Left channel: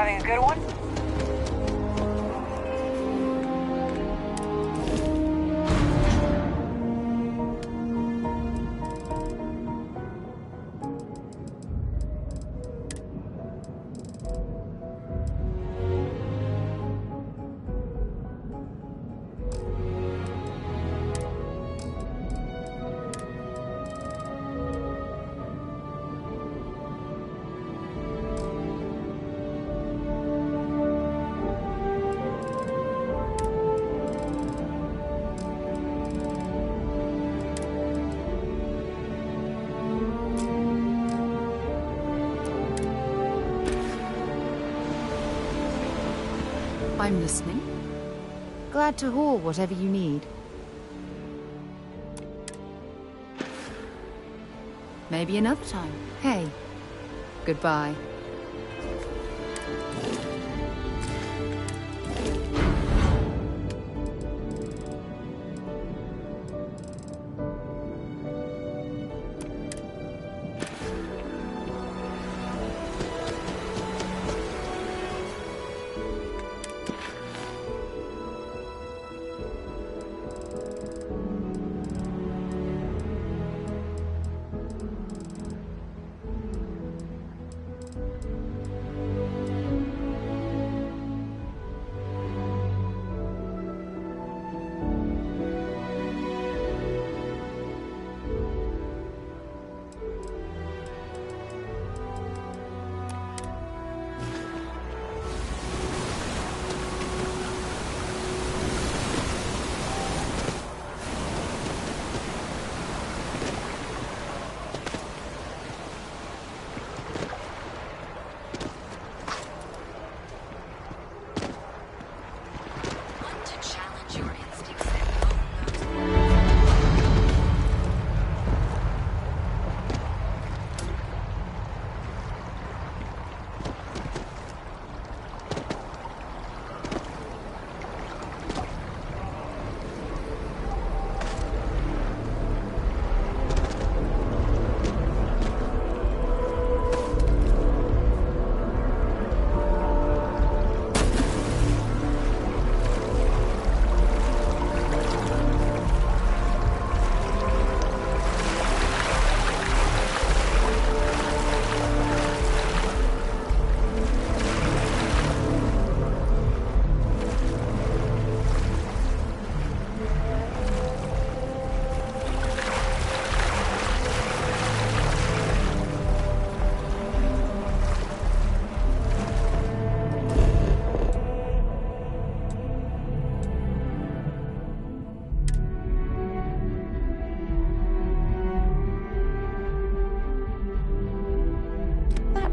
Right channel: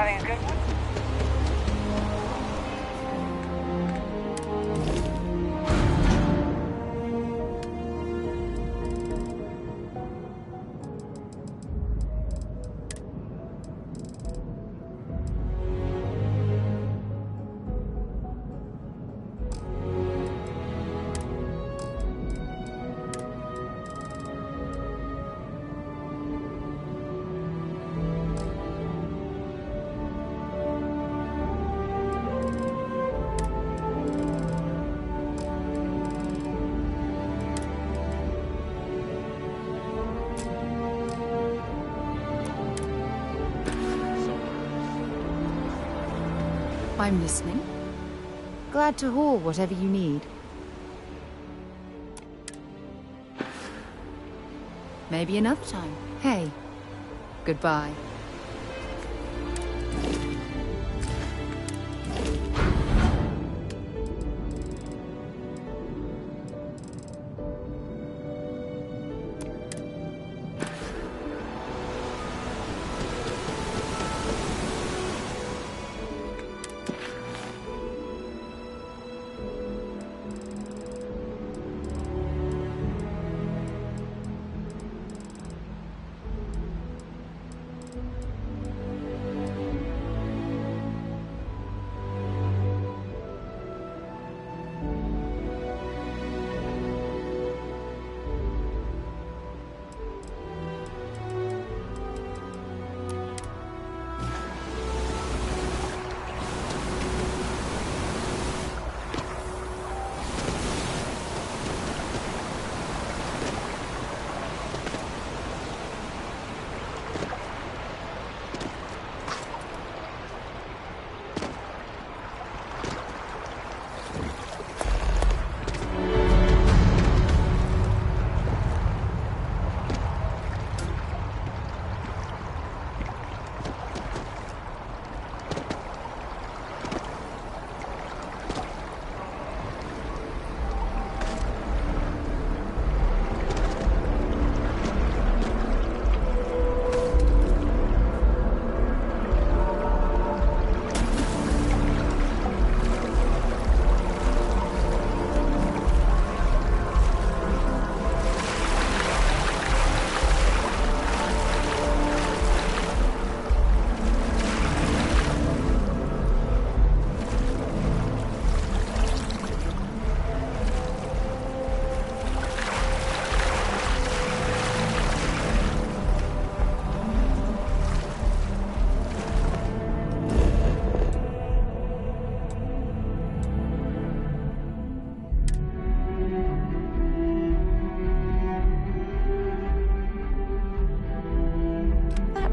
Having a good one? I'm listening. Glad to haul whatever you need. Maybe another time. Hey, goodbye.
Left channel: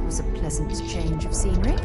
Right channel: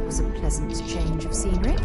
Was a pleasant change of scenery.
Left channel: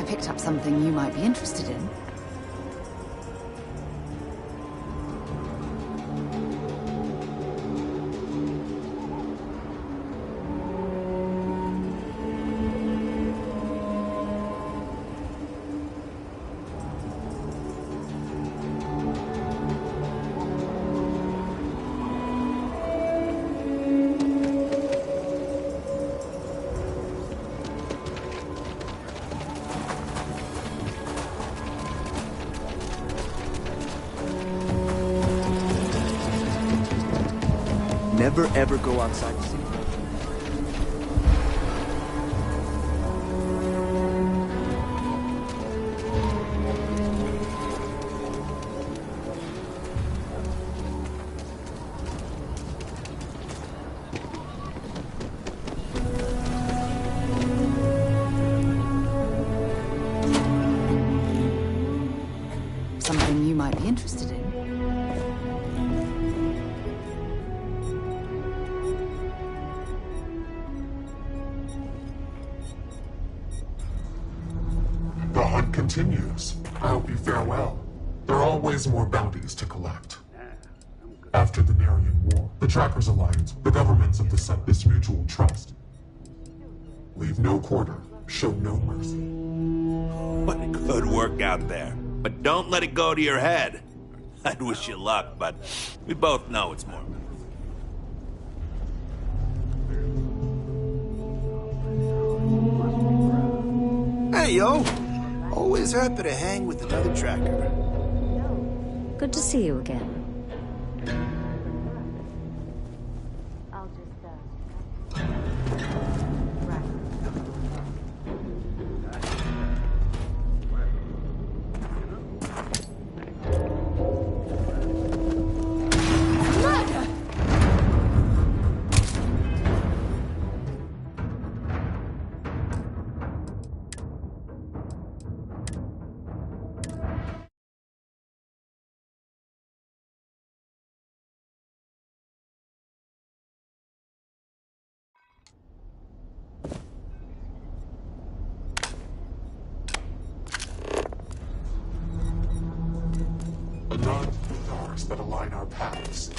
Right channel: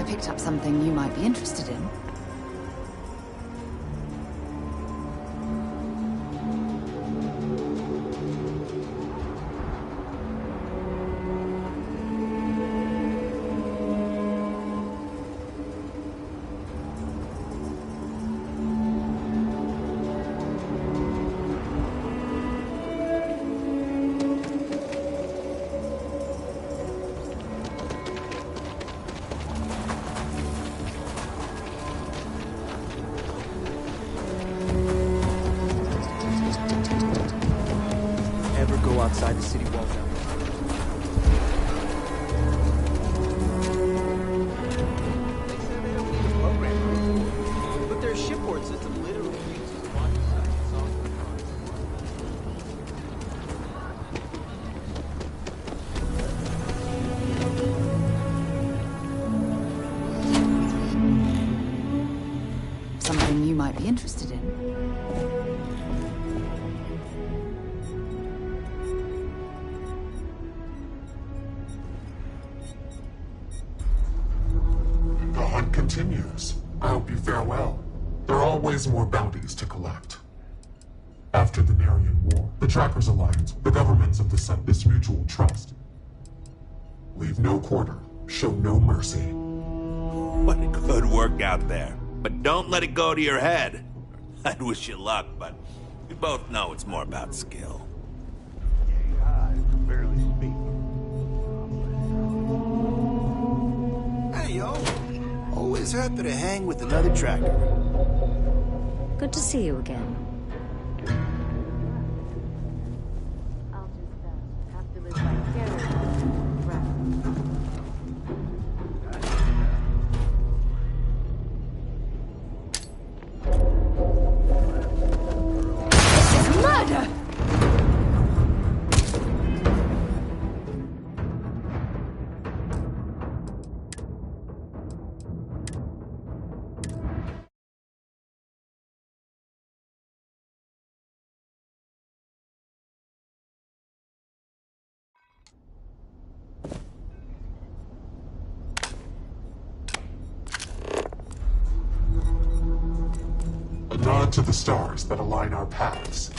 I picked up something you might be interested in. Never ever go outside the city wall. But their shipboard system literally. Something you might be interested in. The hunt continues. I hope you fare well. There are always more bounties to collect. After the Narian War, the Trackers Alliance, the governments of the set this mutual trust. Leave no quarter, show no mercy. What a good work out there. But don't let it go to your head. I'd wish you luck, but we both know it's more about skill. Hey, yo. Always happy to hang with another tracker. Good to see you again. I'll just have to live right together. Murder! A nod to the stars that align our paths.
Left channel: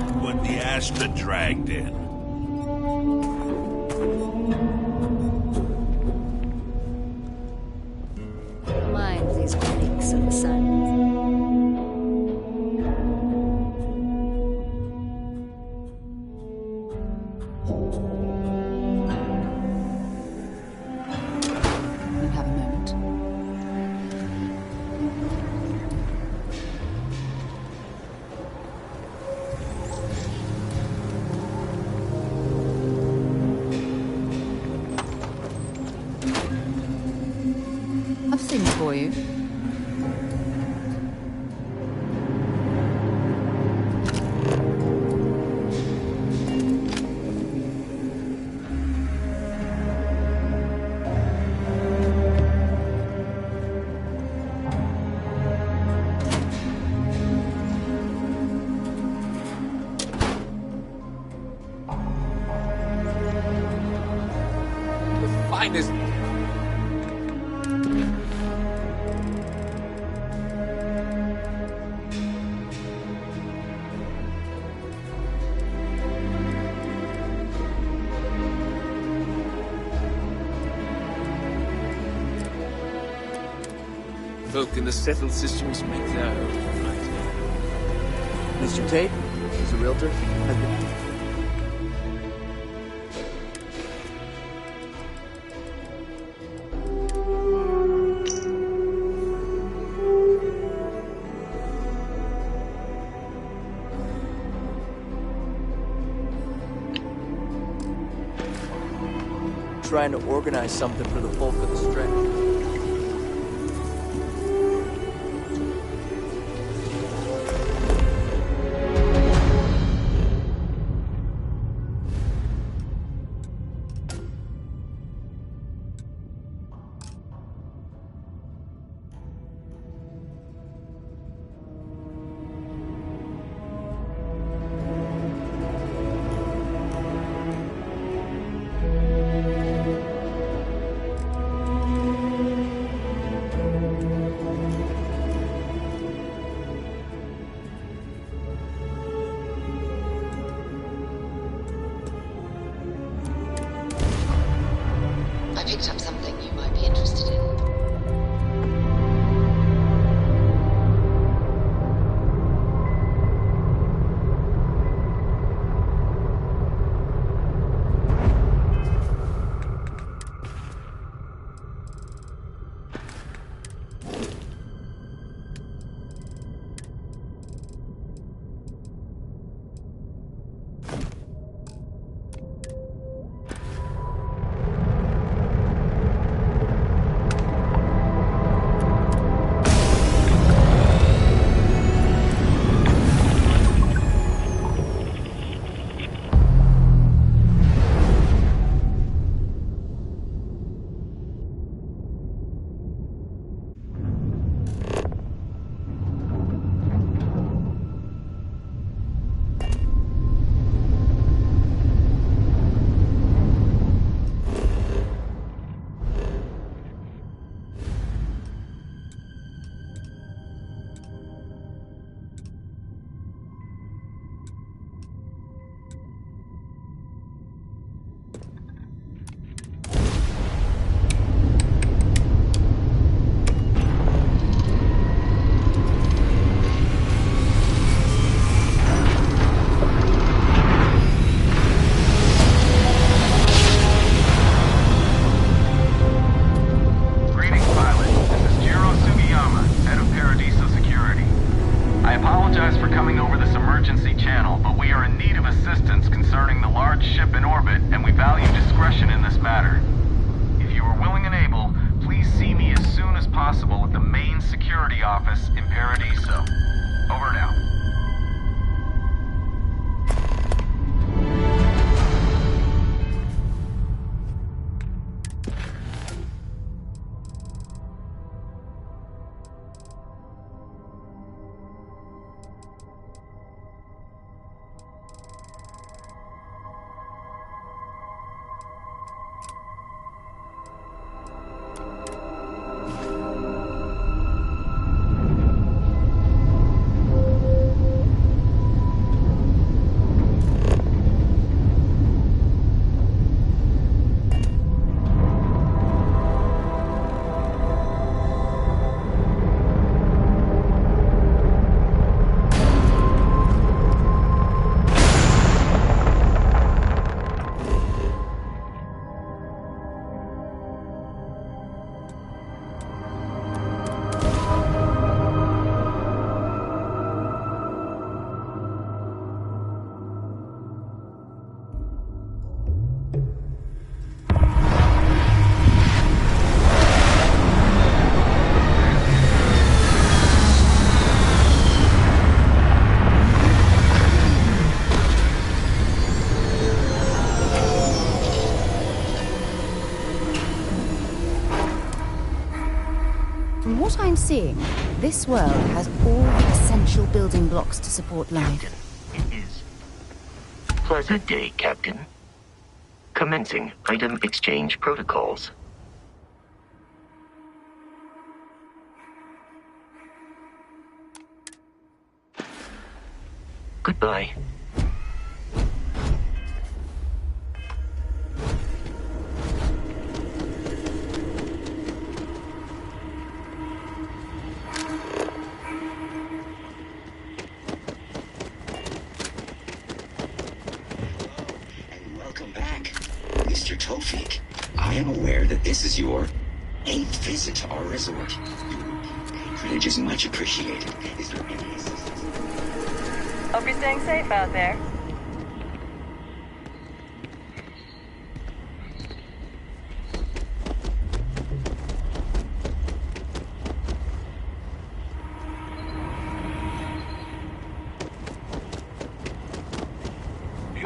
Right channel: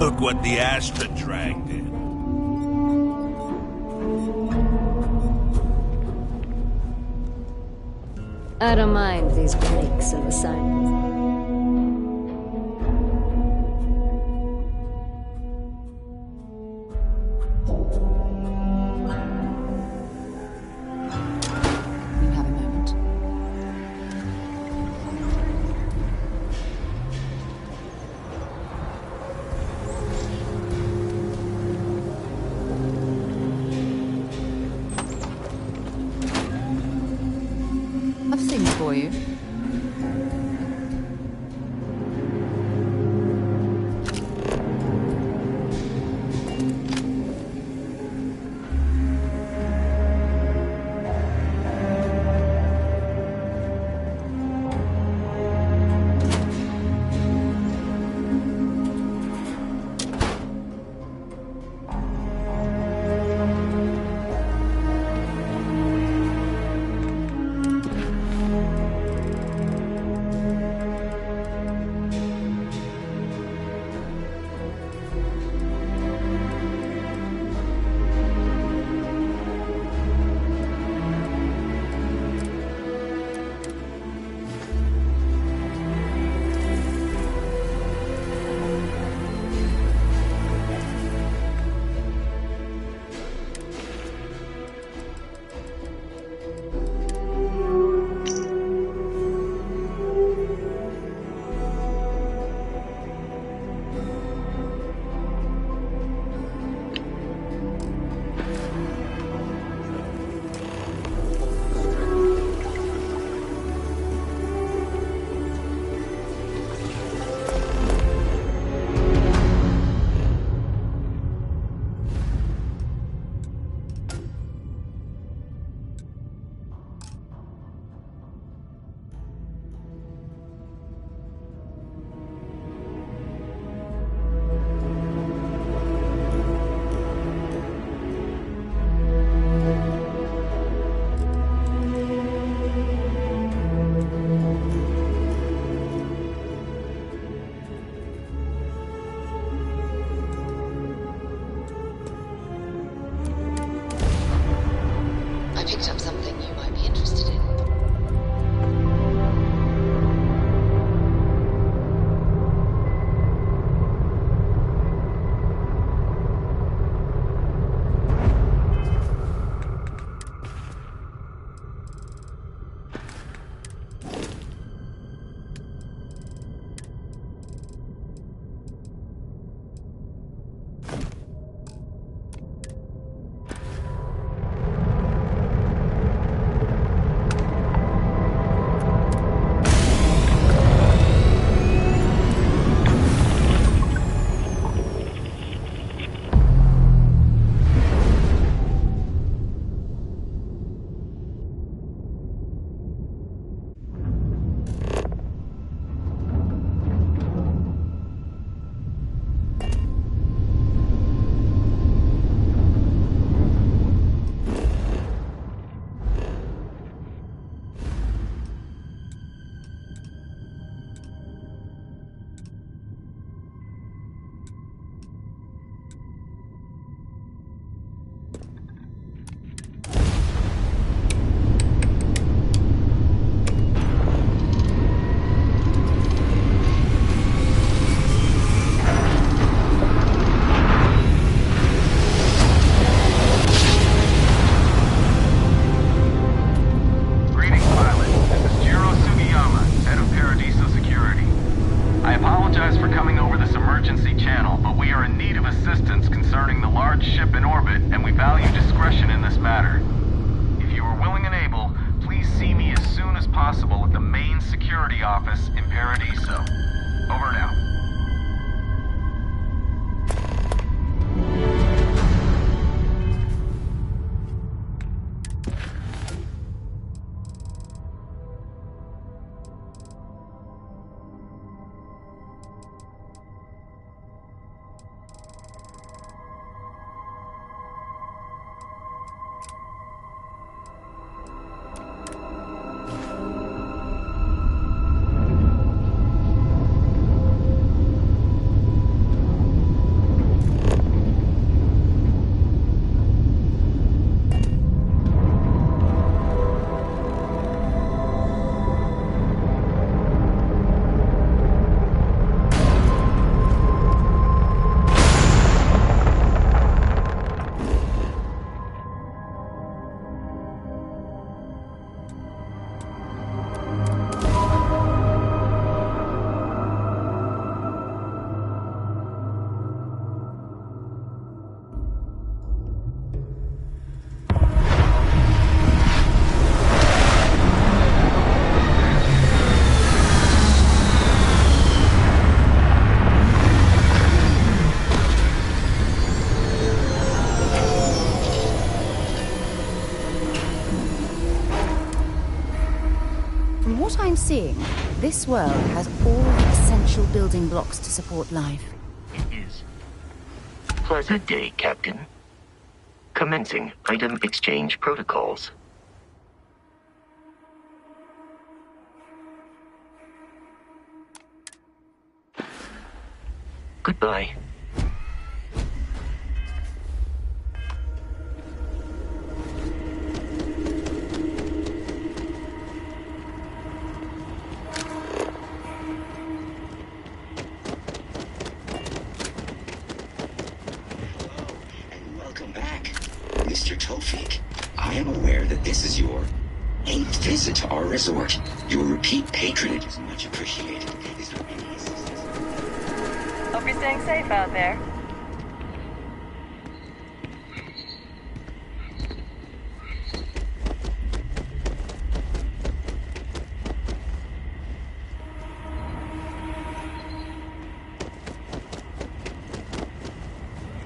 Look what the Astra dragged in. I don't mind these breaks in the silence. You have a moment. I've things for you. Finest. Look, in the settled systems make that. Mr. Tate? He's a realtor. trying to organize something for the bulk of the stretch. I picked up something you might be interested in. From what I'm seeing, this world has all the essential building blocks to support life. It is. Pleasant day, Captain. Commencing item exchange protocols. Goodbye. Mr. Tofik, I am aware that this is your 8th visit to our resort. Your repeat patronage is much appreciated. Is there any assistance? Hope you're staying safe out there.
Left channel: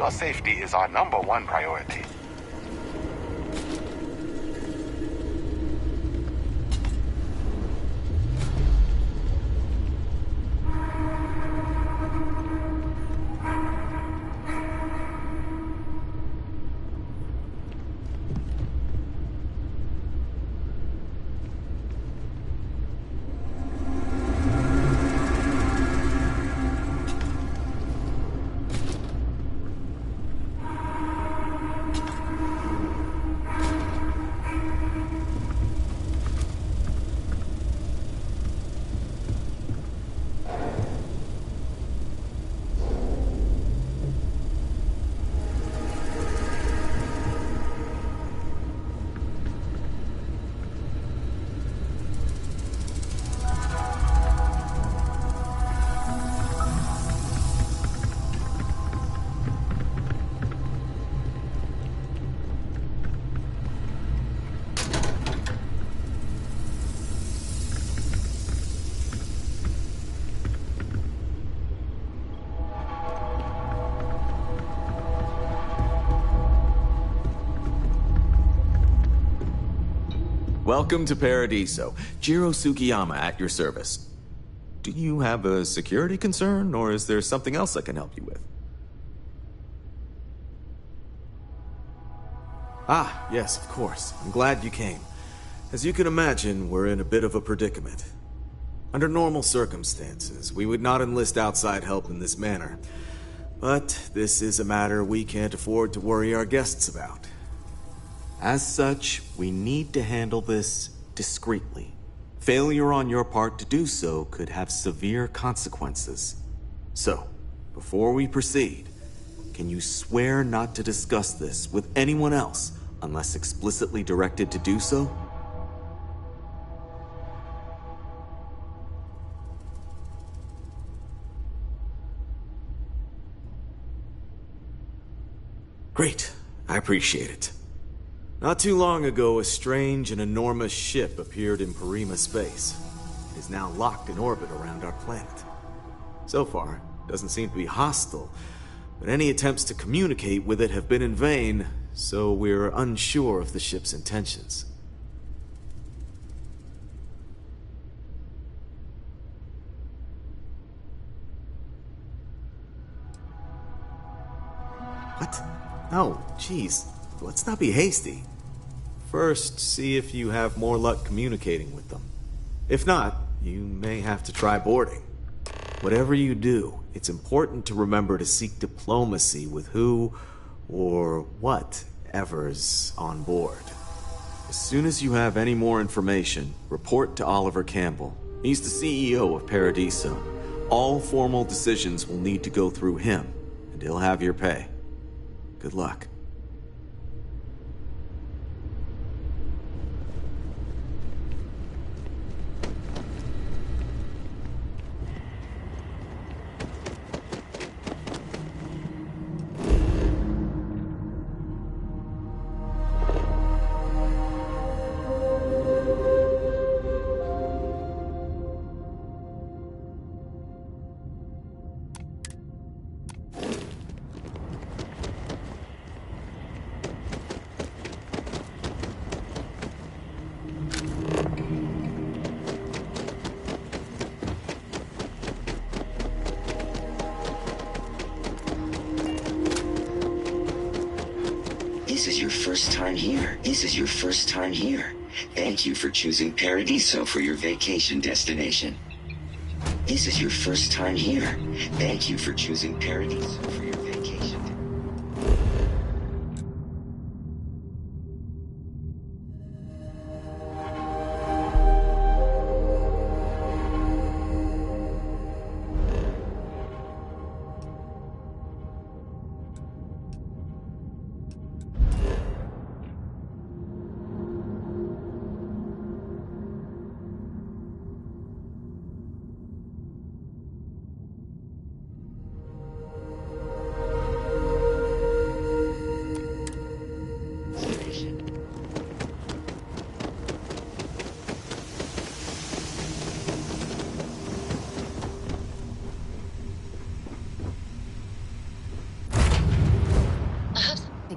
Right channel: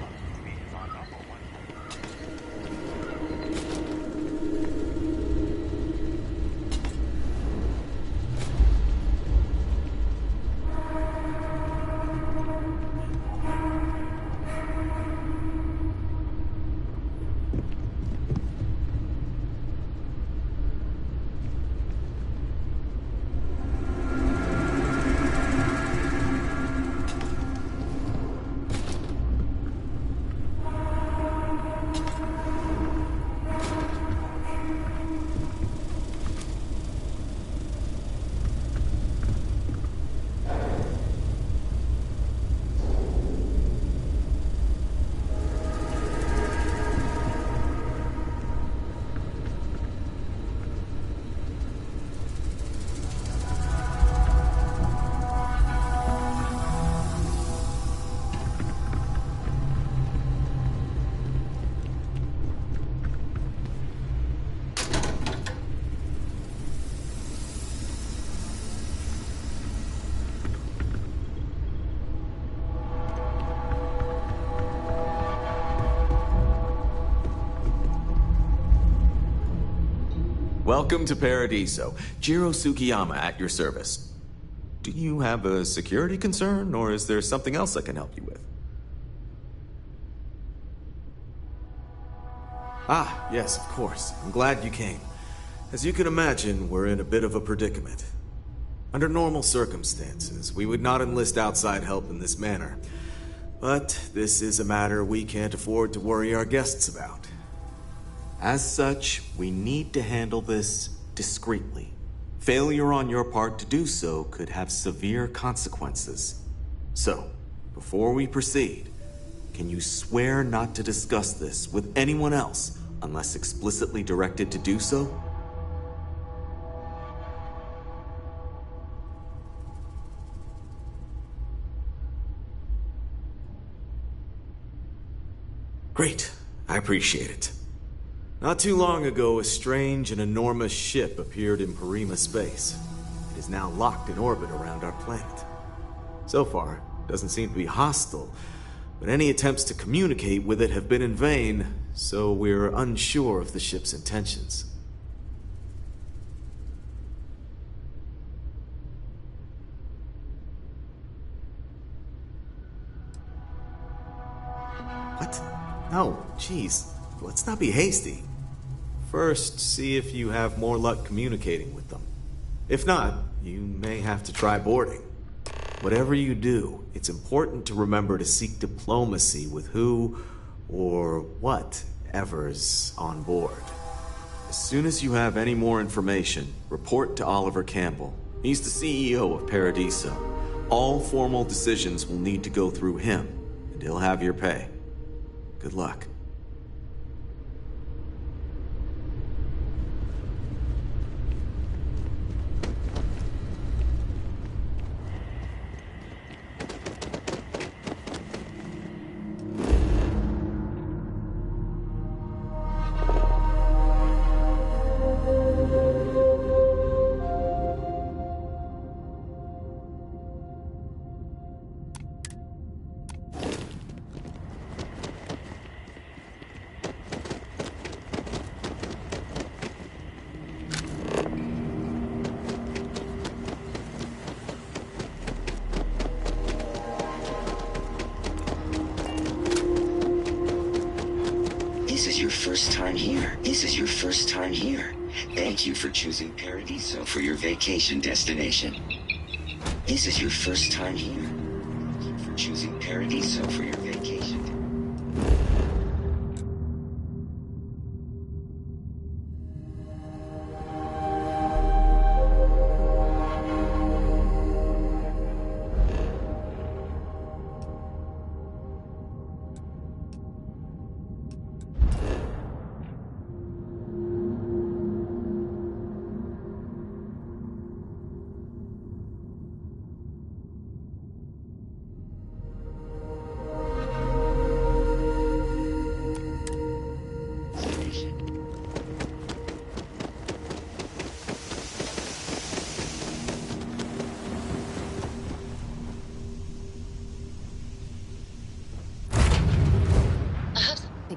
Your safety is our #1 priority. Welcome to Paradiso. Jiro Tsukiyama at your service. Do you have a security concern, or is there something else I can help you with? Ah, yes, of course. I'm glad you came. As you can imagine, we're in a bit of a predicament. Under normal circumstances, we would not enlist outside help in this manner. But this is a matter we can't afford to worry our guests about. As such, we need to handle this discreetly. Failure on your part to do so could have severe consequences. So, before we proceed, can you swear not to discuss this with anyone else unless explicitly directed to do so? Great. I appreciate it. Not too long ago, a strange and enormous ship appeared in Parima space. It is now locked in orbit around our planet. So far, it doesn't seem to be hostile, but any attempts to communicate with it have been in vain, so we're unsure of the ship's intentions. What? No, geez. Let's not be hasty. First, see if you have more luck communicating with them. If not, you may have to try boarding. Whatever you do, it's important to remember to seek diplomacy with who or whatever's on board. As soon as you have any more information, report to Oliver Campbell. He's the CEO of Paradiso. All formal decisions will need to go through him, and he'll have your pay. Good luck. This is your first time here. This is your first time here. Thank you for choosing Paradiso for your vacation destination. This is your first time here. Thank you for choosing Paradiso for your vacation.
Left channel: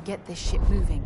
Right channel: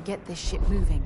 get this ship moving.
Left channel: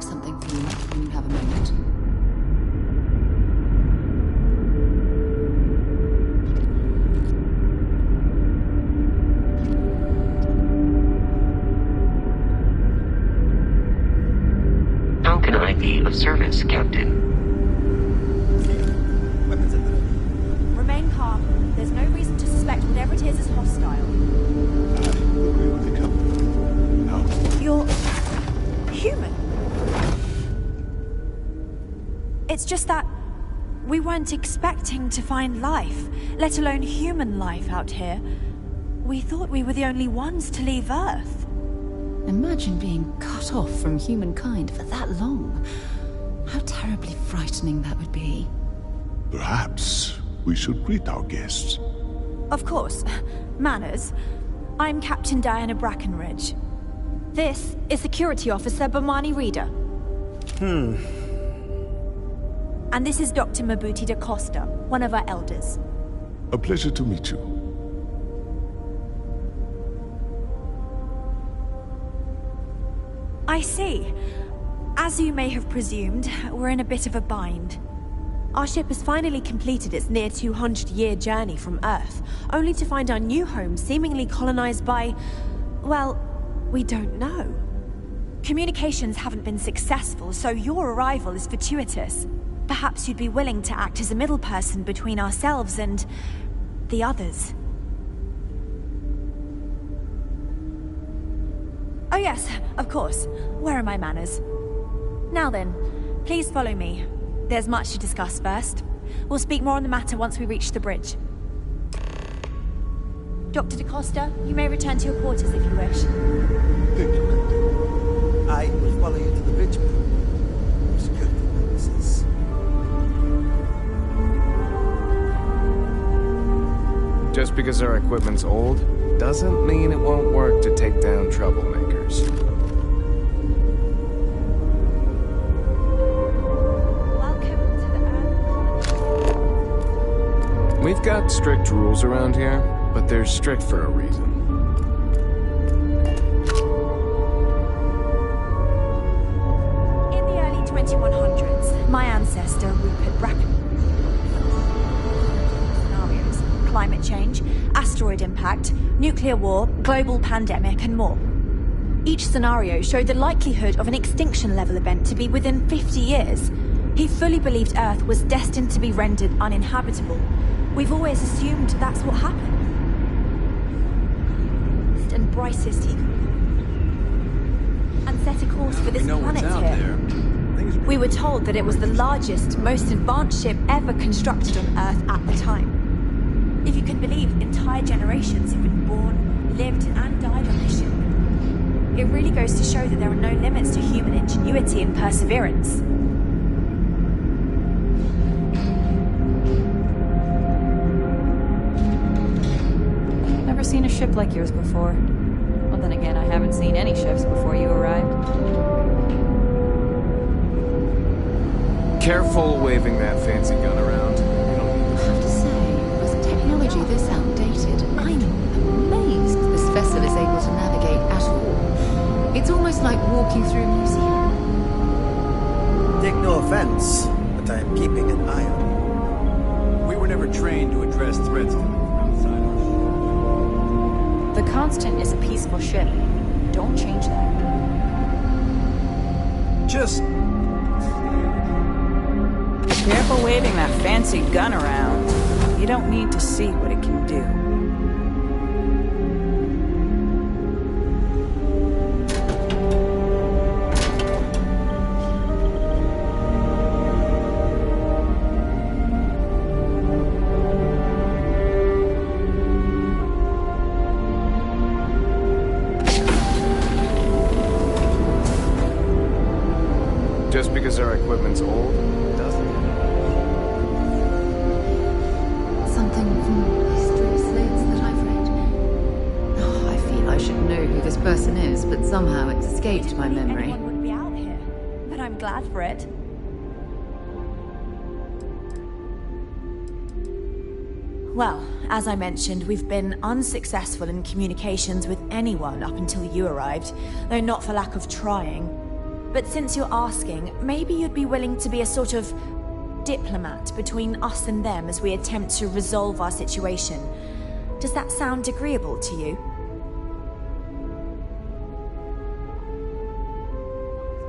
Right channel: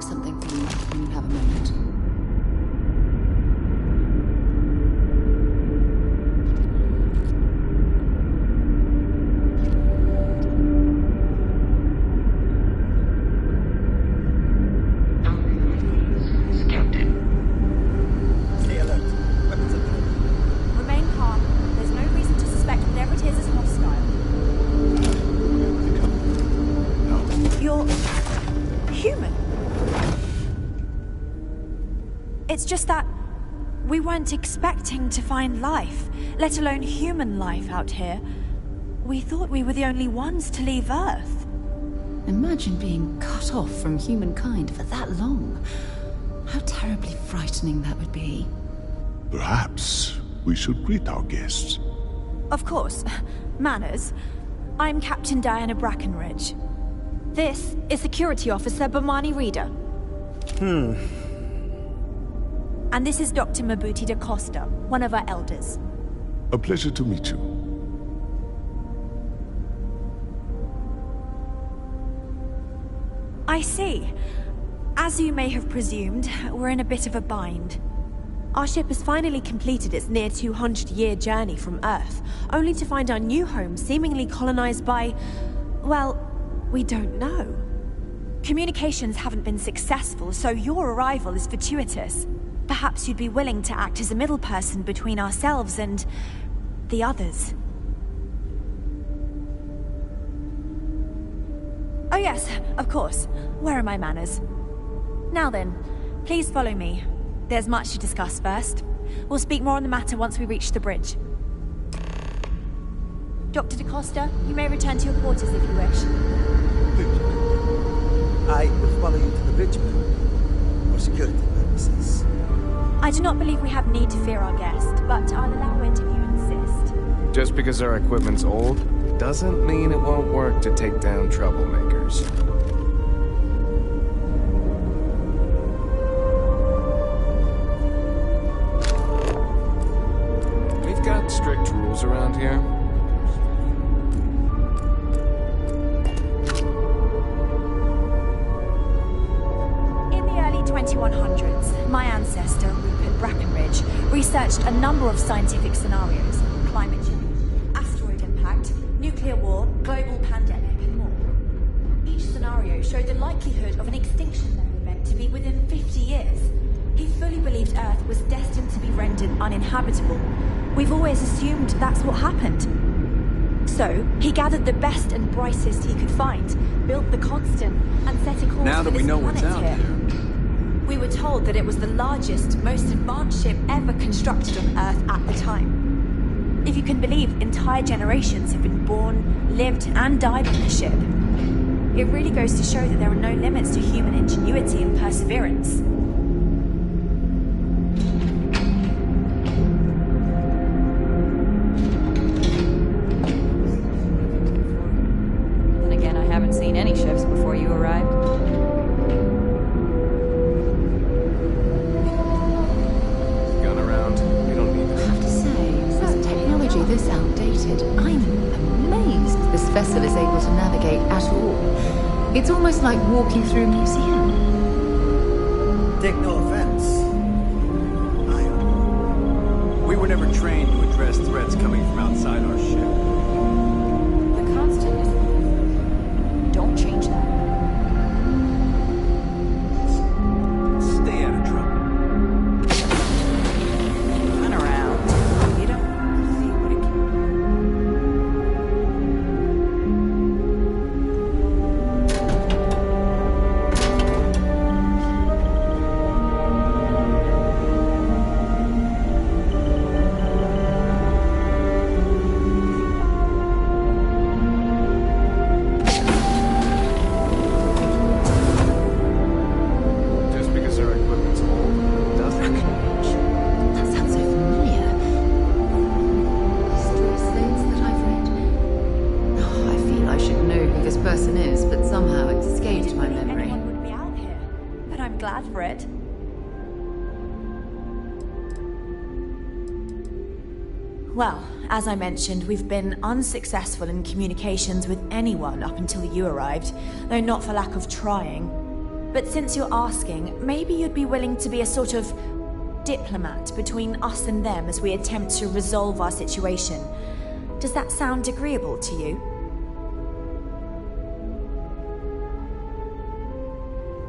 Something for you when you have a moment. How can I be of service, Captain? Stay alert. Weapons at the ready. Remain calm. There's no reason to suspect whatever it is hostile. I agree with you, Captain. No. You're human. It's just that we weren't expecting to find life, let alone human life out here. We thought we were the only ones to leave Earth. Imagine being cut off from humankind for that long. How terribly frightening that would be. Perhaps we should greet our guests. Of course. Manners. I'm Captain Diana Brackenridge. This is Security Officer Bomani Reader. And this is Dr. Mabuti da Costa, one of our elders. A pleasure to meet you. I see. As you may have presumed, we're in a bit of a bind. Our ship has finally completed its near 200-year journey from Earth, only to find our new home seemingly colonized by... well, we don't know. Communications haven't been successful, so your arrival is fortuitous. Perhaps you'd be willing to act as a middle person between ourselves and... the others. Oh yes, of course. Where are my manners? Now then, please follow me. There's much to discuss first. We'll speak more on the matter once we reach the bridge. Dr. DaCosta, you may return to your quarters if you wish. Thank you, Captain. I will follow you to the bridge, ma'am, for security purposes. I do not believe we have need to fear our guest, but I'll allow it if you insist. Just because our equipment's old, doesn't mean it won't work to take down troublemakers. We've got strict rules around here, but they're strict for a reason. In the early 2100s, my ancestor, Rupert Brackenridge, researched a number of scientific scenarios: climate change, asteroid impact, nuclear war, global pandemic, and more. Each scenario showed the likelihood of an extinction-level event to be within 50 years. He fully believed Earth was destined to be rendered uninhabitable. We've always assumed that's what happened. So, he gathered the best and brightest he could find, built the Constant, and set a course for this planet here. We were told that it was the largest, most advanced ship ever constructed on Earth at the time. If you can believe, entire generations have been born, lived, and died on this ship. It really goes to show that there are no limits to human ingenuity and perseverance. Like yours before. Well, then again, I haven't seen any ships before you arrived. Careful waving that fancy gun around. You don't need I have to say, with technology this outdated, I'm amazed this vessel is able to navigate at all. It's almost like walking through a museum. Take no offense, but I'm keeping an eye on you. We were never trained to address threats coming from outside our ship. The Constant is a peaceful ship. Don't change that. Just stay out of trouble. Careful waving that fancy gun around. You don't need to see what it can do. because our equipment's old, doesn't it? That sounds so familiar. Something from history slates that I've read. Oh, I feel I should know who this person is, but somehow it's escaped my memory. Anyone would be out here, but I'm glad for it. Well, as I mentioned, we've been unsuccessful in communications with anyone up until you arrived, though not for lack of trying. But since you're asking, maybe you'd be willing to be a sort of diplomat between us and them as we attempt to resolve our situation. Does that sound agreeable to you?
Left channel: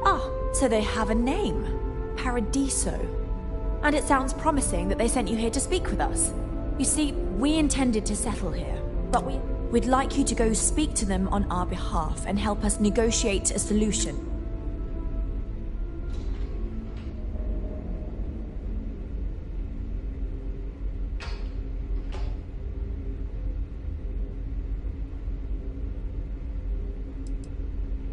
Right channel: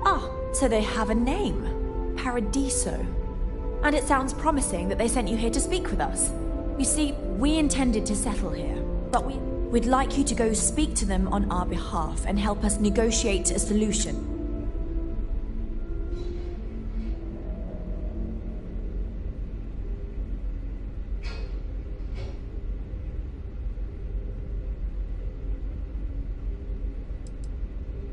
Ah, so they have a name. Paradiso. And it sounds promising that they sent you here to speak with us. You see, we intended to settle here, but we'd like you to go speak to them on our behalf and help us negotiate a solution.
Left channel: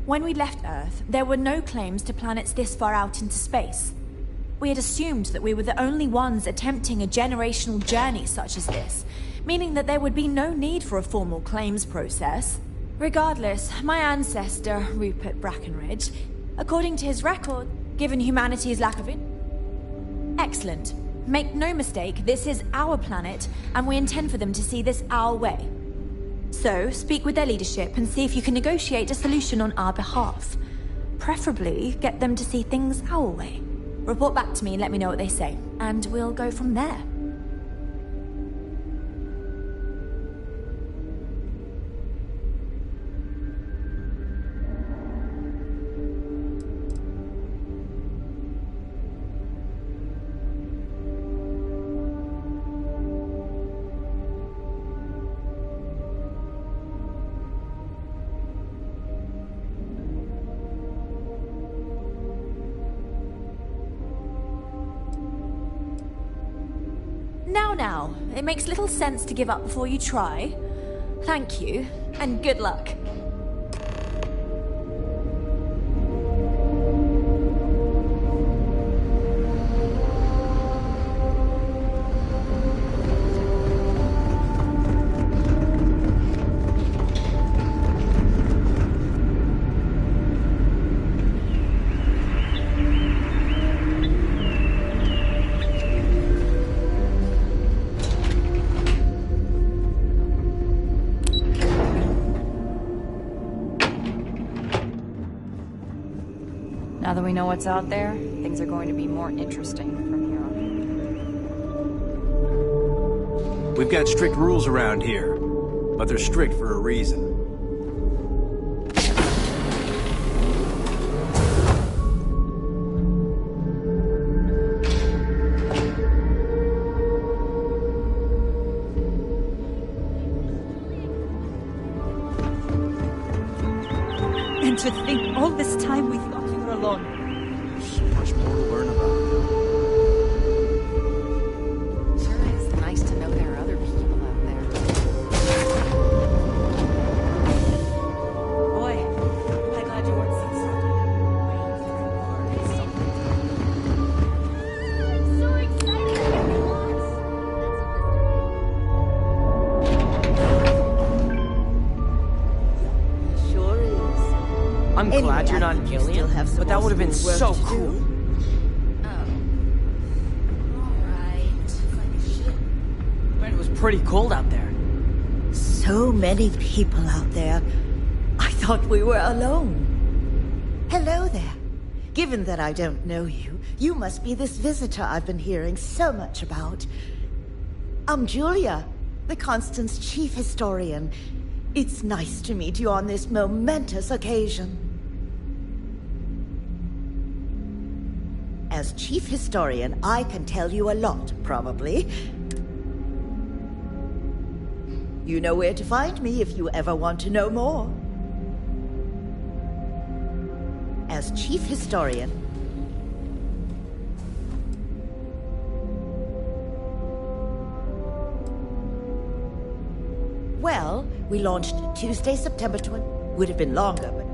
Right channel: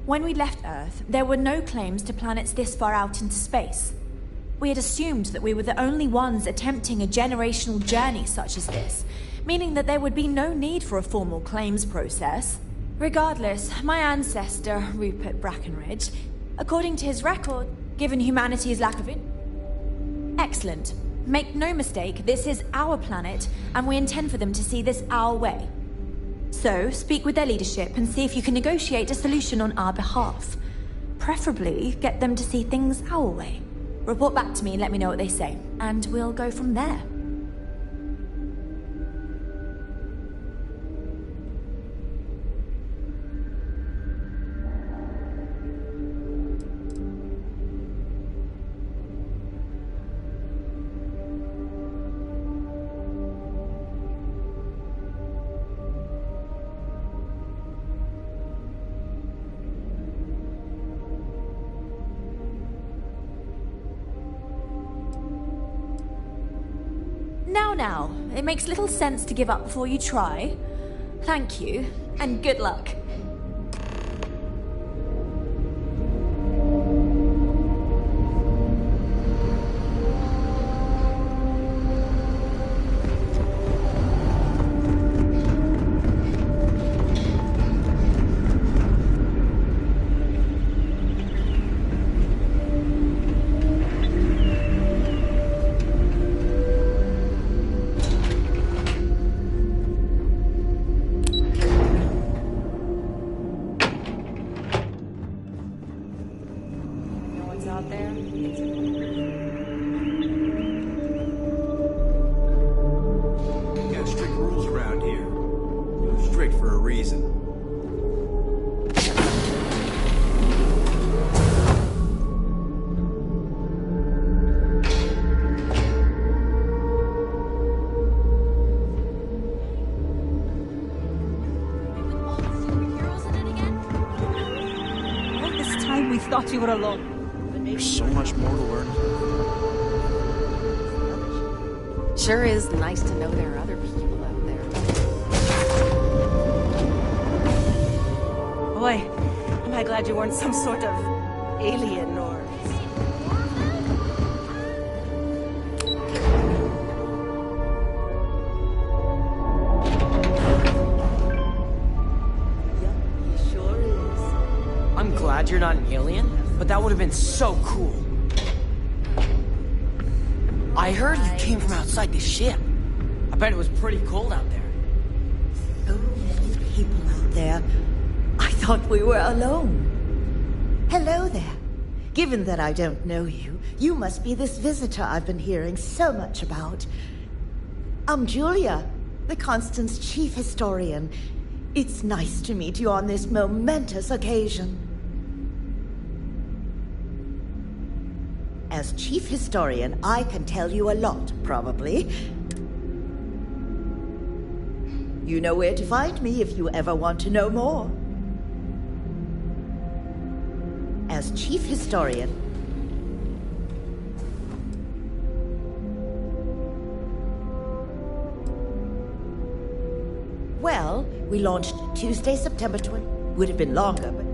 When we left Earth, there were no claims to planets this far out into space. We had assumed that we were the only ones attempting a generational journey such as this, meaning that there would be no need for a formal claims process. Regardless, my ancestor, Rupert Brackenridge, according to his record, given humanity's lack of Excellent. Make no mistake, this is our planet, and we intend for them to see this our way. So, speak with their leadership and see if you can negotiate a solution on our behalf. Preferably get them to see things our way. Report back to me and let me know what they say, and we'll go from there. Now, it makes little sense to give up before you try. Thank you, and good luck. Now that we know what's out there, things are going to be more interesting. We've got strict rules around here, but they're strict for a reason. And to think all this time we thought you were alone. There's so much more to learn about. Sure is nice to know there are other people out there. Boy, am I glad you weren't some sort of alien or I'm glad you're not an alien, but that would have been so cool. I heard you came from outside the ship. I bet it was pretty cold out there. So many people out there. I thought we were alone. Hello there. Given that I don't know you, you must be this visitor I've been hearing so much about. I'm Julia, the Constant's chief historian. It's nice to meet you on this momentous occasion. As chief historian, I can tell you a lot, probably. You know where to find me if you ever want to know more. As chief historian, well, we launched Tuesday, September 20. Would have been longer, but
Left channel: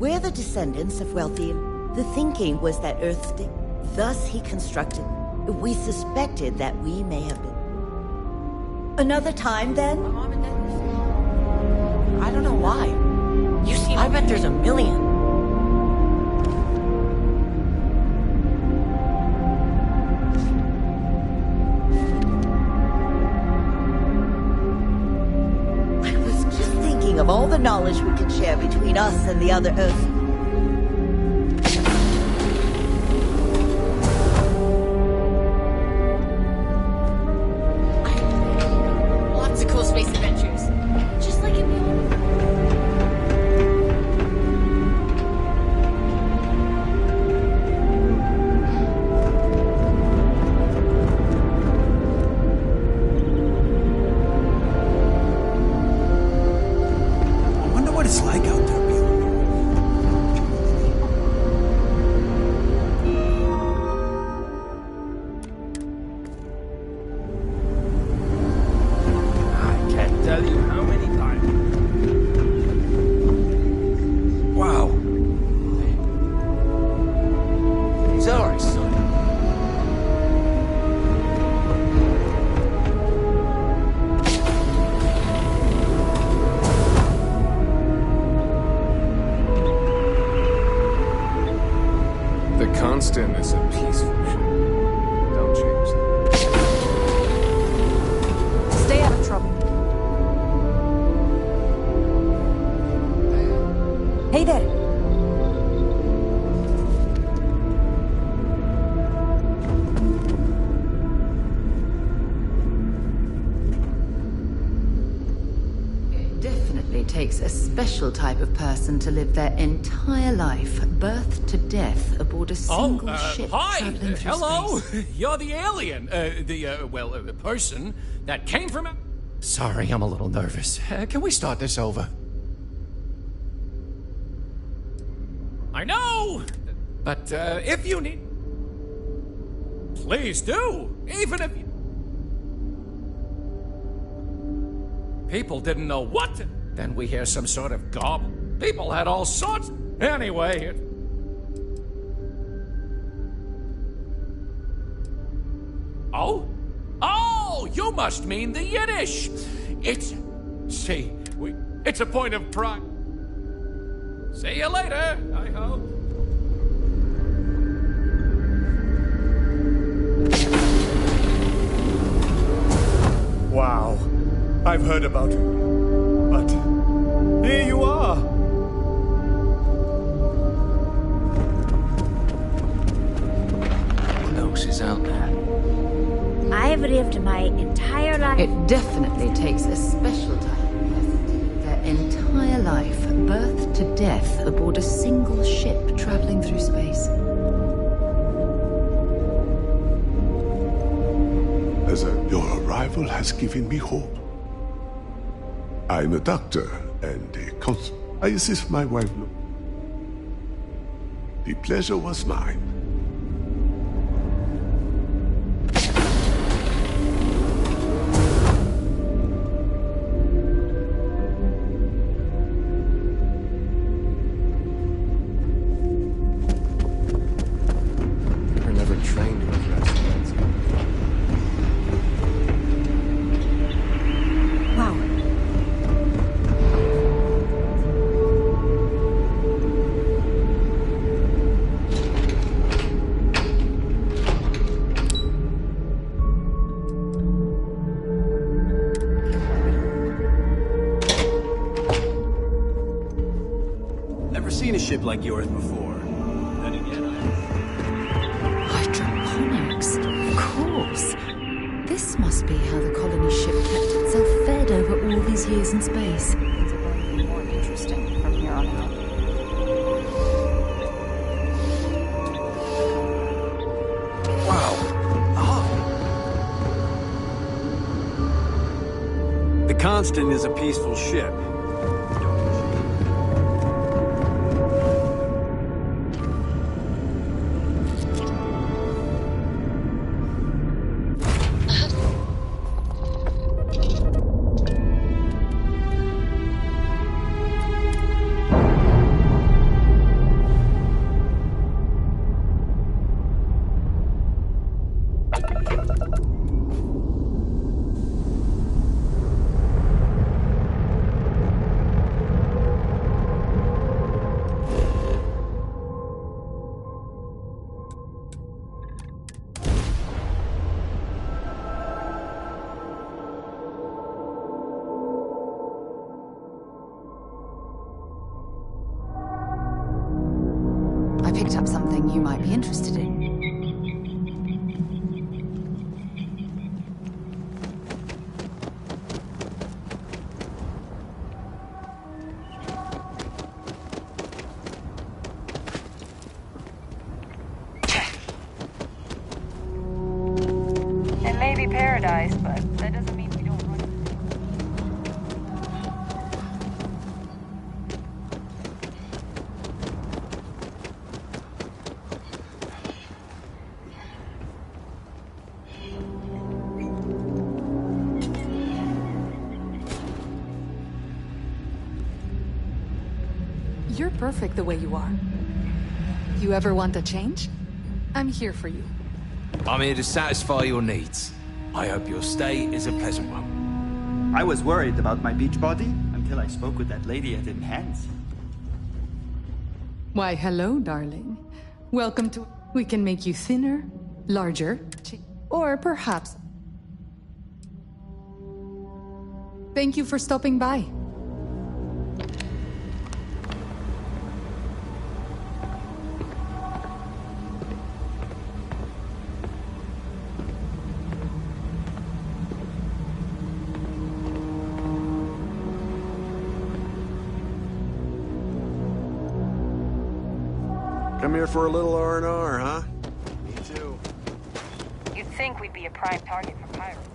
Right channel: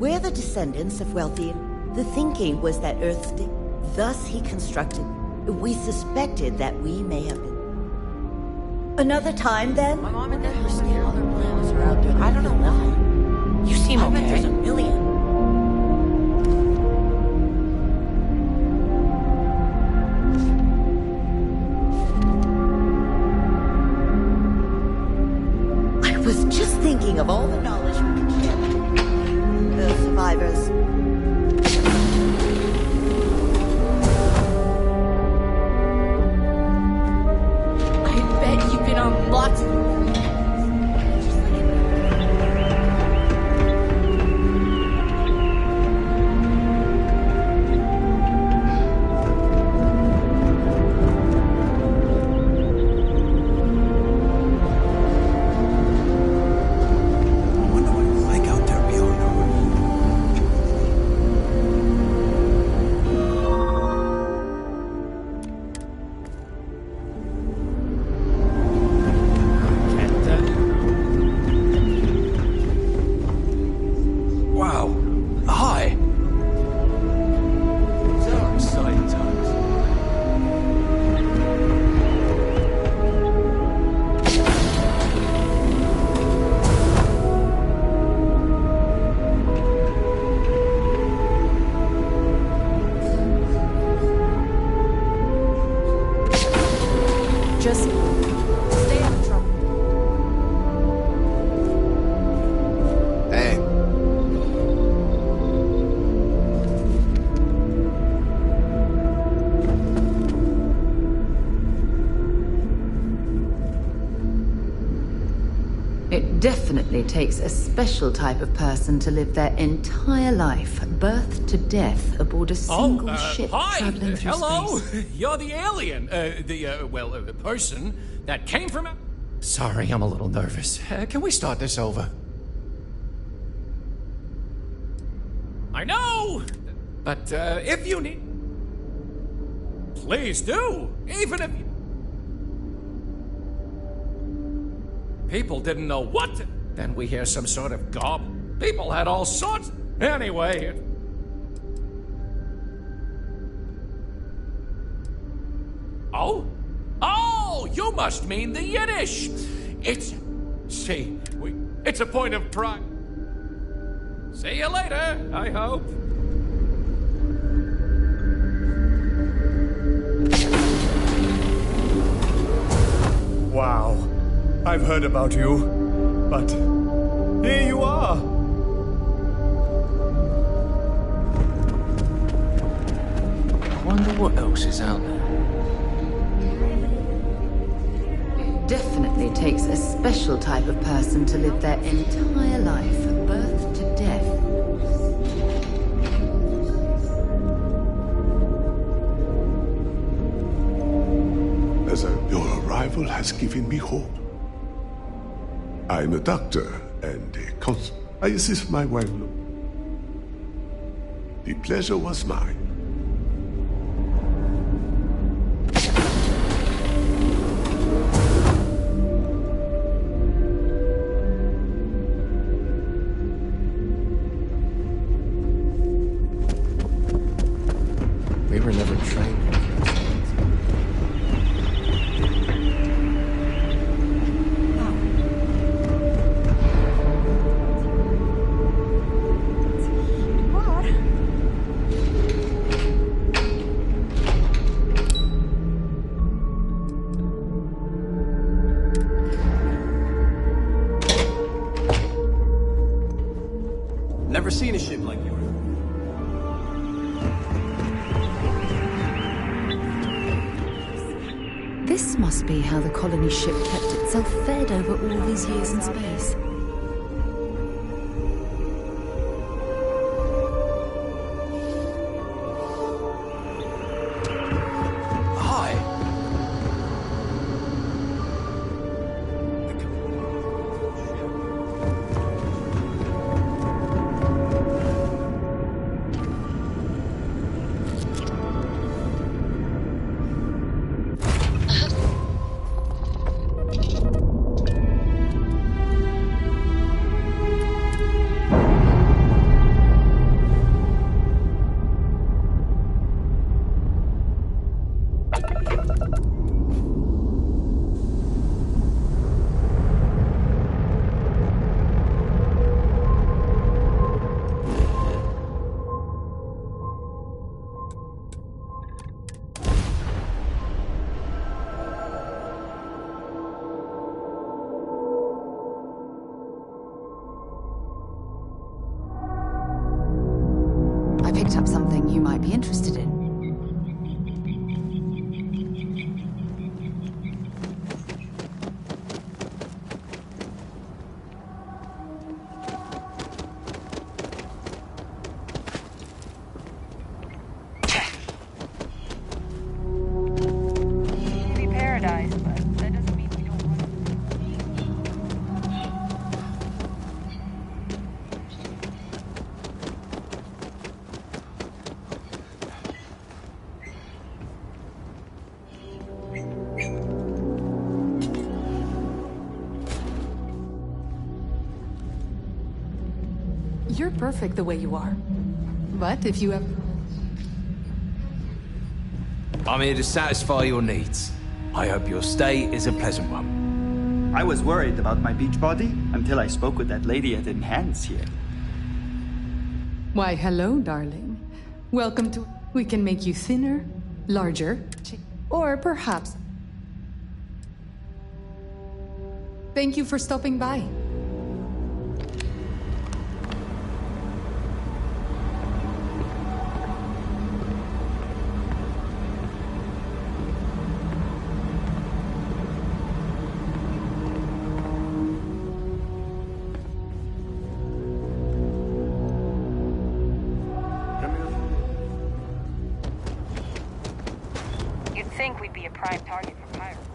we're the descendants of wealthy. The thinking was that Earth's day. Thus he constructed. We suspected that we may have been. Another time, then? My mom and dad were saying all their planets are out there. I don't know why. You seem okay. I bet there's a million. I was just thinking of all the knowledge we could share between us and the other Earth survivors. I bet you've been on lots of cool space adventures. Just like in It's like out there beyond the roof. I can't It definitely takes a special type of person to live their entire life, birth to death, aboard a single ship traveling through hello. space. You're the alien, the person that came from... Sorry, I'm a little nervous. Can we start this over? I know! But, if you need... Please do! Even if you... People didn't know what to... Then we hear some sort of gobble. People had all sorts... Anyway... Oh? Oh! You must mean the Yiddish! It's... See, it's a point of pride. See you later, I hope. Wow. I've heard about you, but here you are. I wonder what else is out there. I've lived my entire life. It definitely takes a special type of person to live their entire life, birth to death, aboard a single ship traveling through space. Your arrival has given me hope. I'm a doctor and a cons. I assist my wife. The pleasure was mine. We were never trained to address things. Wow. Never seen a ship like yours before. Hydroponics, of course. This must be how the colony ship kept itself fed over all these years in space. Interesting from here on out. Hi. The Constant is a peaceful ship. I picked up something you might be interested in. It may be paradise, but that doesn't mean we don't run. You're perfect the way you are. But if you ever want a change, I'm here for you. I'm here to satisfy your needs. I hope your stay is a pleasant one. I was worried about my beach body until I spoke with that lady at Enhance here. Why, hello, darling. Welcome to... We can make you thinner, larger, or perhaps... Thank you for stopping by. come here for a little R&R, huh? You'd think we'd be a prime target for pirates.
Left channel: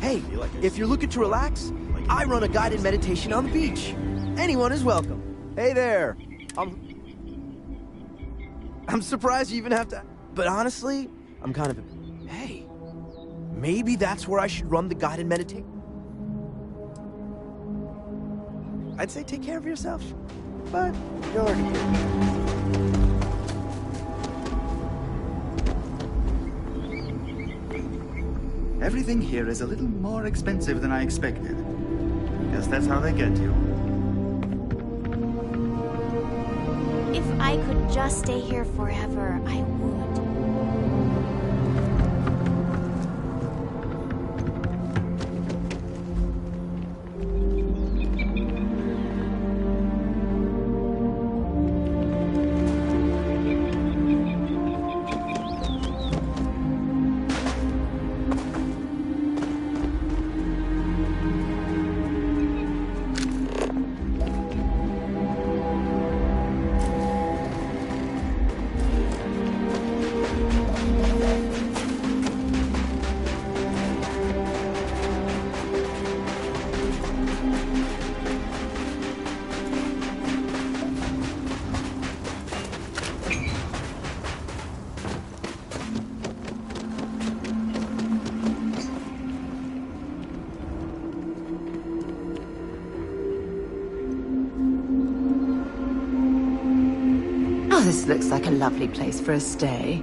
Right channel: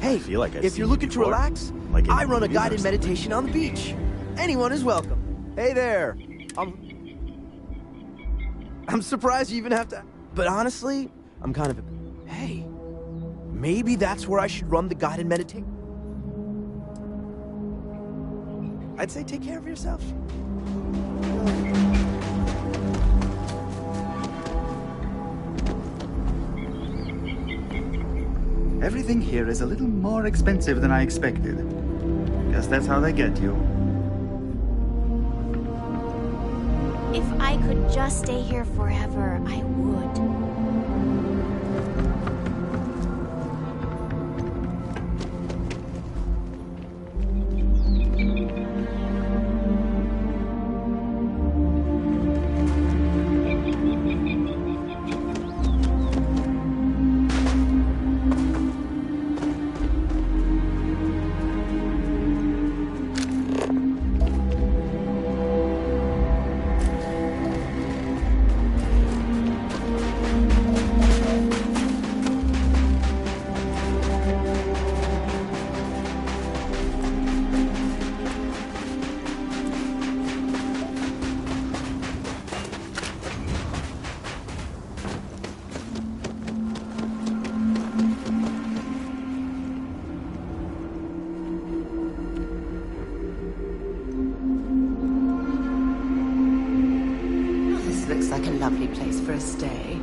Hey, if you're looking to relax, I run a guided meditation on the beach. Anyone is welcome. Hey there. I'm surprised you even have to... But honestly, I'm kind of... Hey, maybe that's where I should run the guided meditation. I'd say take care of yourself, but you already did. Everything here is a little more expensive than I expected. Guess that's how they get you. If I could just stay here forever, I would. This looks like a lovely place for a stay.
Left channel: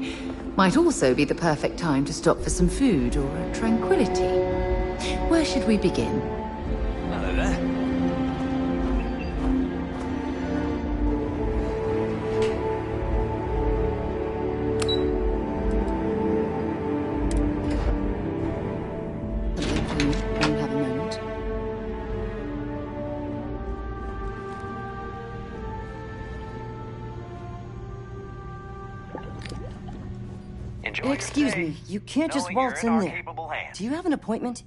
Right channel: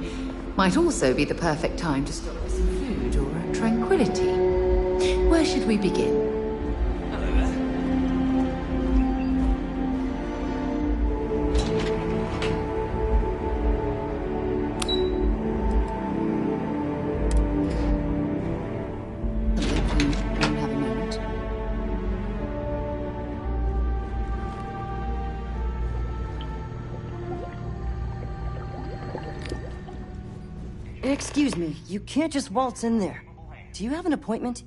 Might also be the perfect time to stop for some food or tranquility. Where should we begin? Hello there. Please, when you have a moment. Excuse me, you can't just waltz in there. Do you have an appointment?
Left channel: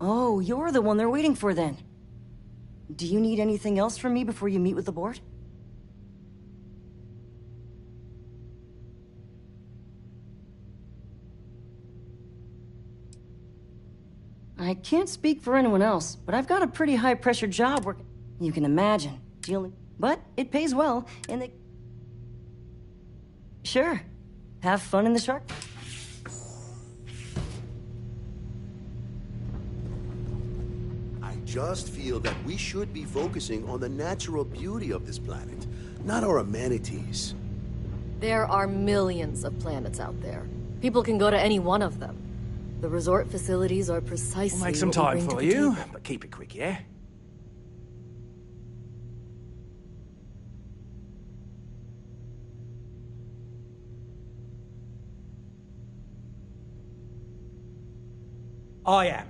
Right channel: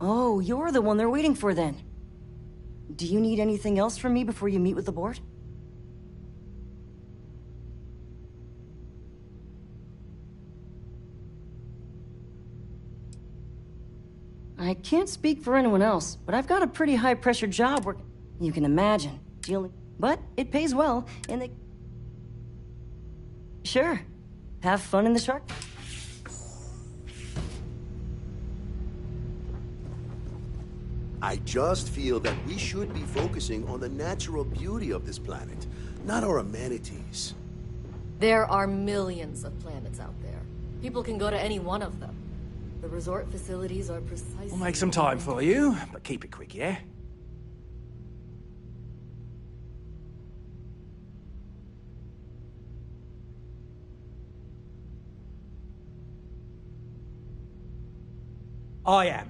Oh, you're the one they're waiting for then. Do you need anything else from me before you meet with the board? I can't speak for anyone else, but I've got a pretty high-pressure job working. You can imagine, dealing... But it pays well, and they... Sure. Have fun in the shark. I just feel that we should be focusing on the natural beauty of this planet, not our amenities. There are millions of planets out there. People can go to any one of them. The resort facilities are precisely... We'll make some what we time bring for to you, people. but keep it quick, yeah? I am.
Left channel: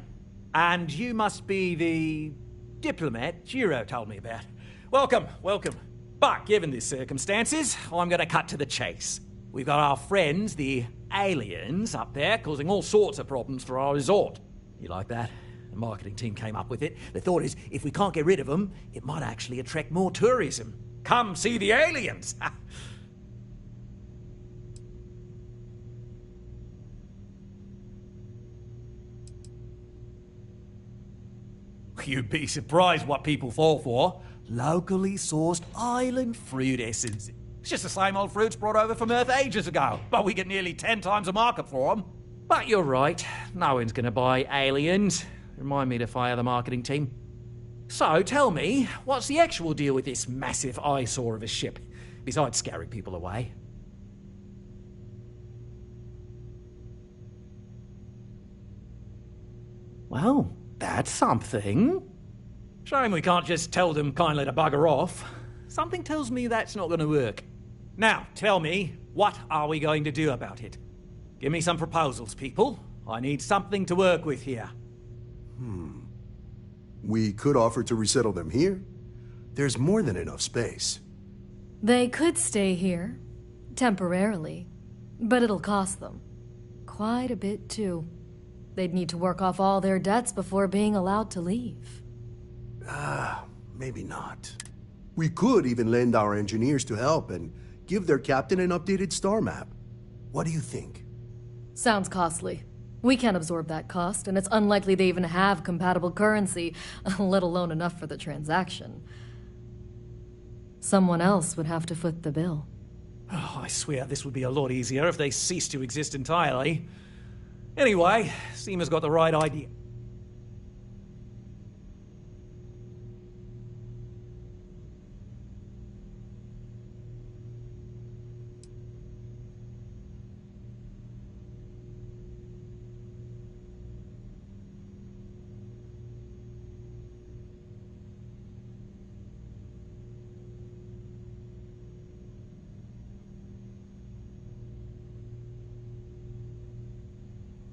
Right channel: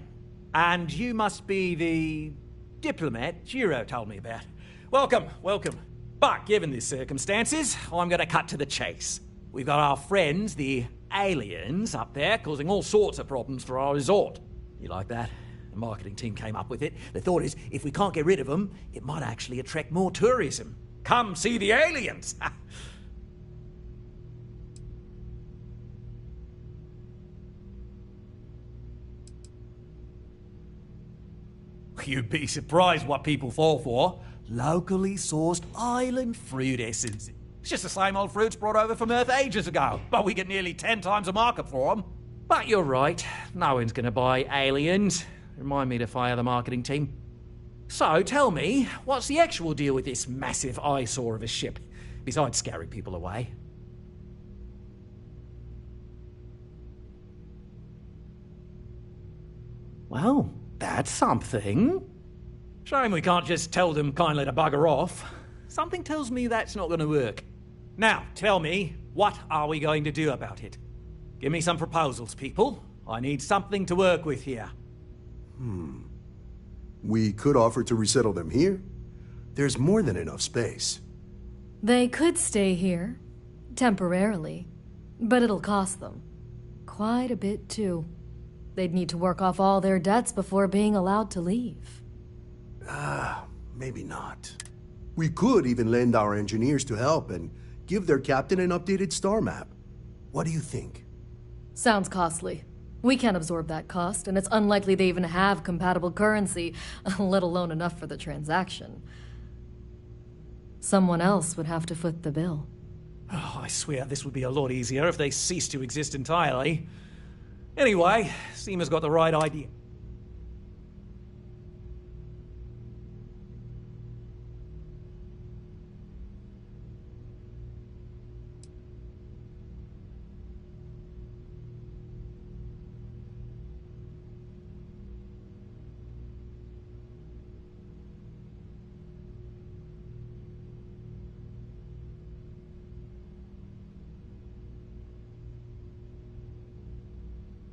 And you must be the diplomat Jiro told me about. Welcome, welcome. But given the circumstances, I'm going to cut to the chase. We've got our friends, the aliens, up there causing all sorts of problems for our resort. You like that? The marketing team came up with it. The thought is, if we can't get rid of them, it might actually attract more tourism. Come see the aliens! You'd be surprised what people fall for. Locally sourced island fruit essence. It's just the same old fruits brought over from Earth ages ago, but we get nearly 10 times the market for them. But you're right, no one's gonna buy aliens. Remind me to fire the marketing team. So, tell me, what's the actual deal with this massive eyesore of a ship, besides scaring people away? Well, that's something. Shame we can't just tell them kindly to bugger off. Something tells me that's not going to work. Now, tell me, what are we going to do about it? Give me some proposals, people. I need something to work with here. We could offer to resettle them here. There's more than enough space. They could stay here, temporarily, but it'll cost them. Quite a bit, too. They'd need to work off all their debts before being allowed to leave. Maybe not. We could even lend our engineers to help and give their captain an updated star map. What do you think? Sounds costly. We can't absorb that cost, and it's unlikely they even have compatible currency, let alone enough for the transaction. Someone else would have to foot the bill. Oh, I swear this would be a lot easier if they ceased to exist entirely. Anyway, Seema's got the right idea.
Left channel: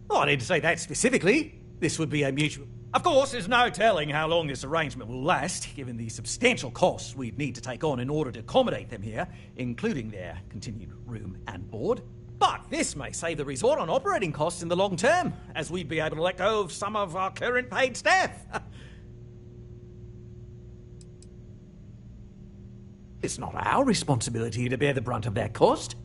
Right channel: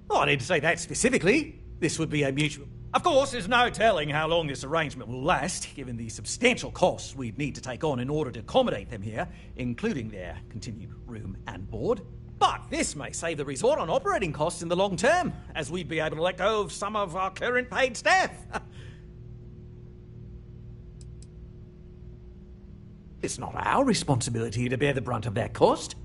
Oh, I didn't say that specifically. This would be a mutual... Of course, there's no telling how long this arrangement will last, given the substantial costs we'd need to take on in order to accommodate them here, including their continued room and board. But this may save the resort on operating costs in the long term, as we'd be able to let go of some of our current paid staff. It's not our responsibility to bear the brunt of that cost.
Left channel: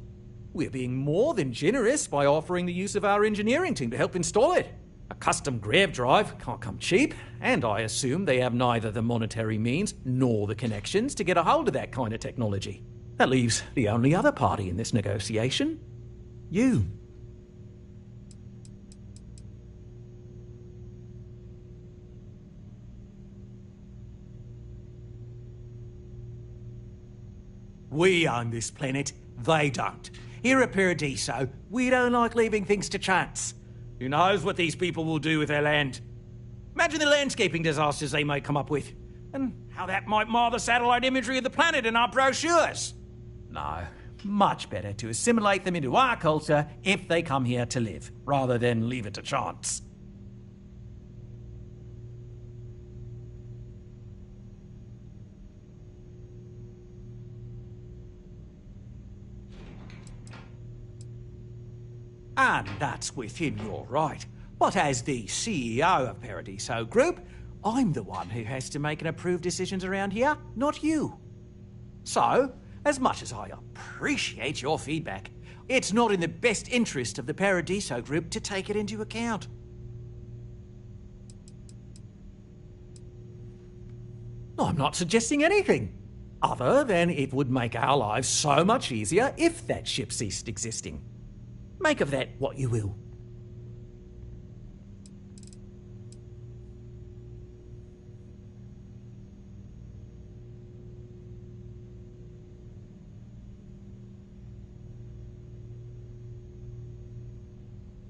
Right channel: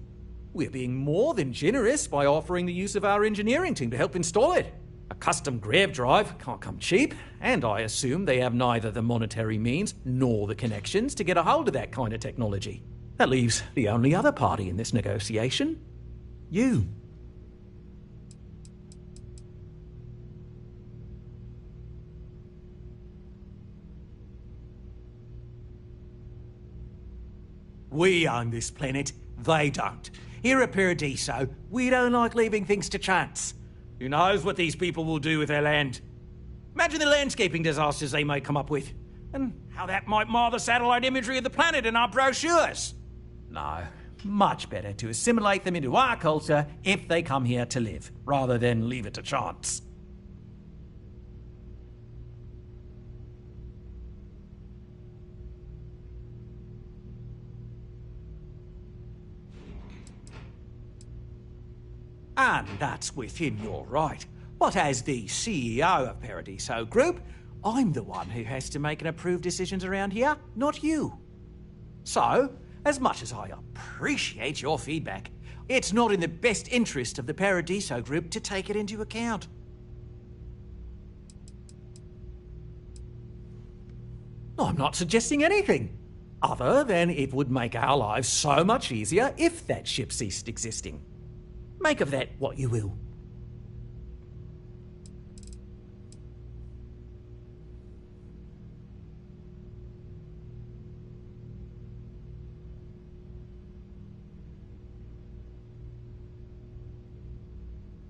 We're being more than generous by offering the use of our engineering team to help install it. A custom grav drive can't come cheap, and I assume they have neither the monetary means nor the connections to get a hold of that kind of technology. That leaves the only other party in this negotiation. You. We own this planet, they don't. Here at Paradiso, we don't like leaving things to chance. Who knows what these people will do with their land? Imagine the landscaping disasters they may come up with, and how that might mar the satellite imagery of the planet in our brochures. No, much better to assimilate them into our culture if they come here to live, rather than leave it to chance. And that's within your right. But as the CEO of Paradiso Group, I'm the one who has to make and approve decisions around here, not you. So, as much as I appreciate your feedback, it's not in the best interest of the Paradiso Group to take it into account. I'm not suggesting anything, other than it would make our lives so much easier if that ship ceased existing. Make of that what you will.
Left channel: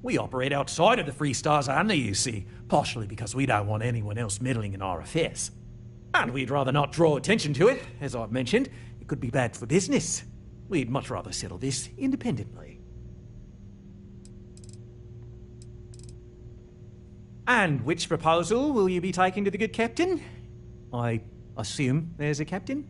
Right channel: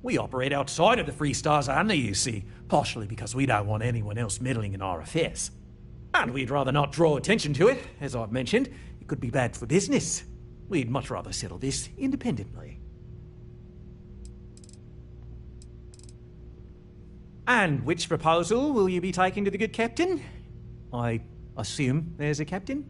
We operate outside of the Free Stars only, you see, partially because we don't want anyone else meddling in our affairs. And we'd rather not draw attention to it. As I've mentioned, it could be bad for business. We'd much rather settle this independently. And which proposal will you be taking to the good captain? I assume there's a captain?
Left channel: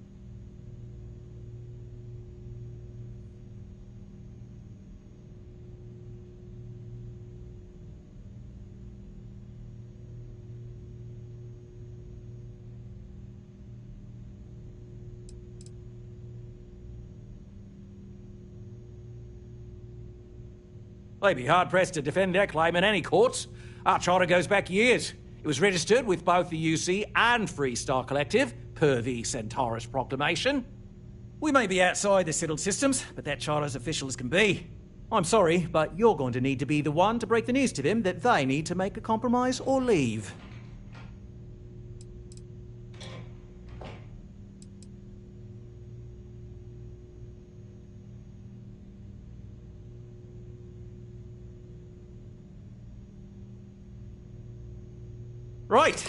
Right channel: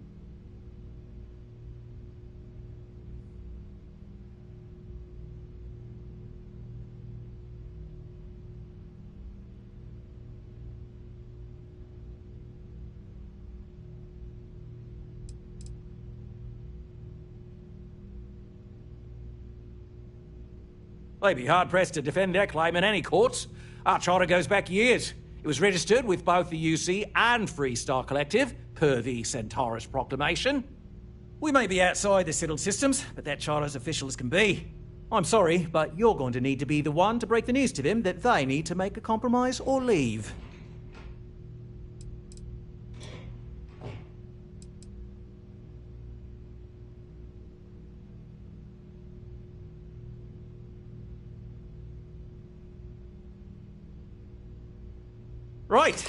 They'd be hard-pressed to defend their claim in any courts. Our charter goes back years. It was registered with both the UC and Free Star Collective, per the Centaurus Proclamation. We may be outside the settled systems, but that charter's official as can be. I'm sorry, but you're going to need to be the one to break the news to them that they need to make a compromise or leave. Right.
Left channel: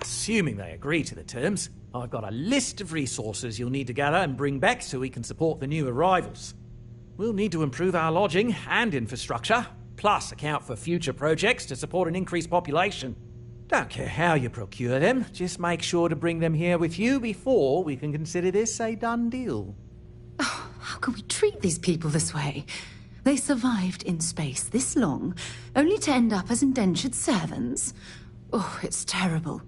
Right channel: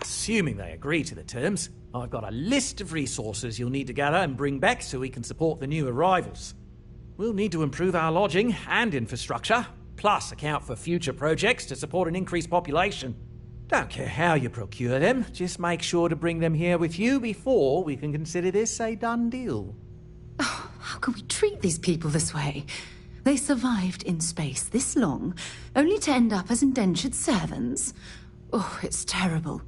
Assuming they agree to the terms, I've got a list of resources you'll need to gather and bring back so we can support the new arrivals. We'll need to improve our lodging and infrastructure, plus account for future projects to support an increased population. Don't care how you procure them, just make sure to bring them here with you before we can consider this a done deal. Oh, how can we treat these people this way? They survived in space this long, only to end up as indentured servants. Oh, it's terrible.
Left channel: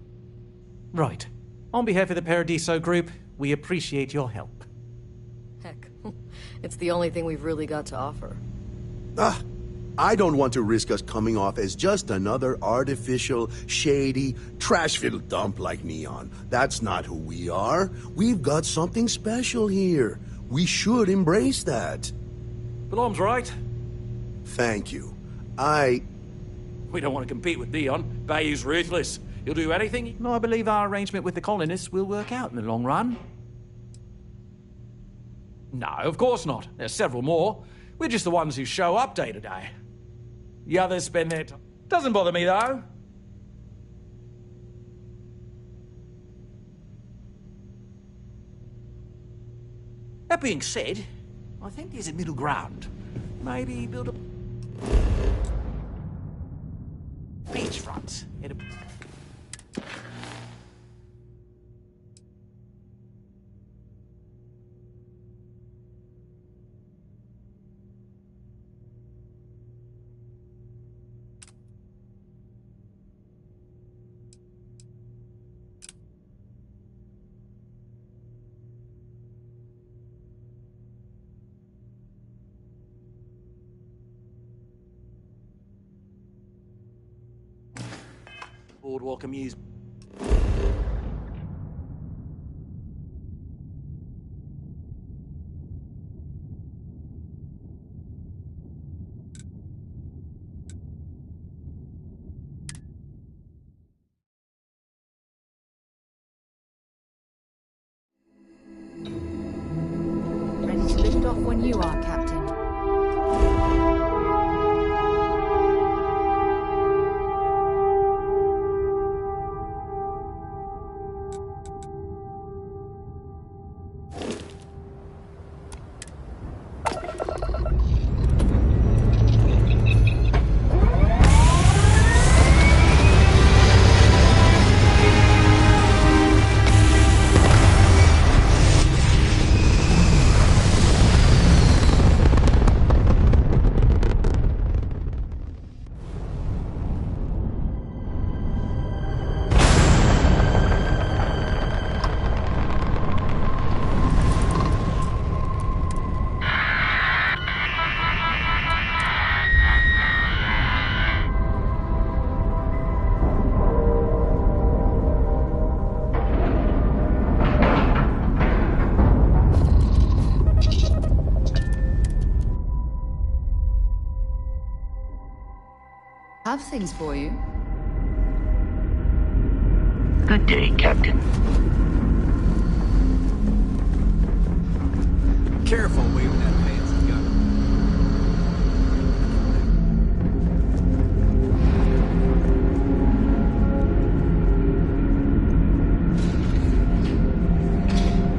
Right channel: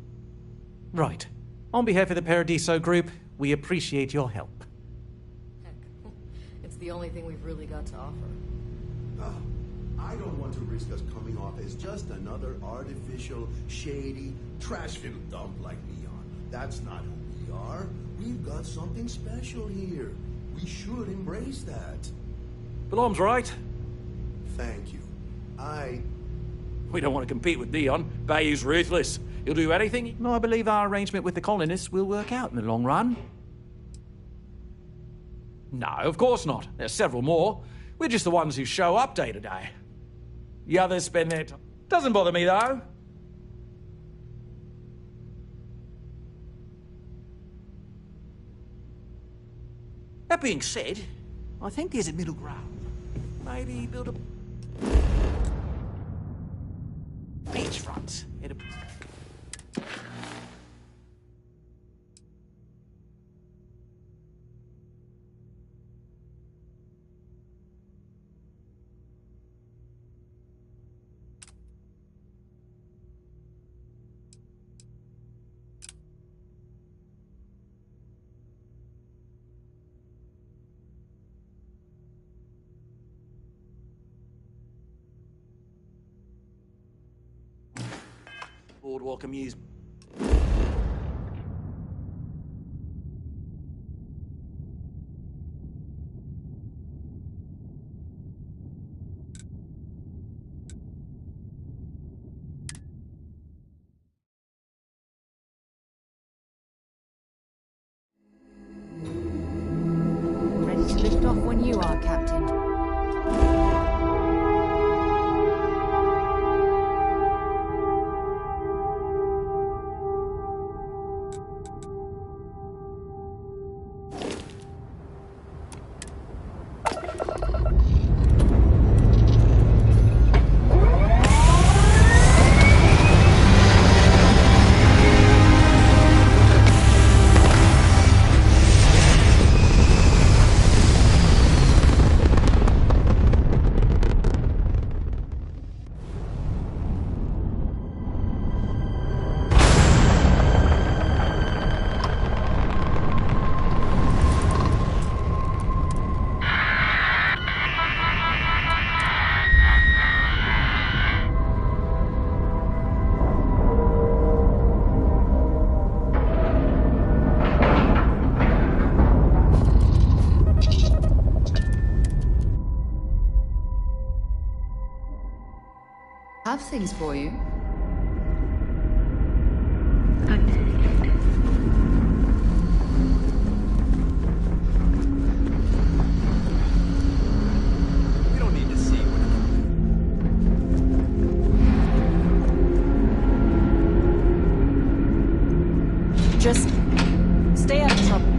Right. On behalf of the Paradiso Group, we appreciate your help. Heck, it's the only thing we've really got to offer. I don't want to risk us coming off as just another artificial, shady, trash-filled dump like Neon. That's not who we are. We've got something special here. We should embrace that. Balom's right. Thank you. We don't want to compete with Neon. Bayou's ruthless. He'll do anything. No, I believe our arrangement with the colonists will work out in the long run. No, of course not. There's several more. We're just the ones who show up day to day. The others spend their time. Doesn't bother me, though. That being said, I think there's a middle ground. Maybe build a beachfront. Boardwalk amuse. Ready to lift off when you are, Captain. Have things for you. Good day, Captain. Careful, we don't have hands together. We don't need to see. Just stay out of trouble.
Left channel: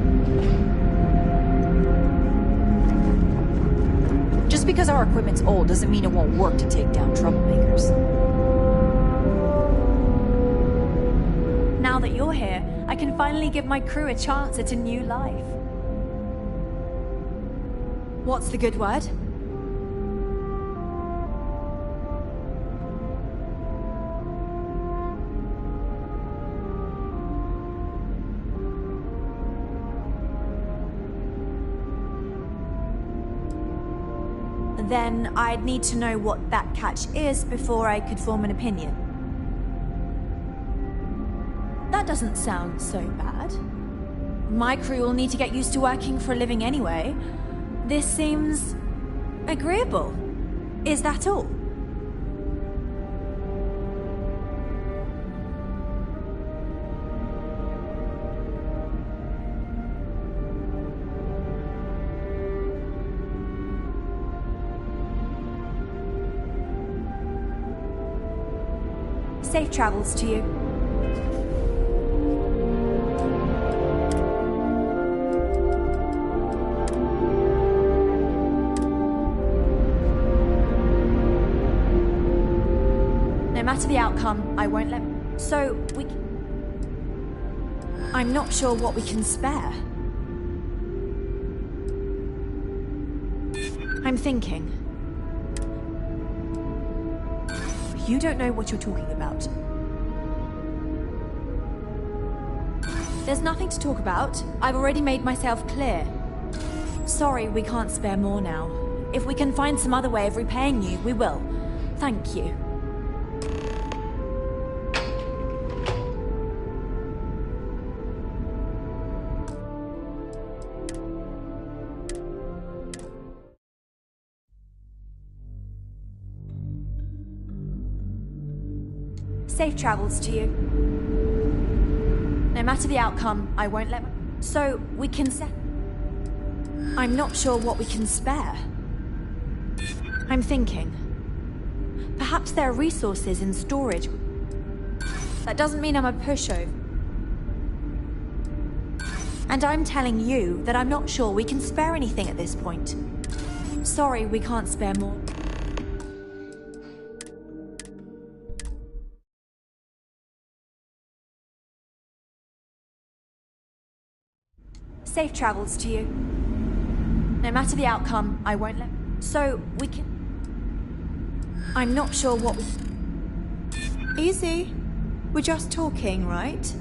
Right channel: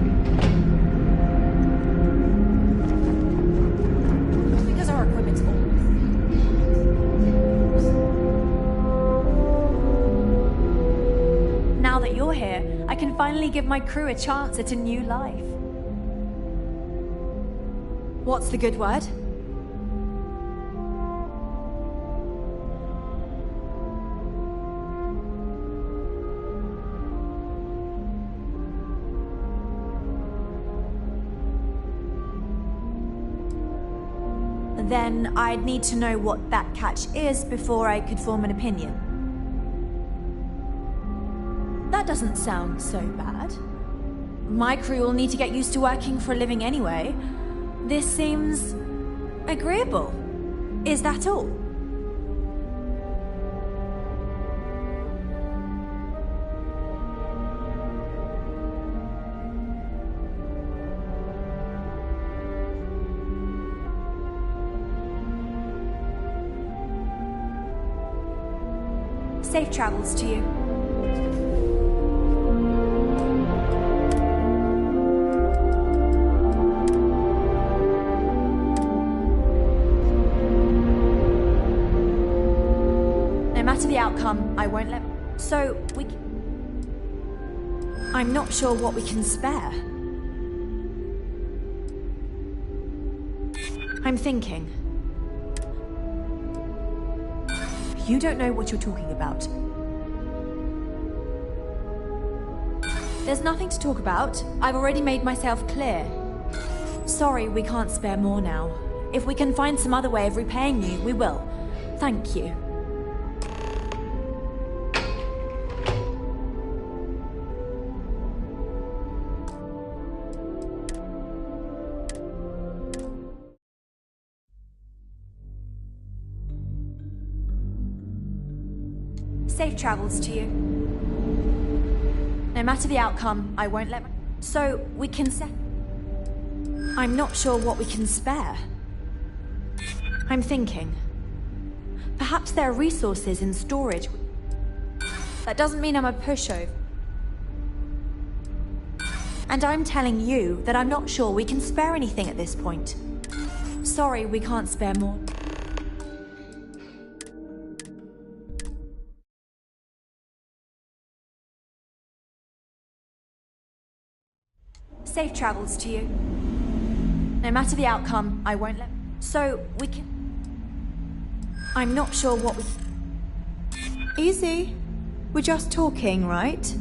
Just because our equipment's old doesn't mean it won't work to take down troublemakers. Now that you're here, I can finally give my crew a chance at a new life. What's the good word? Then I'd need to know what that catch is before I could form an opinion. That doesn't sound so bad. My crew will need to get used to working for a living anyway. This seems agreeable. Is that all? Safe travels to you. No matter the outcome, I won't let... So, I'm not sure what we can spare. I'm thinking. You don't know what you're talking about. There's nothing to talk about. I've already made myself clear. Sorry, we can't spare more now. If we can find some other way of repaying you, we will. Thank you. Safe travels to you. No matter the outcome, I won't let... So, we can set... I'm not sure what we can spare. I'm thinking. Perhaps there are resources in storage. That doesn't mean I'm a pushover. And I'm telling you that I'm not sure we can spare anything at this point. Sorry, we can't spare more. Safe travels to you. No matter the outcome, I won't let... So, we can... I'm not sure what we... Easy. We're just talking, right?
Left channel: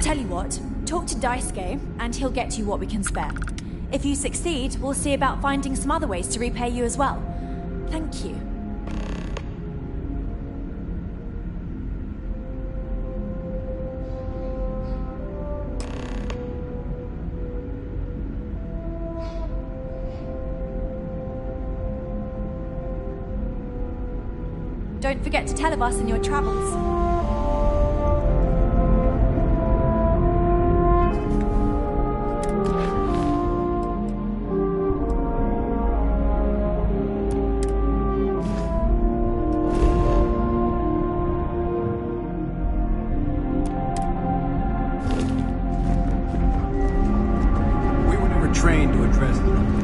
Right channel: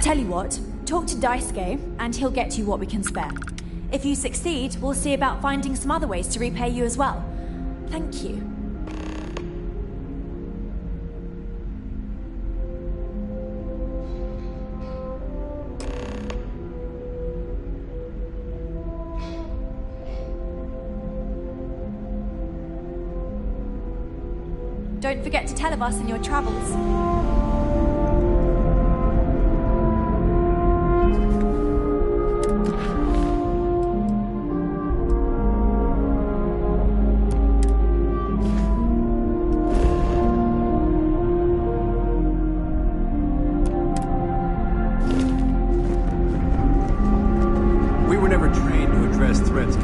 Tell you what, talk to Daisuke, and he'll get you what we can spare. If you succeed, we'll see about finding some other ways to repay you as well. Thank you. Don't forget to tell of us in your travels. We were never trained to address threats.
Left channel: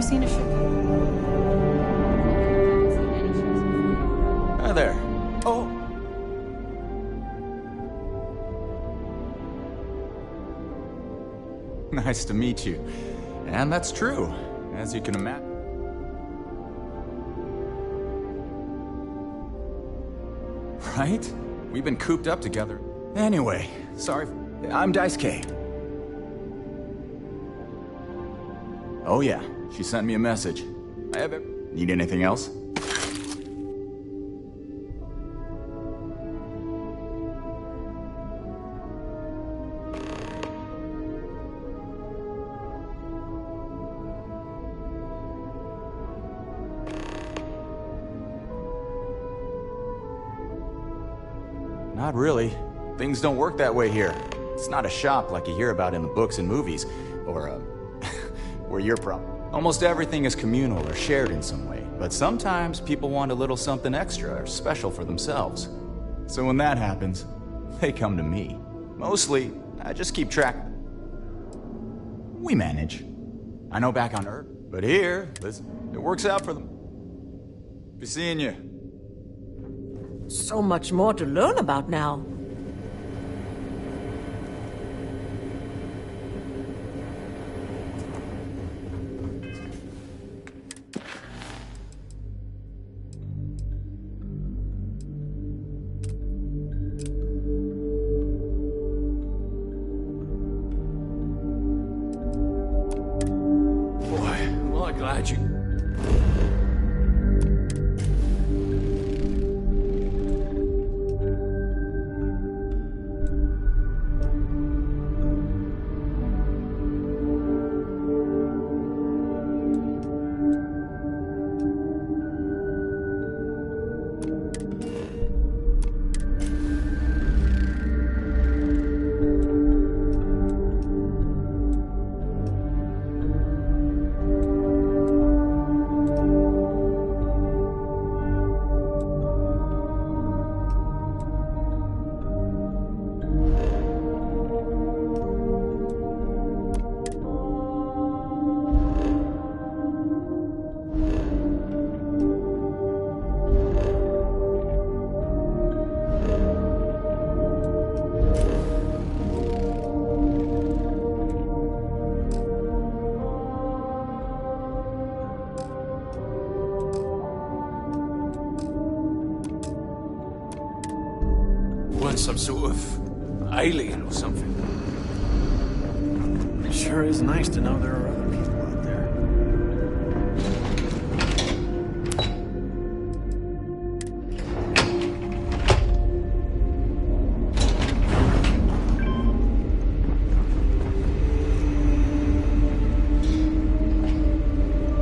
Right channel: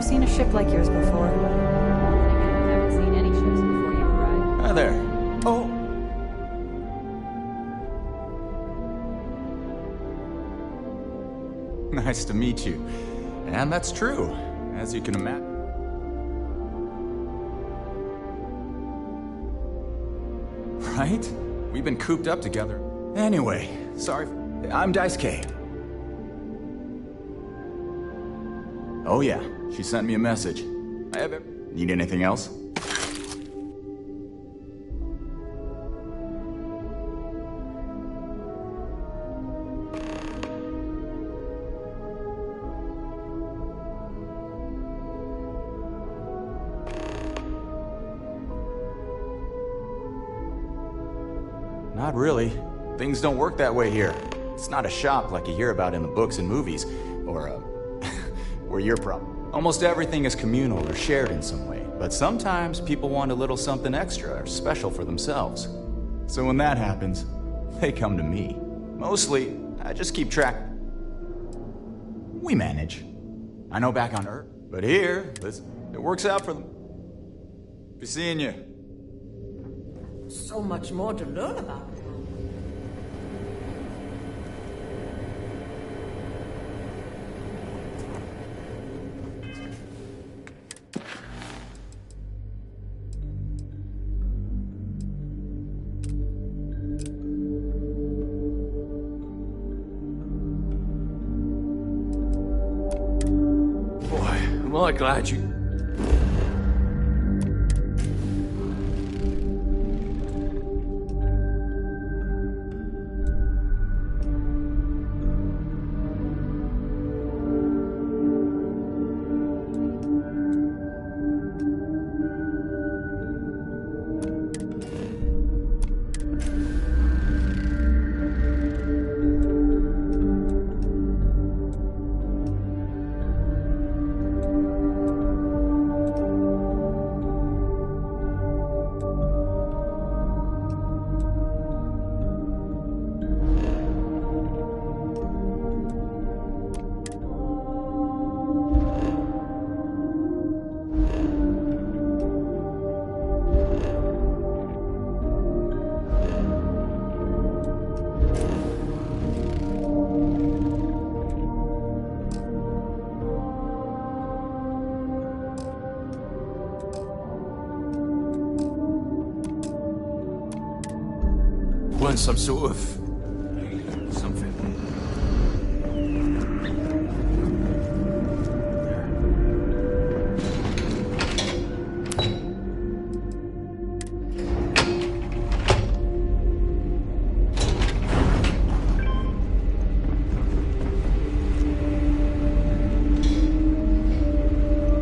Seen a ship like yours before. I haven't seen any ships before you arrived. Hi there. Oh. Nice to meet you. And that's true, as you can imagine. Right? We've been cooped up together. Anyway, sorry. I'm Daisuke. Oh yeah, she sent me a message. Need anything else? Not really. Things don't work that way here. It's not a shop like you hear about in the books and movies, or where you're from. Almost everything is communal or shared in some way, but sometimes people want a little something extra or special for themselves. So when that happens, they come to me. Mostly, I just keep track. We manage. I know back on Earth, but here, listen, it works out for them. Be seeing you. So much more to learn about now. Boy, am I glad you... weren't some sort of alien or something. It sure is nice to know there are other people out there.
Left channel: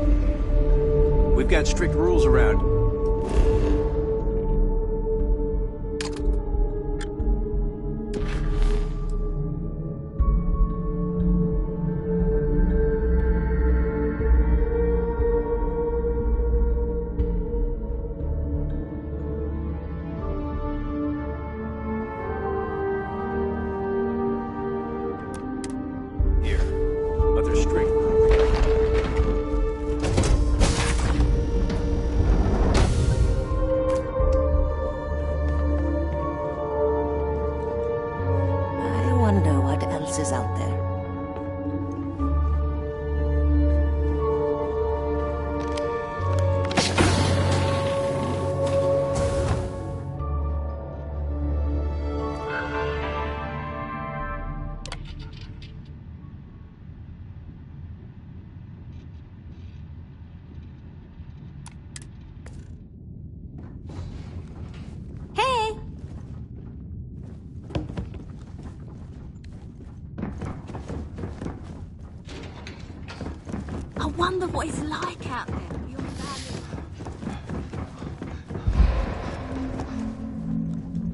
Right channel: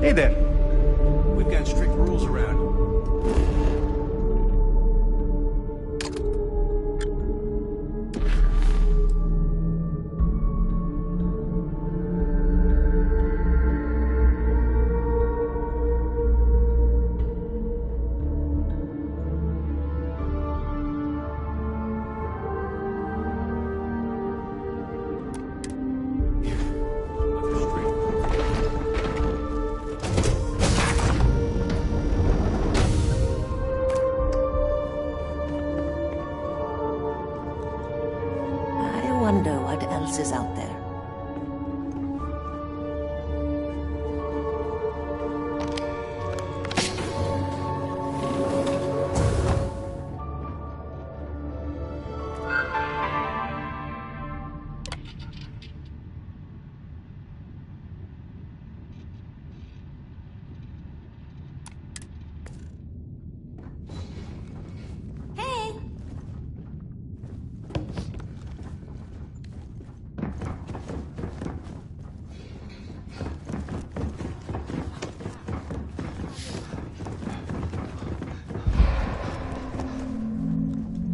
Hey there. We've got strict rules around. Is out there.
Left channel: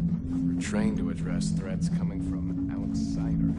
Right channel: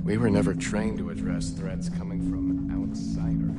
We were never trained to address threats coming from outsiders.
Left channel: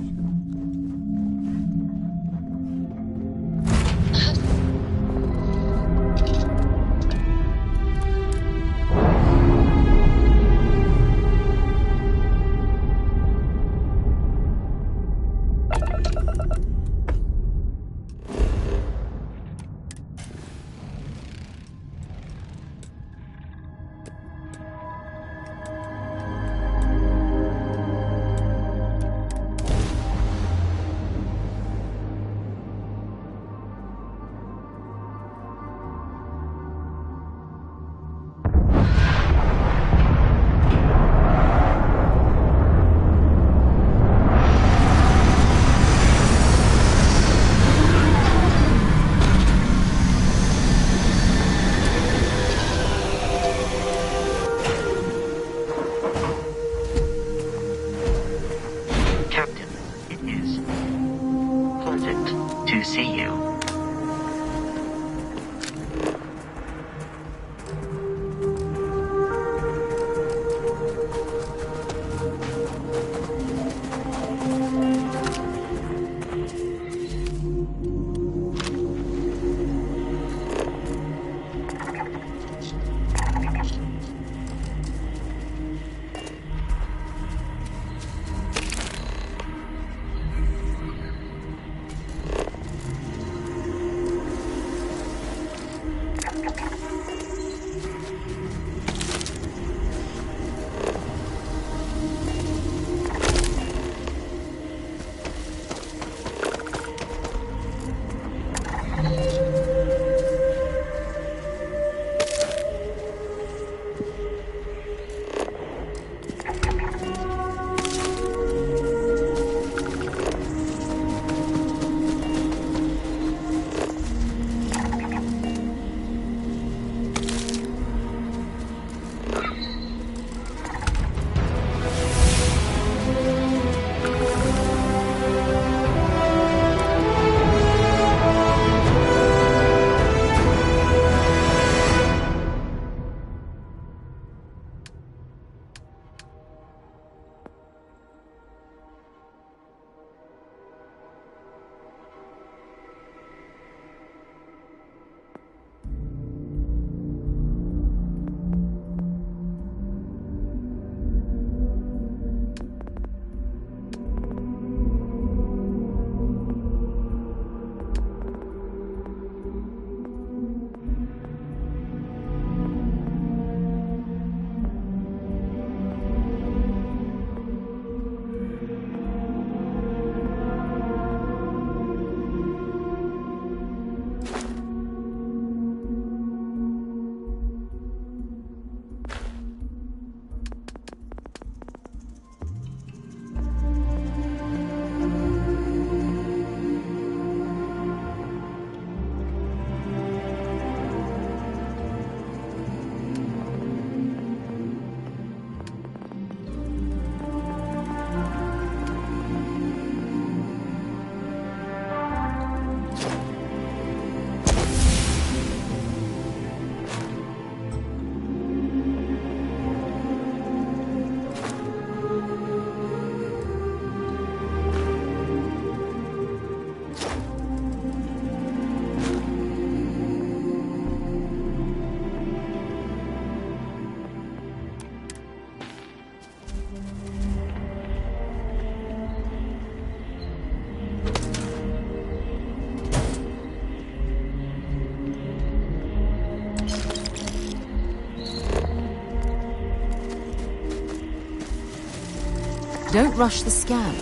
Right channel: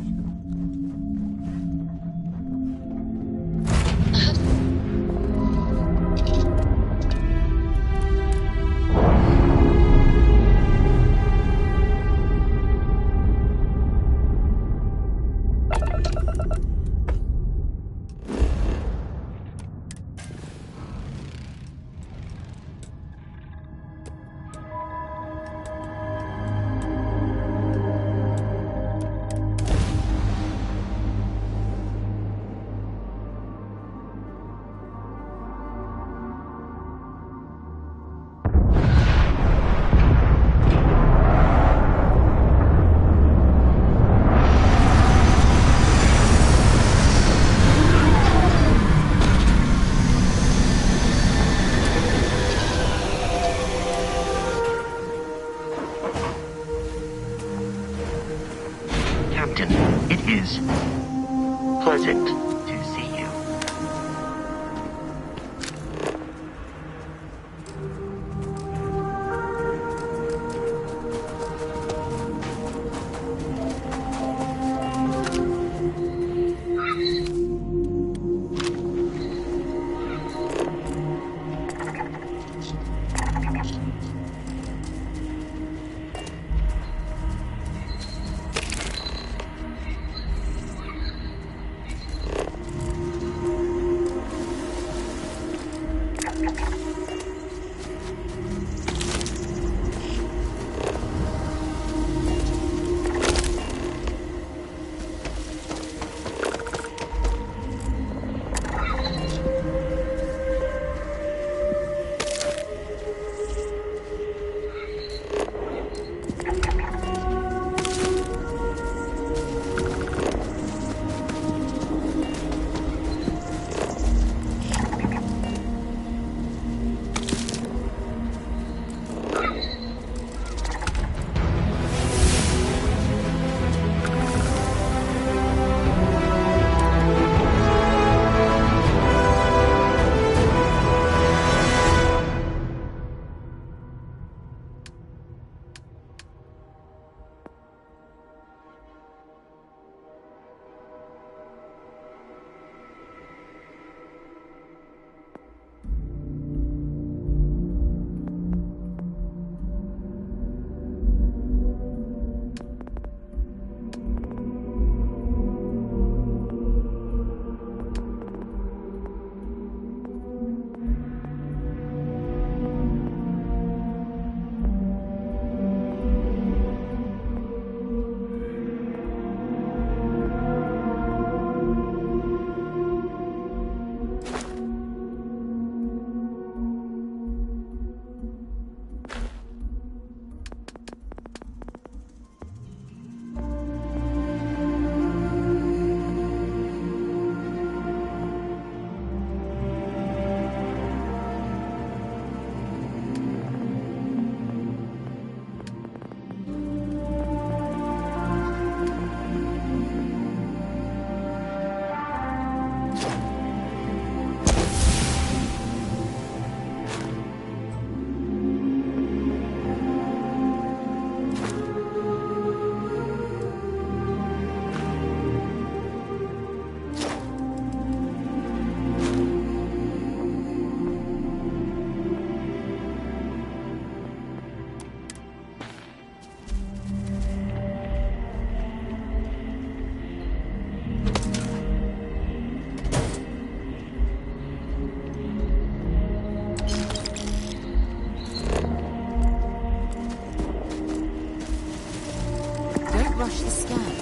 Don't rush the scan.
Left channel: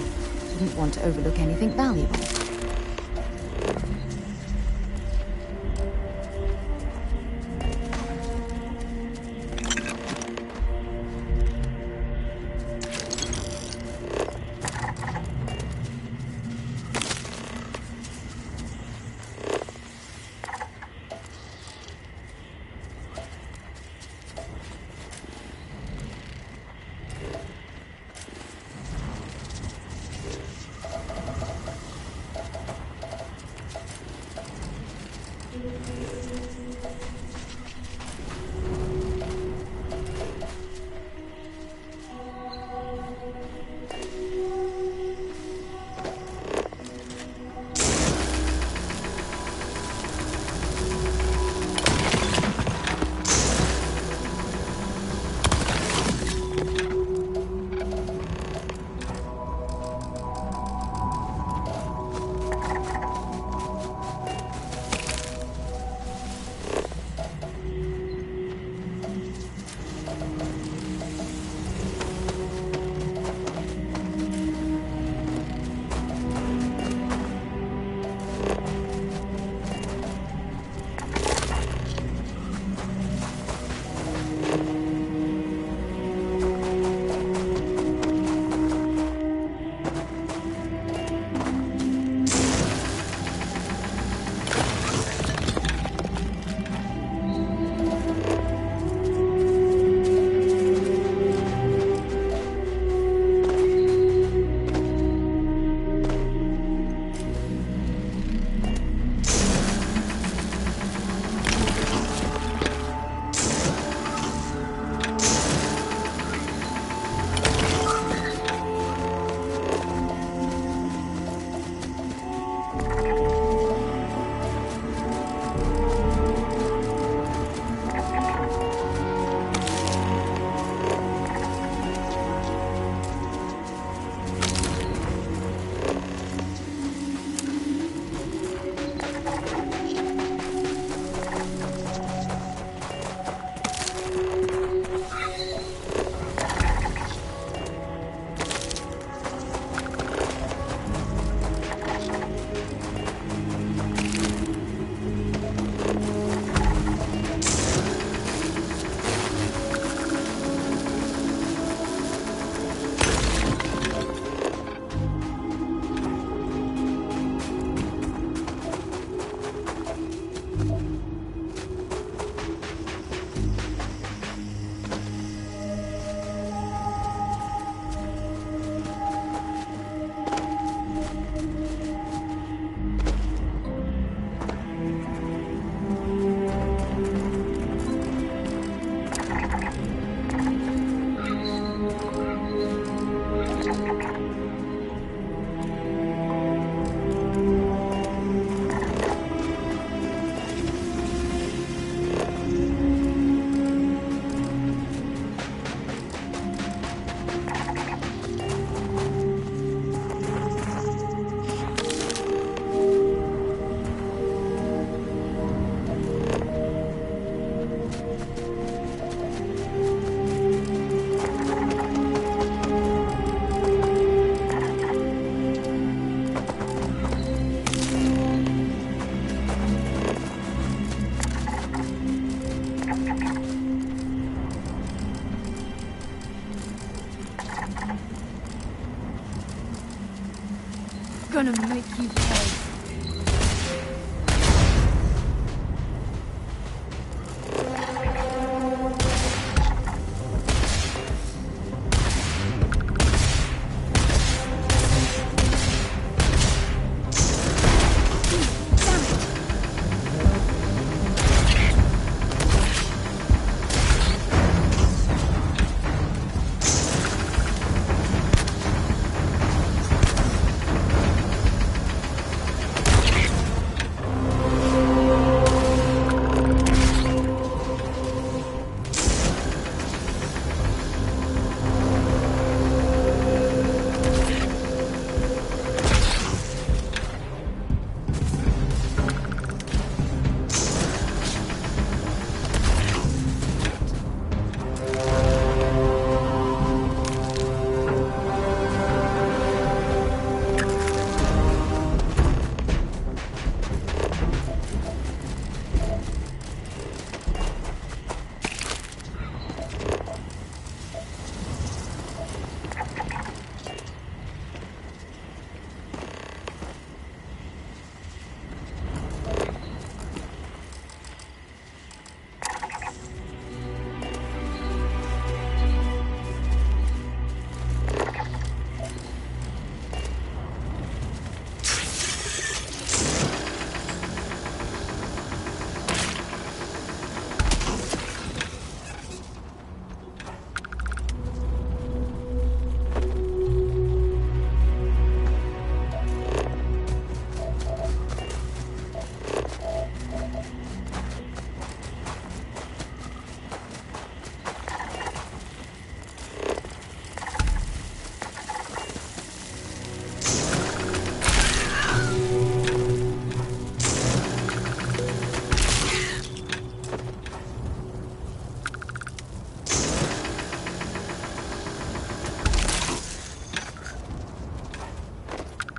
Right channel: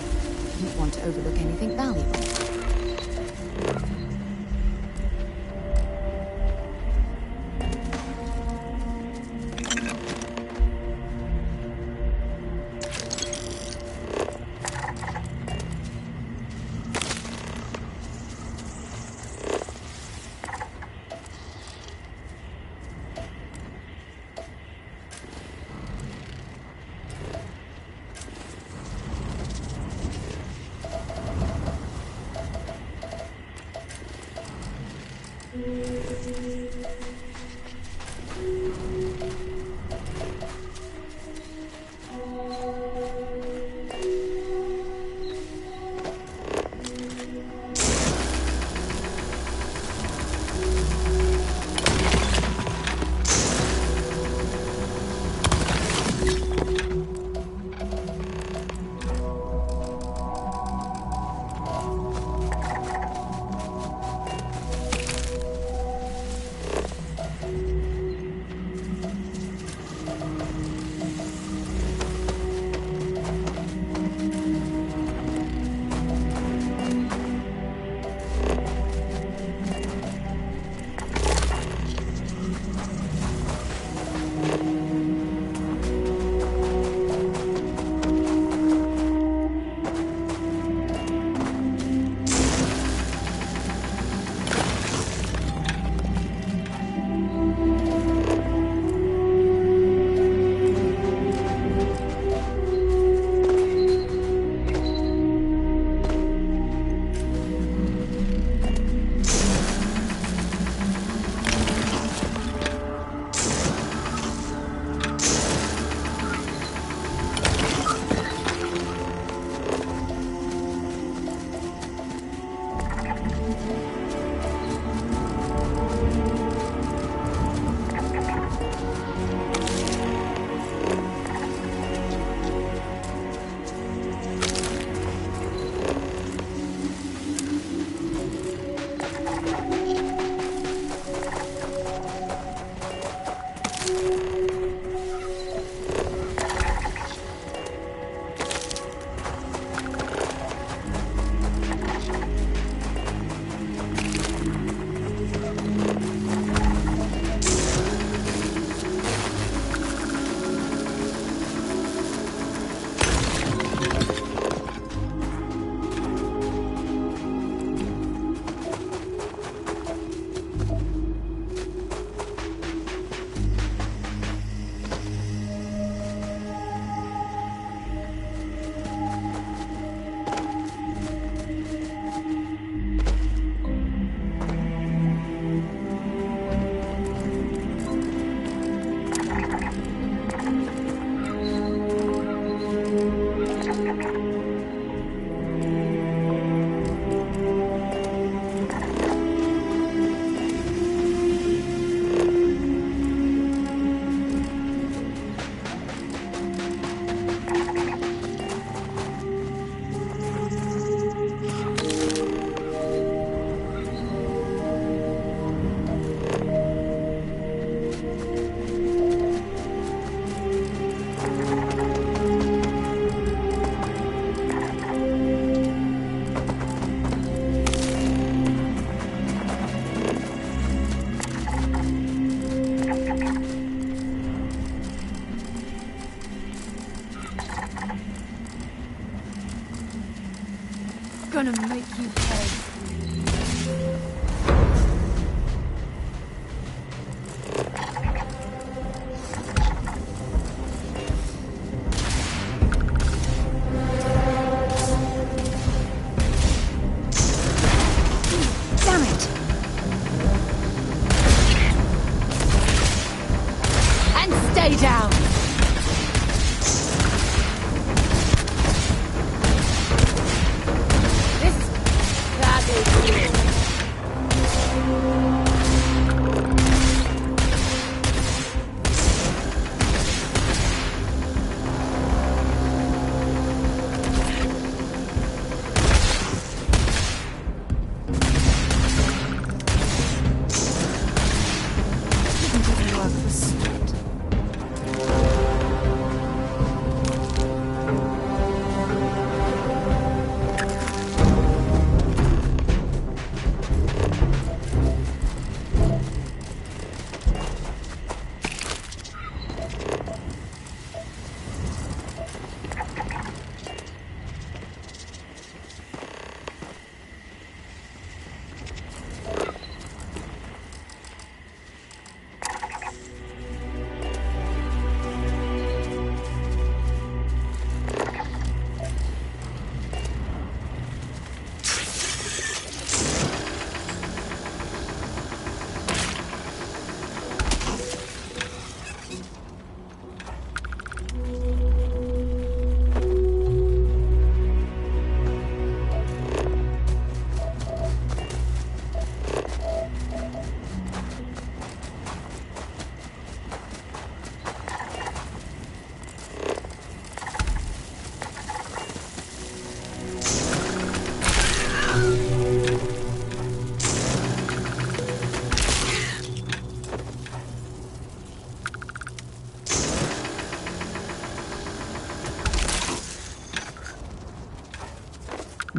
Wouldn't want to overlook anything valuable. Gonna make you pay. That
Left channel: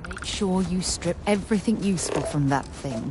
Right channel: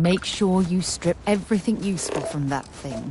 make sure you strip everything useful from that thing.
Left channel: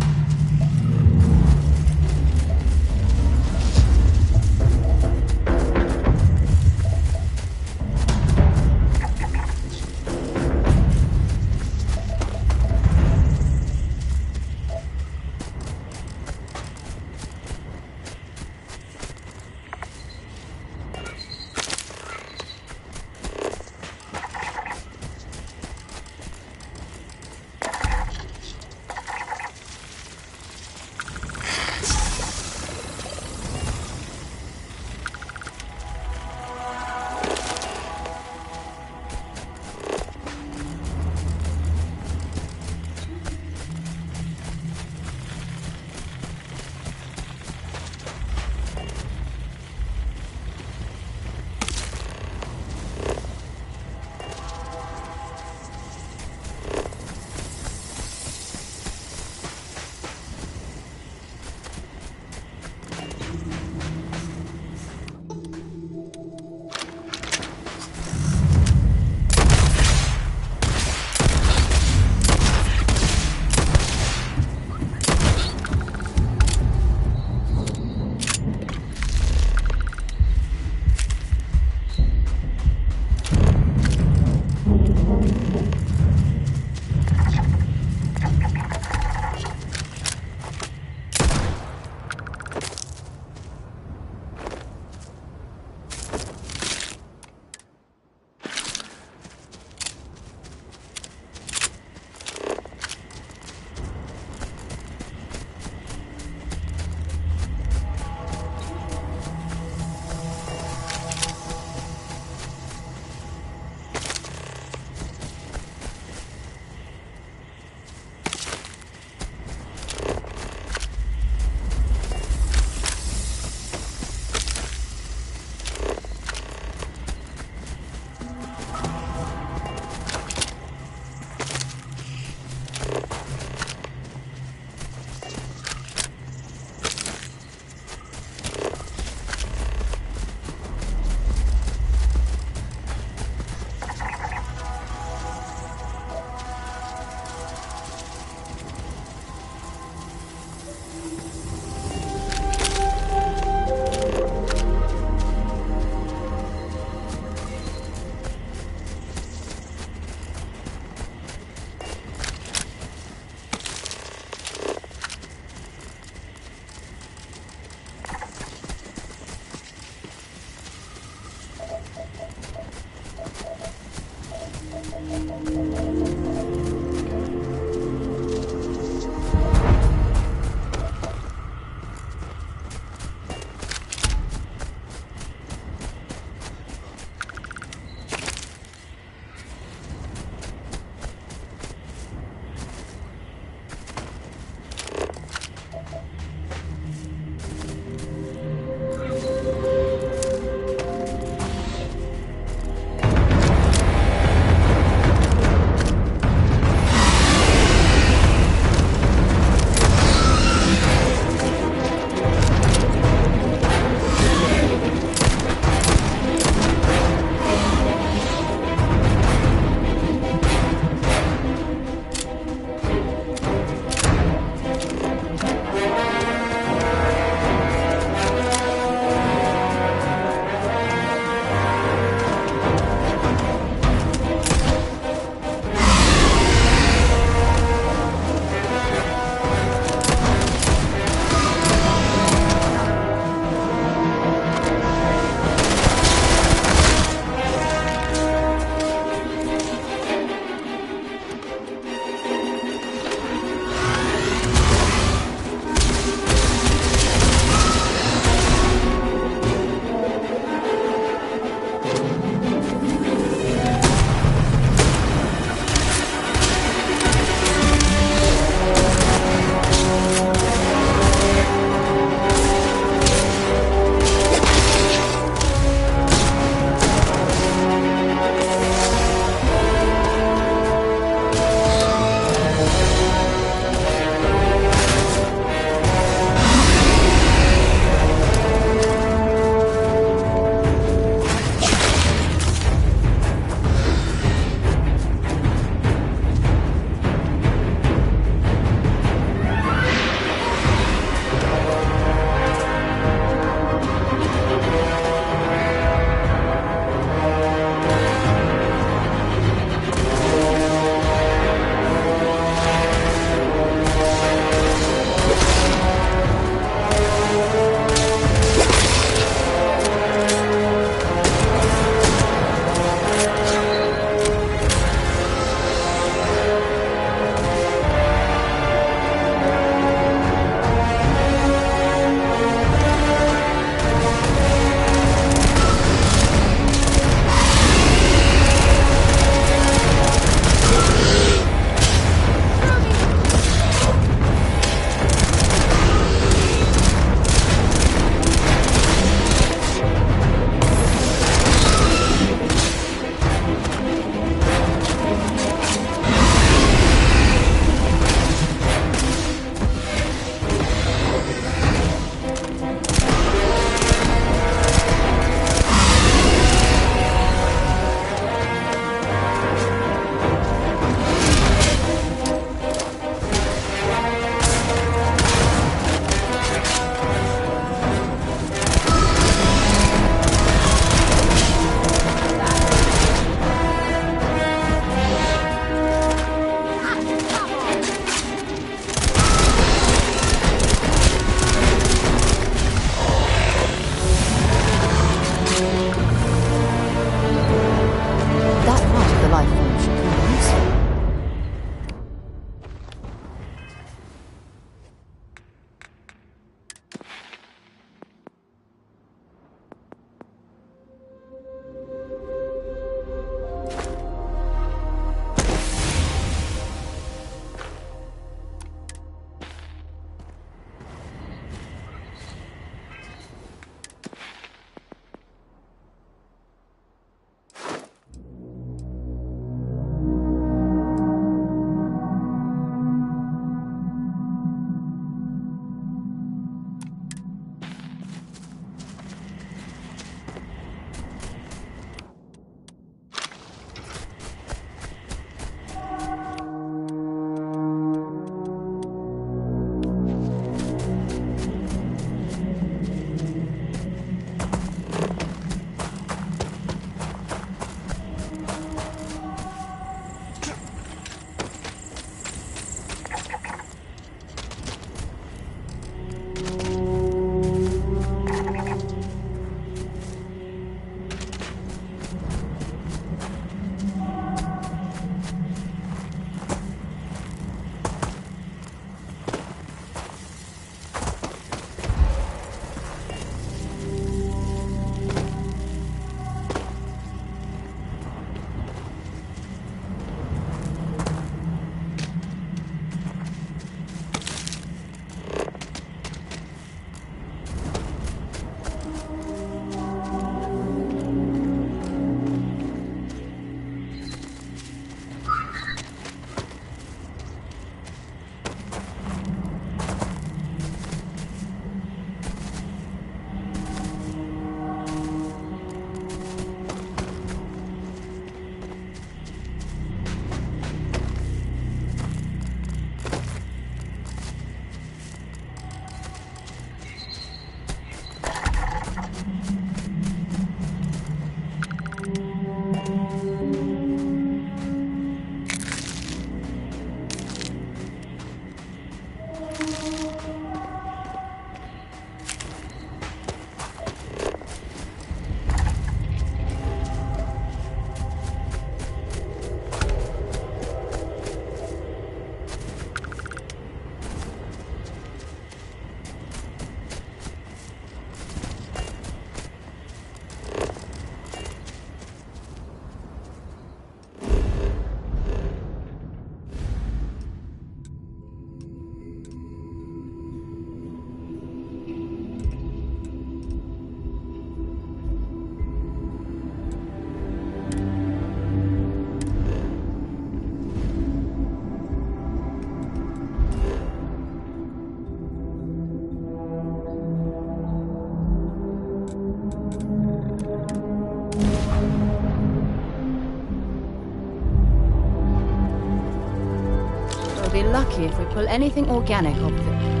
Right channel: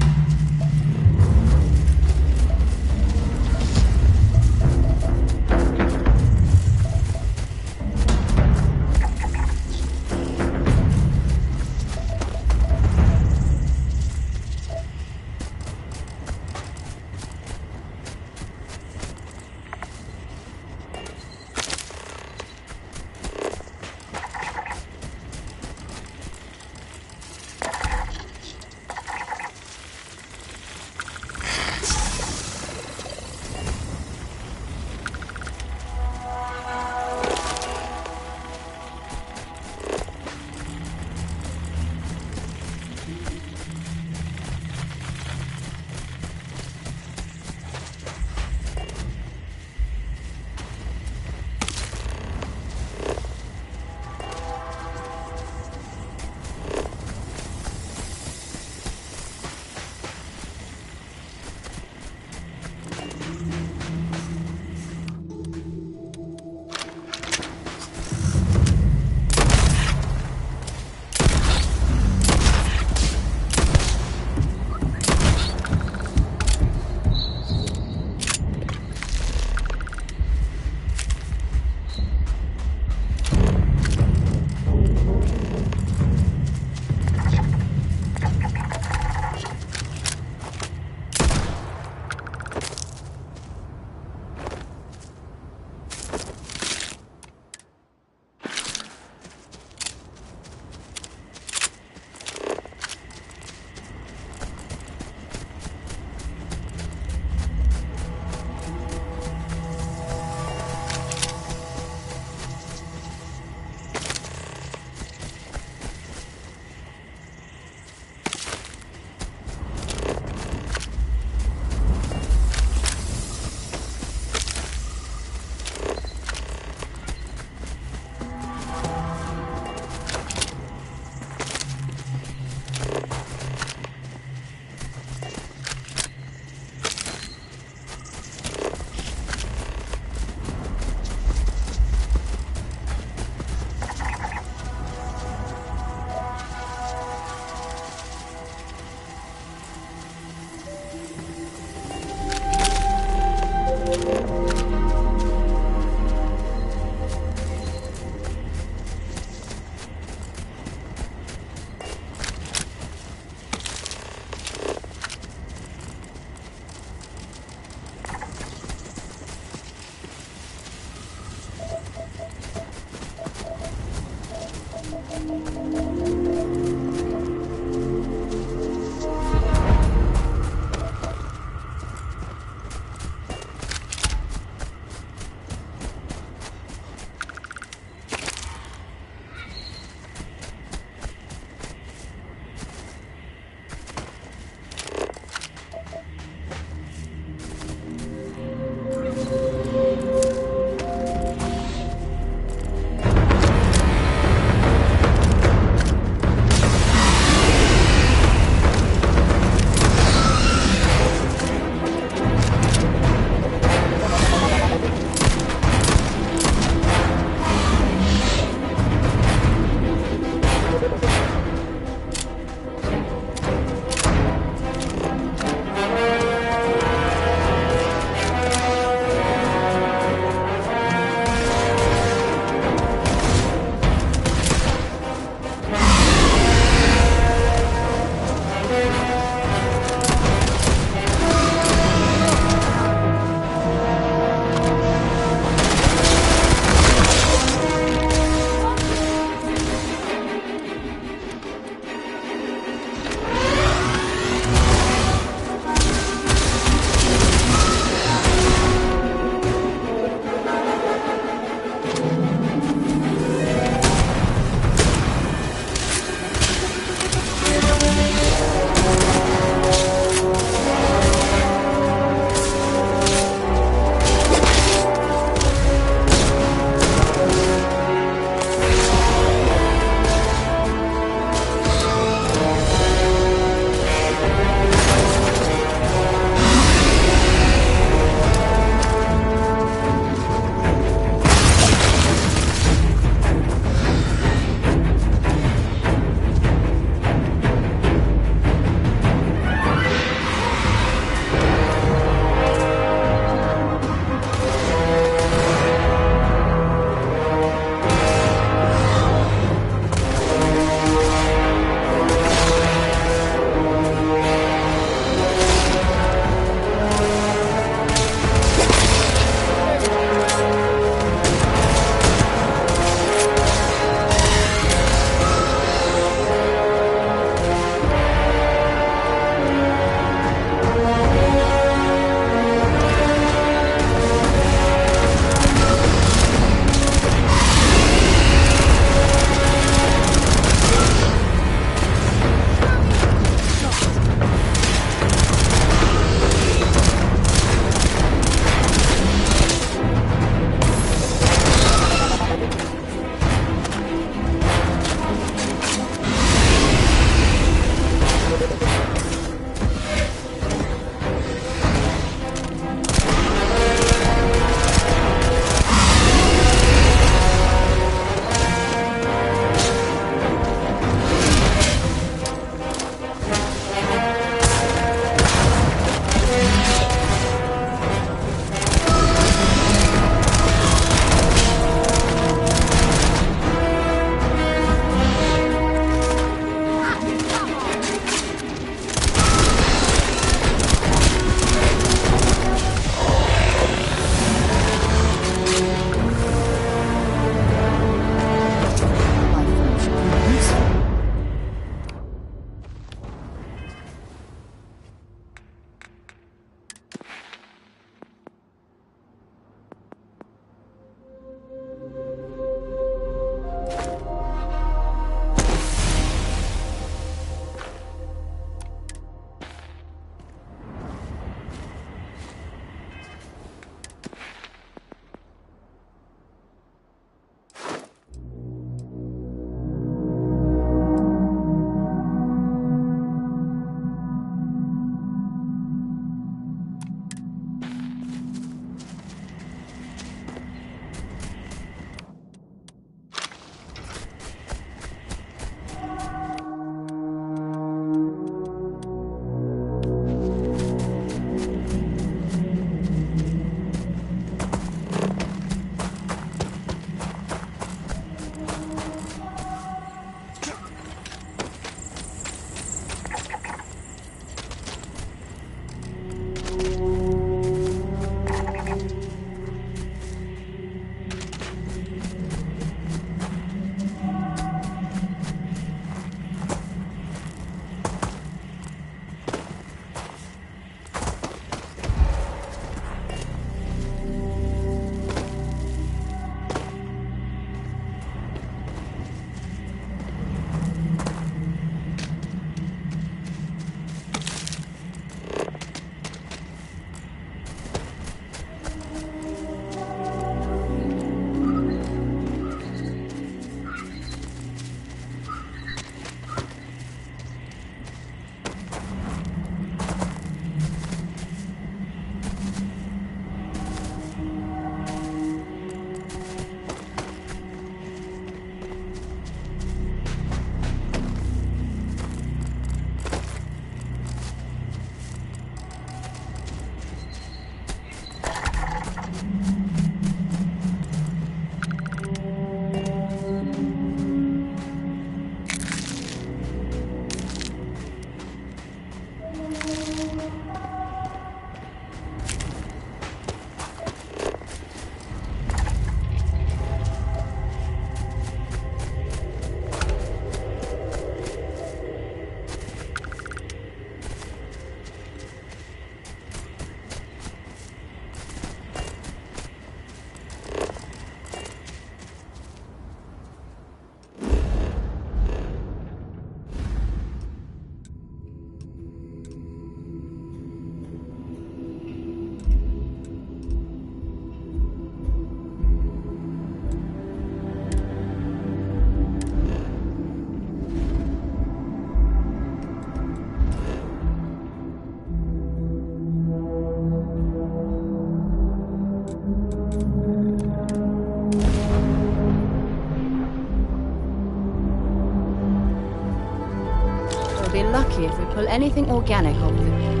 lucky if we pull anything organic off of it.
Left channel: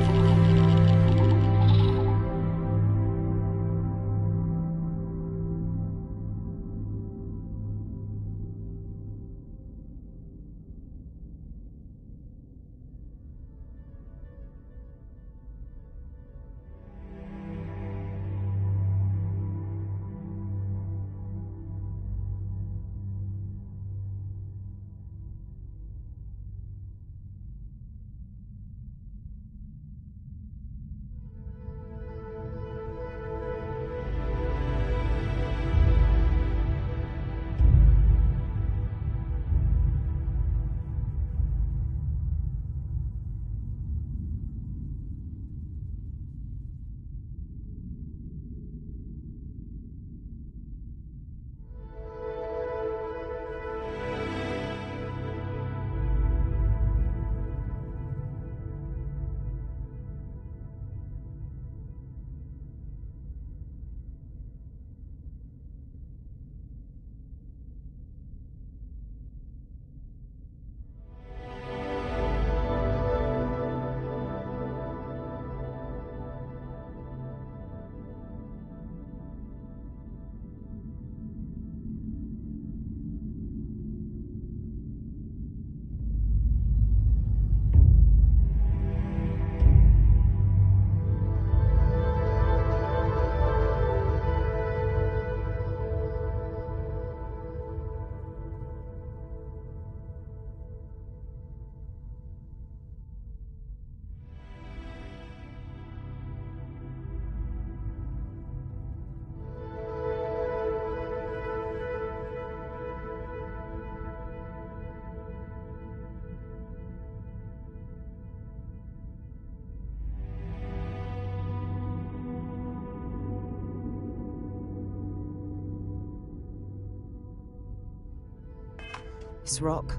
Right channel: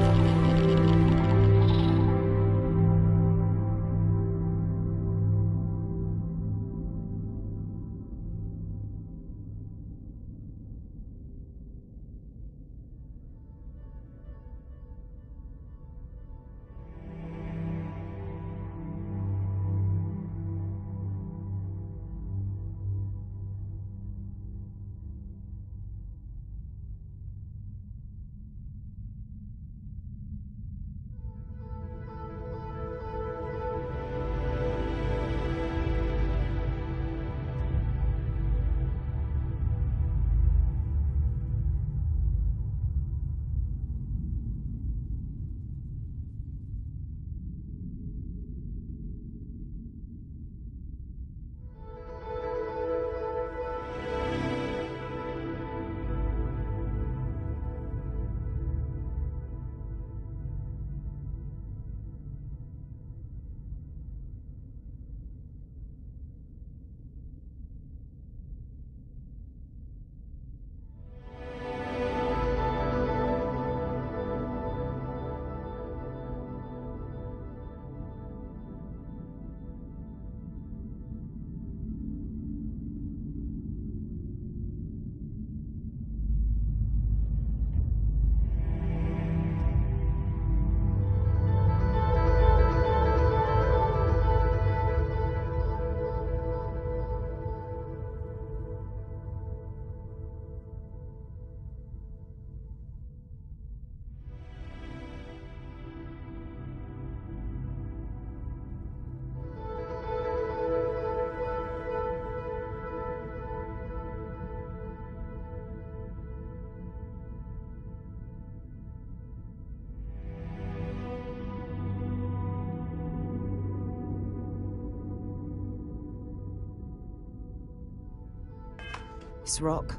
This rock.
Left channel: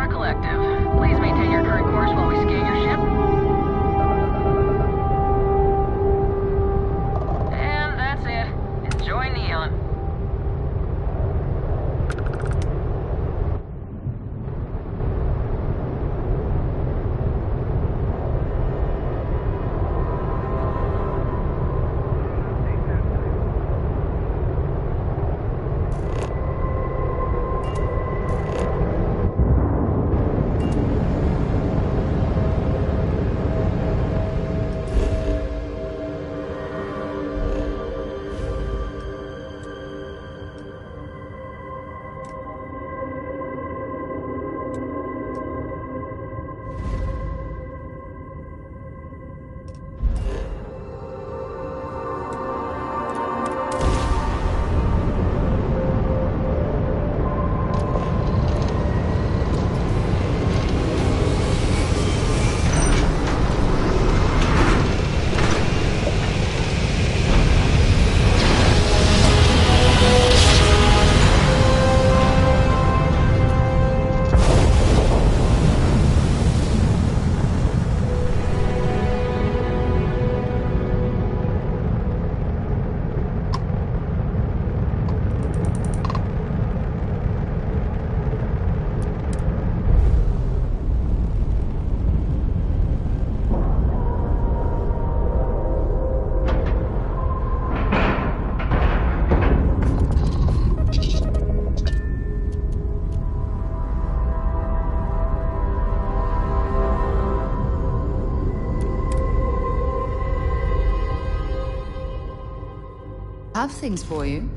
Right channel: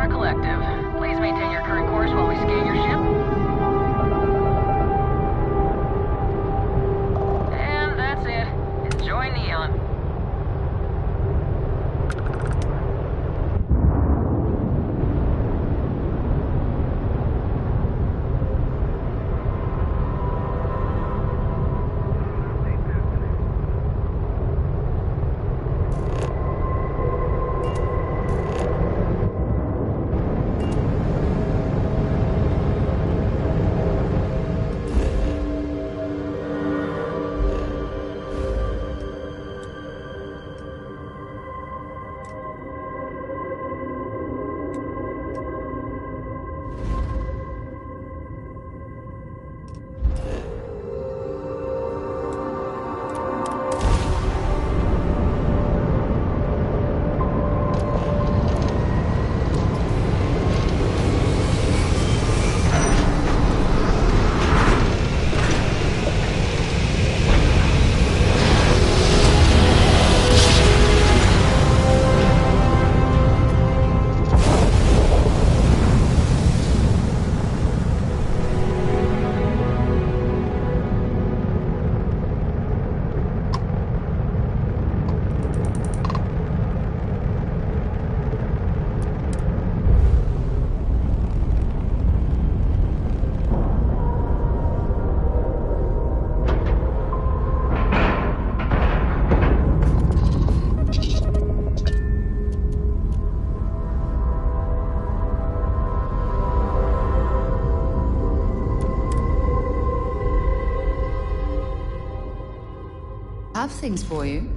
STARSEEKER Collective. Please maintain your current course while we scan your ship. And that's it. Enjoy Neon. Have things for you.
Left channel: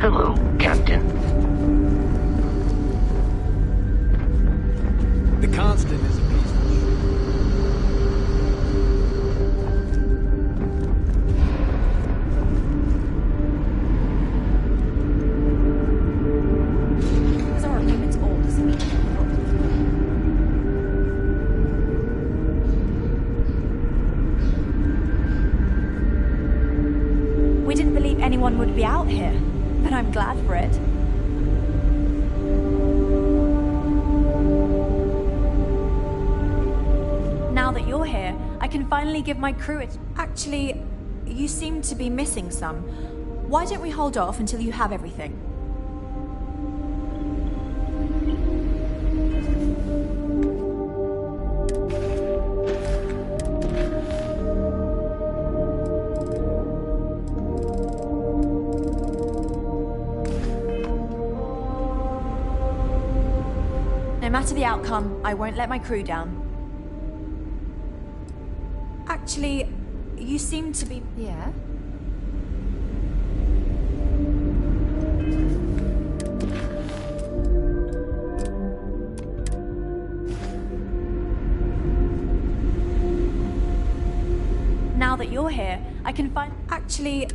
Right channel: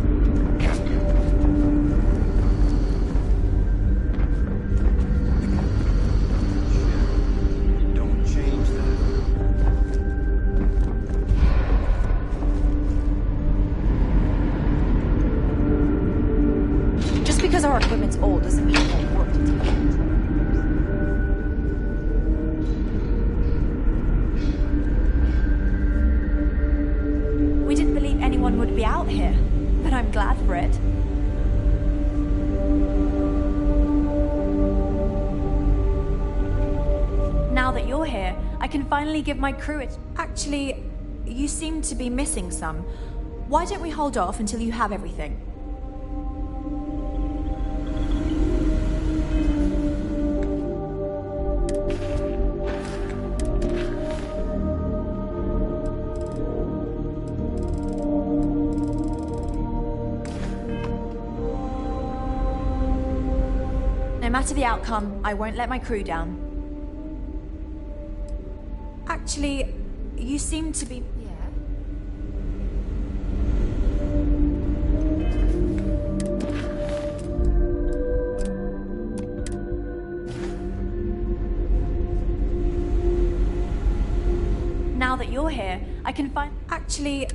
Hello, Captain. The constant. Just because our equipment's old doesn't mean it won't work. We didn't believe anyone would be out here, but I'm glad for it. Now that you're here, I can finally give my crew it. Actually, you seem to be missing some. Why don't we hold off until you have everything? No matter the outcome, I won't let my crew down. Actually, you seem to be... Yeah? Now that you're here, I can find... Actually...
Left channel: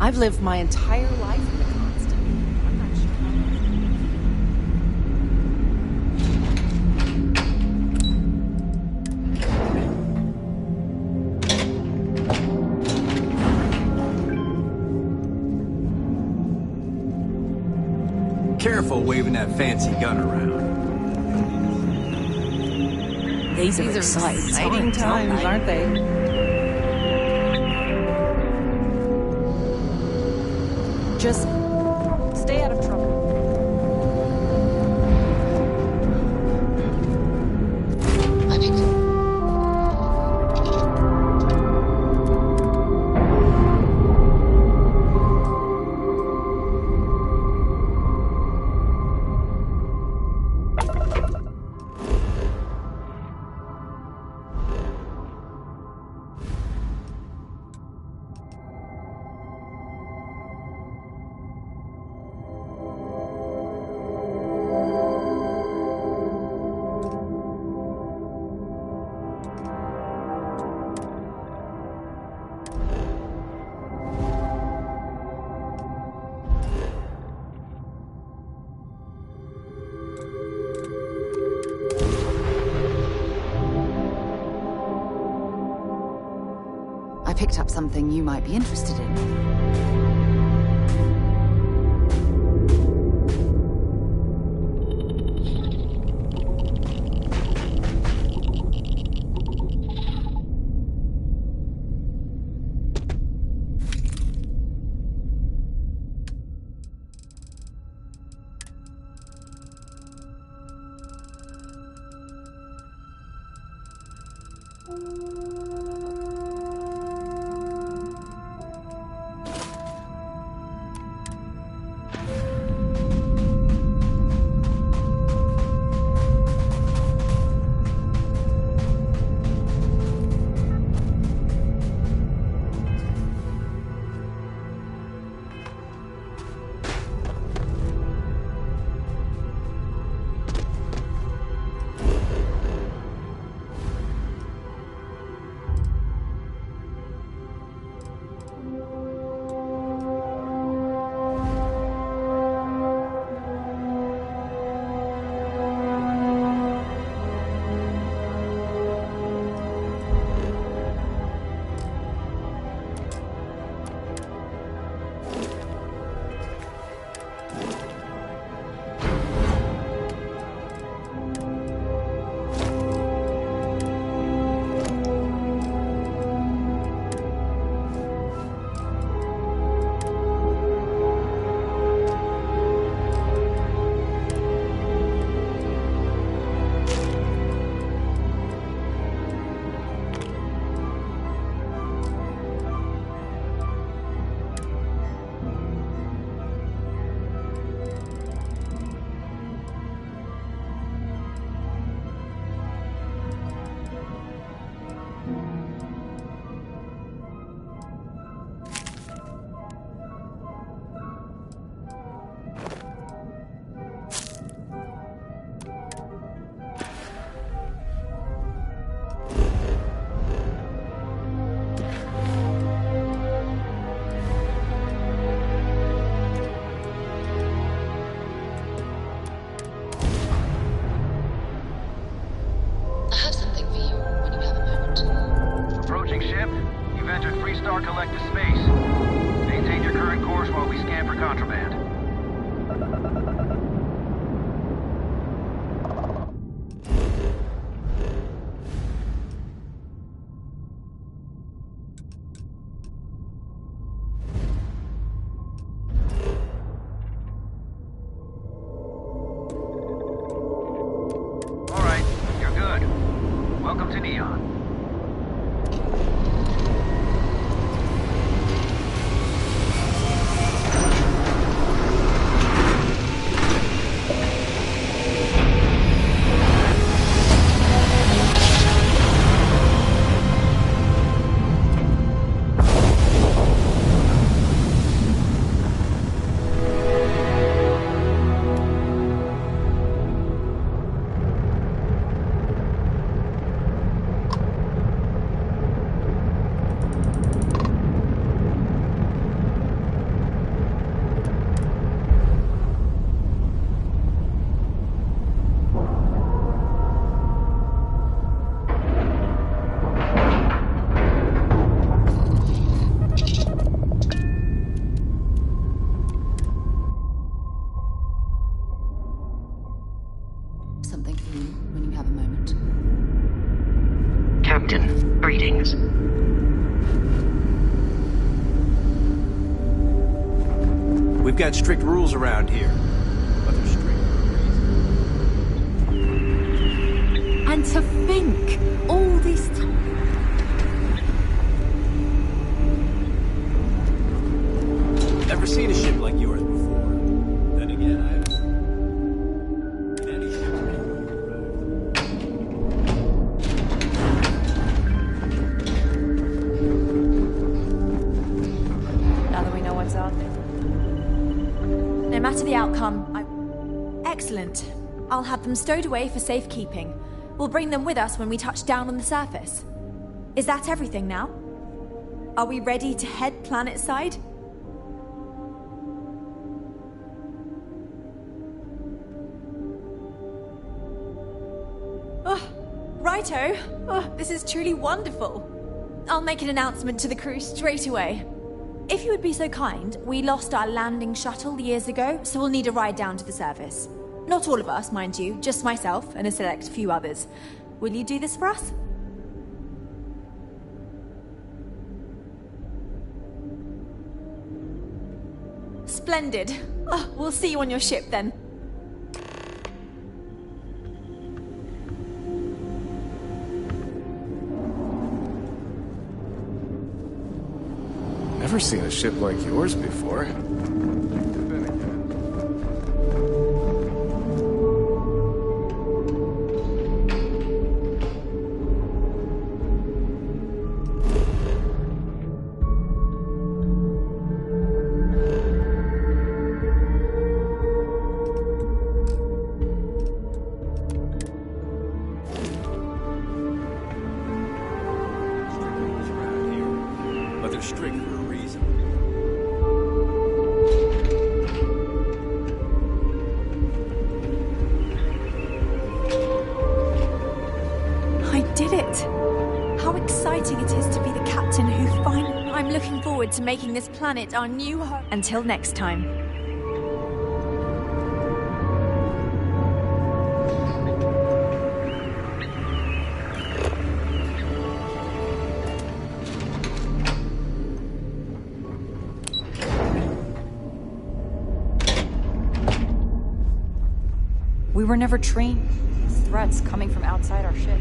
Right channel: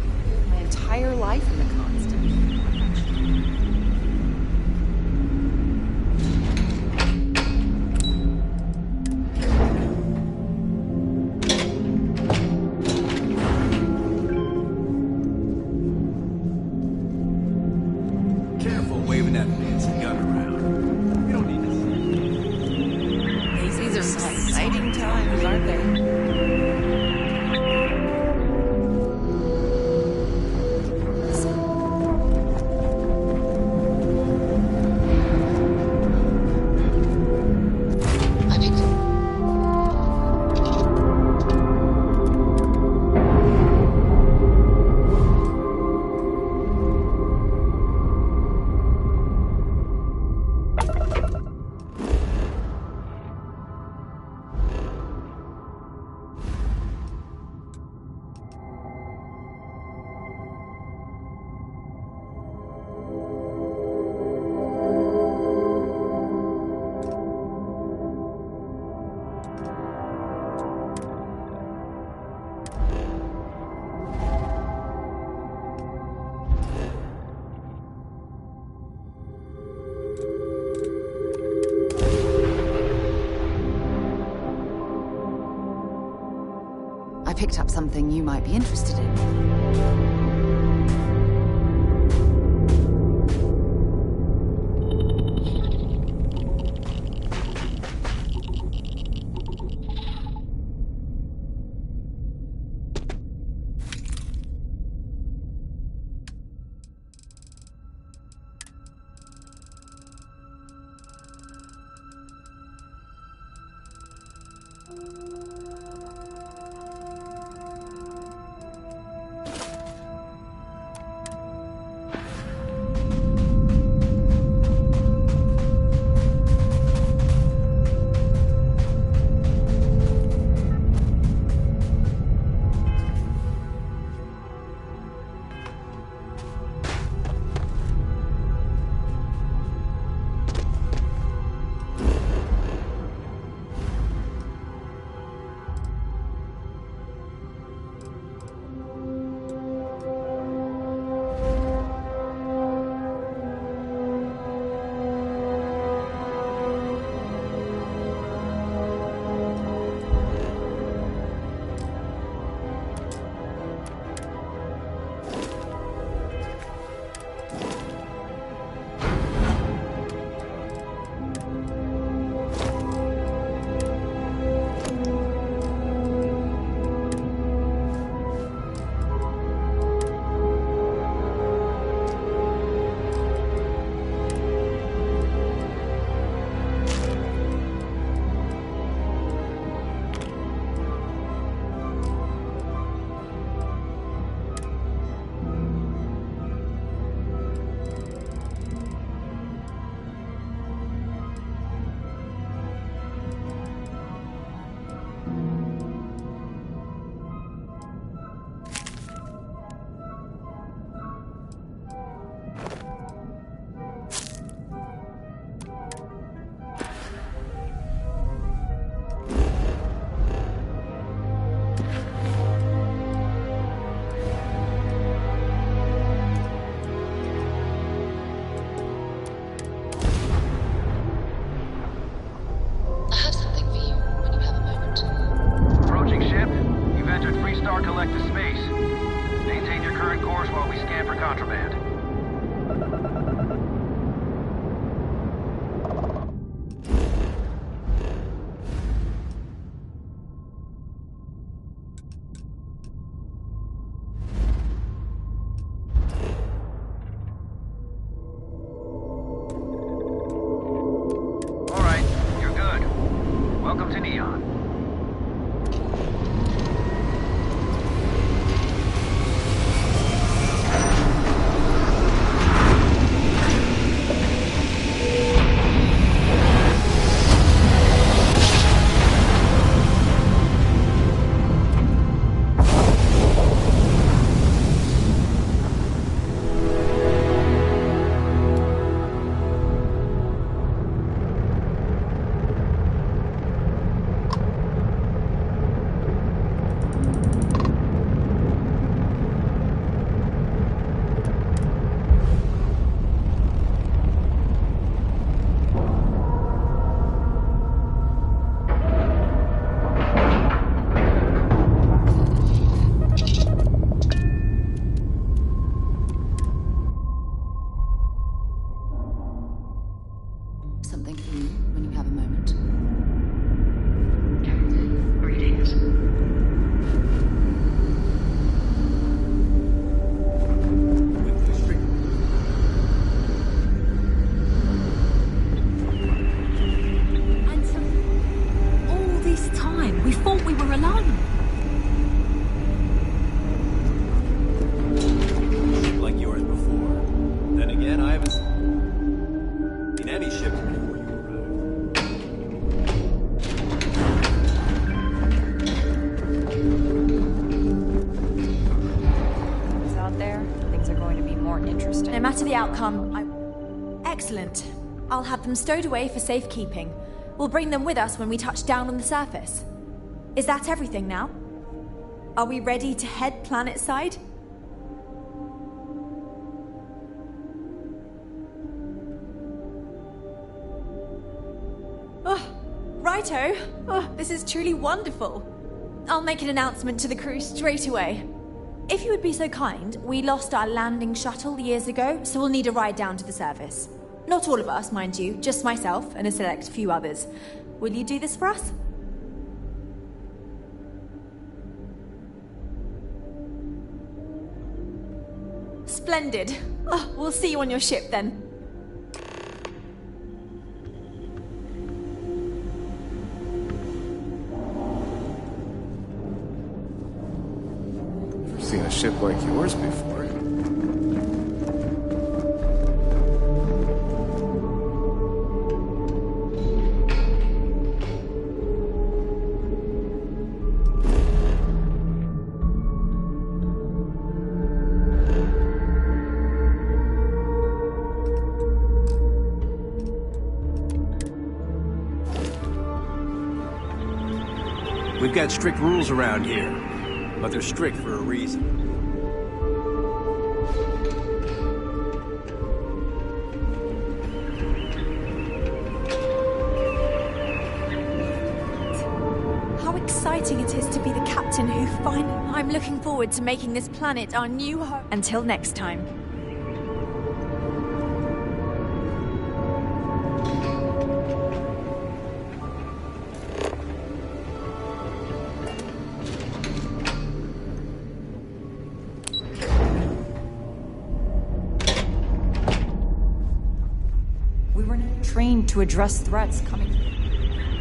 I've lived my entire life in the constant. I'm not careful waving that fancy gun around. These are exciting times, aren't they? Just stay out of trouble. I picked up something you might be interested in. Collective space. Maintain your current course while we scan for contraband. All right, you're good. Welcome to Neon. Something for you when you have a moment. Captain, greetings. We've got strict rules around here. And to think, all this time, we thought we were alone. Never seen a ship like yours before. Then again, I haven't seen any ships before you arrived. Now that we know what's out there, things are going to be more interesting. No matter the outcome, Excellent. I'll have them stowed away for safekeeping. We'll bring them with us when we touch down on the surface. Is that everything now? Are we ready to head planet side? Oh, righto. Oh, this is truly wonderful. I'll make an announcement to the crew straight away. If you would be so kind, we lost our landing shuttle years ago, so we'll need a ride down to the surface. Not all of us, mind you, just myself and a select few others. Will you do this for us? Splendid. Oh, we'll see you on your ship then. Never seen a ship like yours before. We've got strict rules around here, but they're strict for a reason. I did it! How exciting it is to be the captain who finally... I'm looking forward to making this planet our new home. Until next time. We were never trained to address threats coming from outside our ship.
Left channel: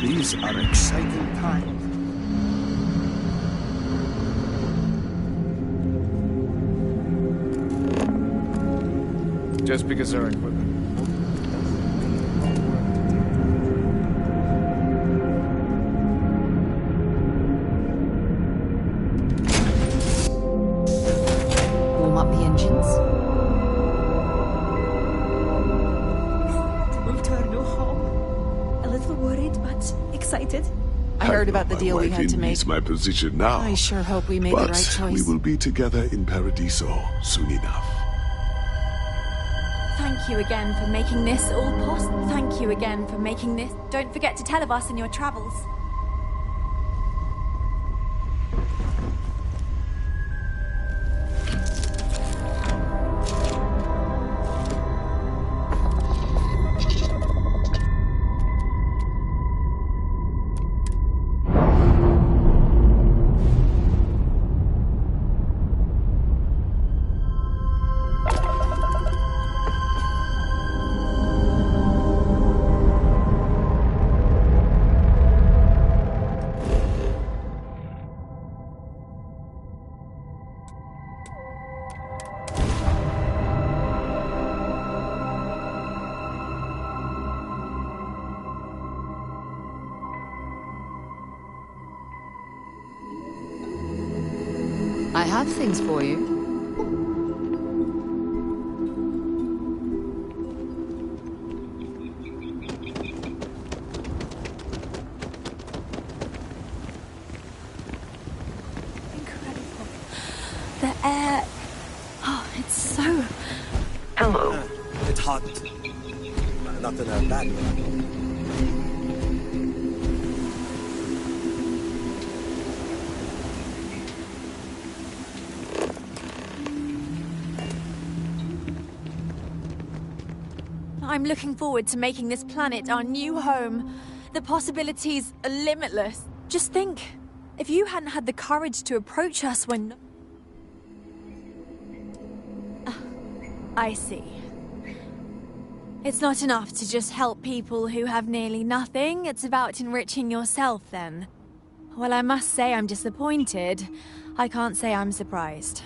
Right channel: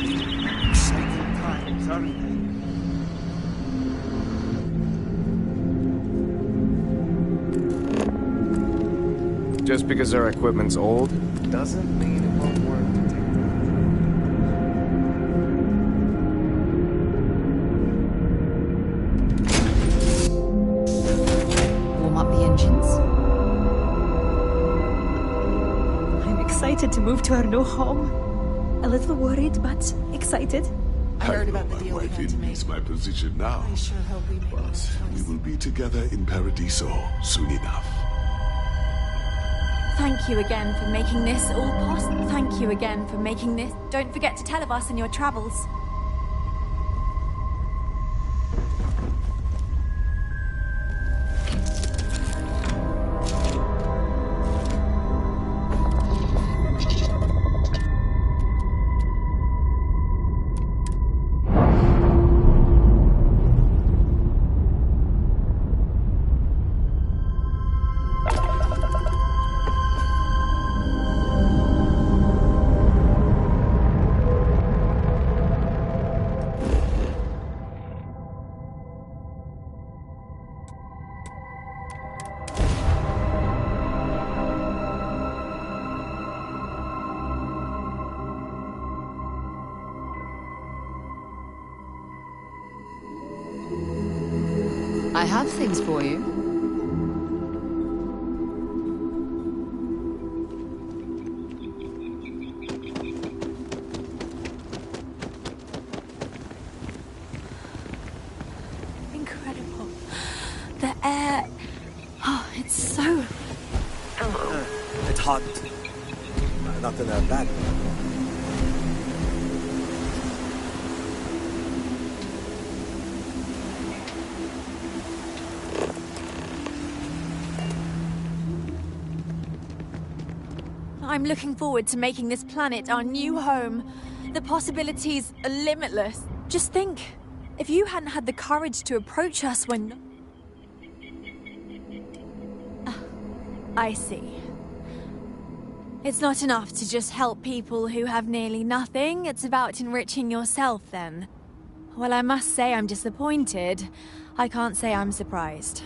These are exciting times, huh? Just because our equipment's old, doesn't mean it won't work to take Warm up the engines. I'm excited to move to our new home. A little worried, but excited. I heard about the deal we had to make. My position now. I sure hope we made the right choice. We will be together in Paradiso soon enough. Thank you again for making this all possible. Thank you again for making this. Don't forget to tell of us in your travels. I have things for you. Incredible. The air... Oh, it's so... Hello. hot. Not in a bad way. I'm looking forward to making this planet our new home. The possibilities are limitless. Just think, if you hadn't had the courage to approach us when... I see. It's not enough to just help people who have nearly nothing. It's about enriching yourself, then. Well, I must say I'm disappointed. I can't say I'm surprised.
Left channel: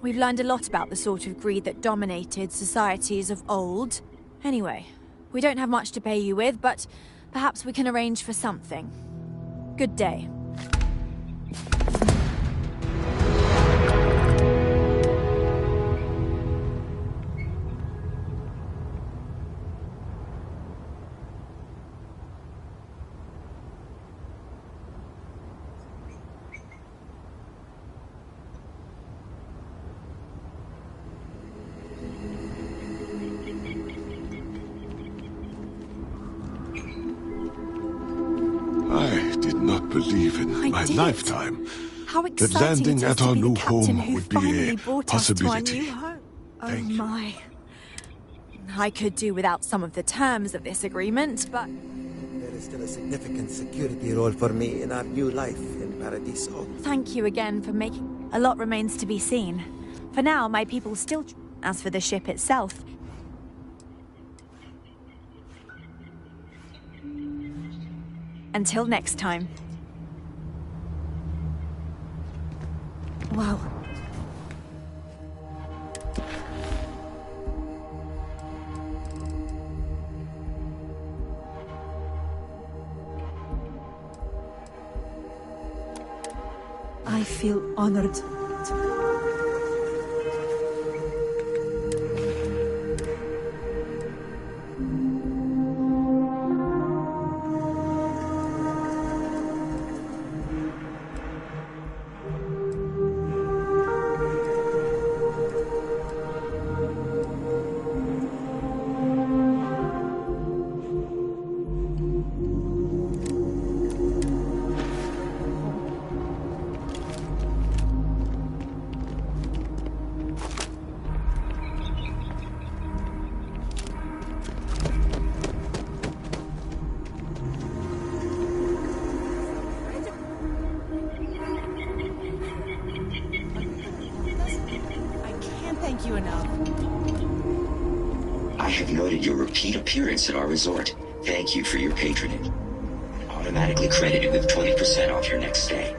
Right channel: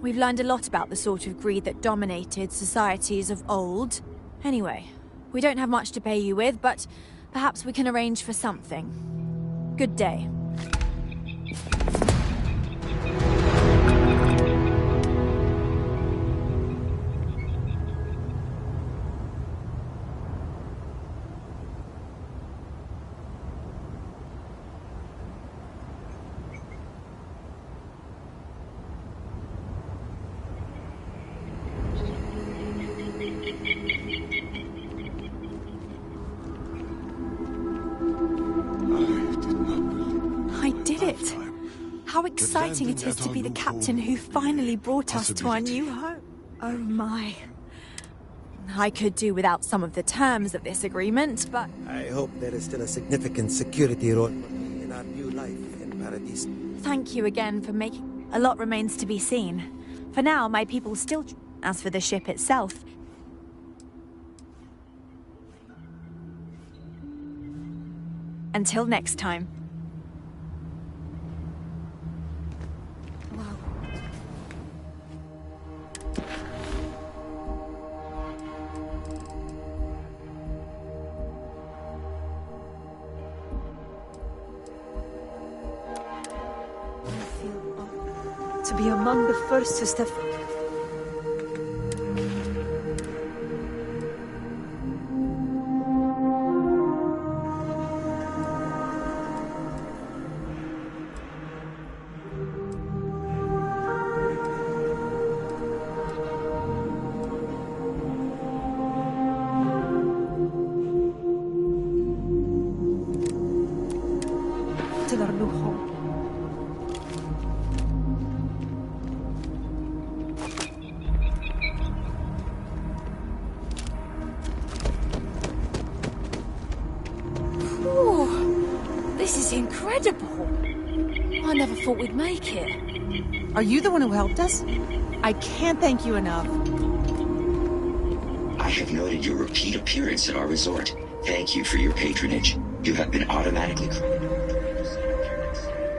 We've learned a lot about the sort of greed that dominated societies of old. Anyway, we don't have much to pay you with, but perhaps we can arrange for something. Good day. I did not believe in my lifetime How exciting it is to be the captain who finally brought us to our new home. Oh my. I could do without some of the terms of this agreement, but... I hope there is still a significant security role for me in our new life in Paradiso. Thank you again for making... A lot remains to be seen. For now, my people still... As for the ship itself... Until next time. Wow. I feel honored to be among the first to step... I never thought we'd make it. Are you the one who helped us? I can't thank you enough. I have noted your repeat appearance at our resort. Thank you for your patronage. You have been automatically credited with 20% off your next stay.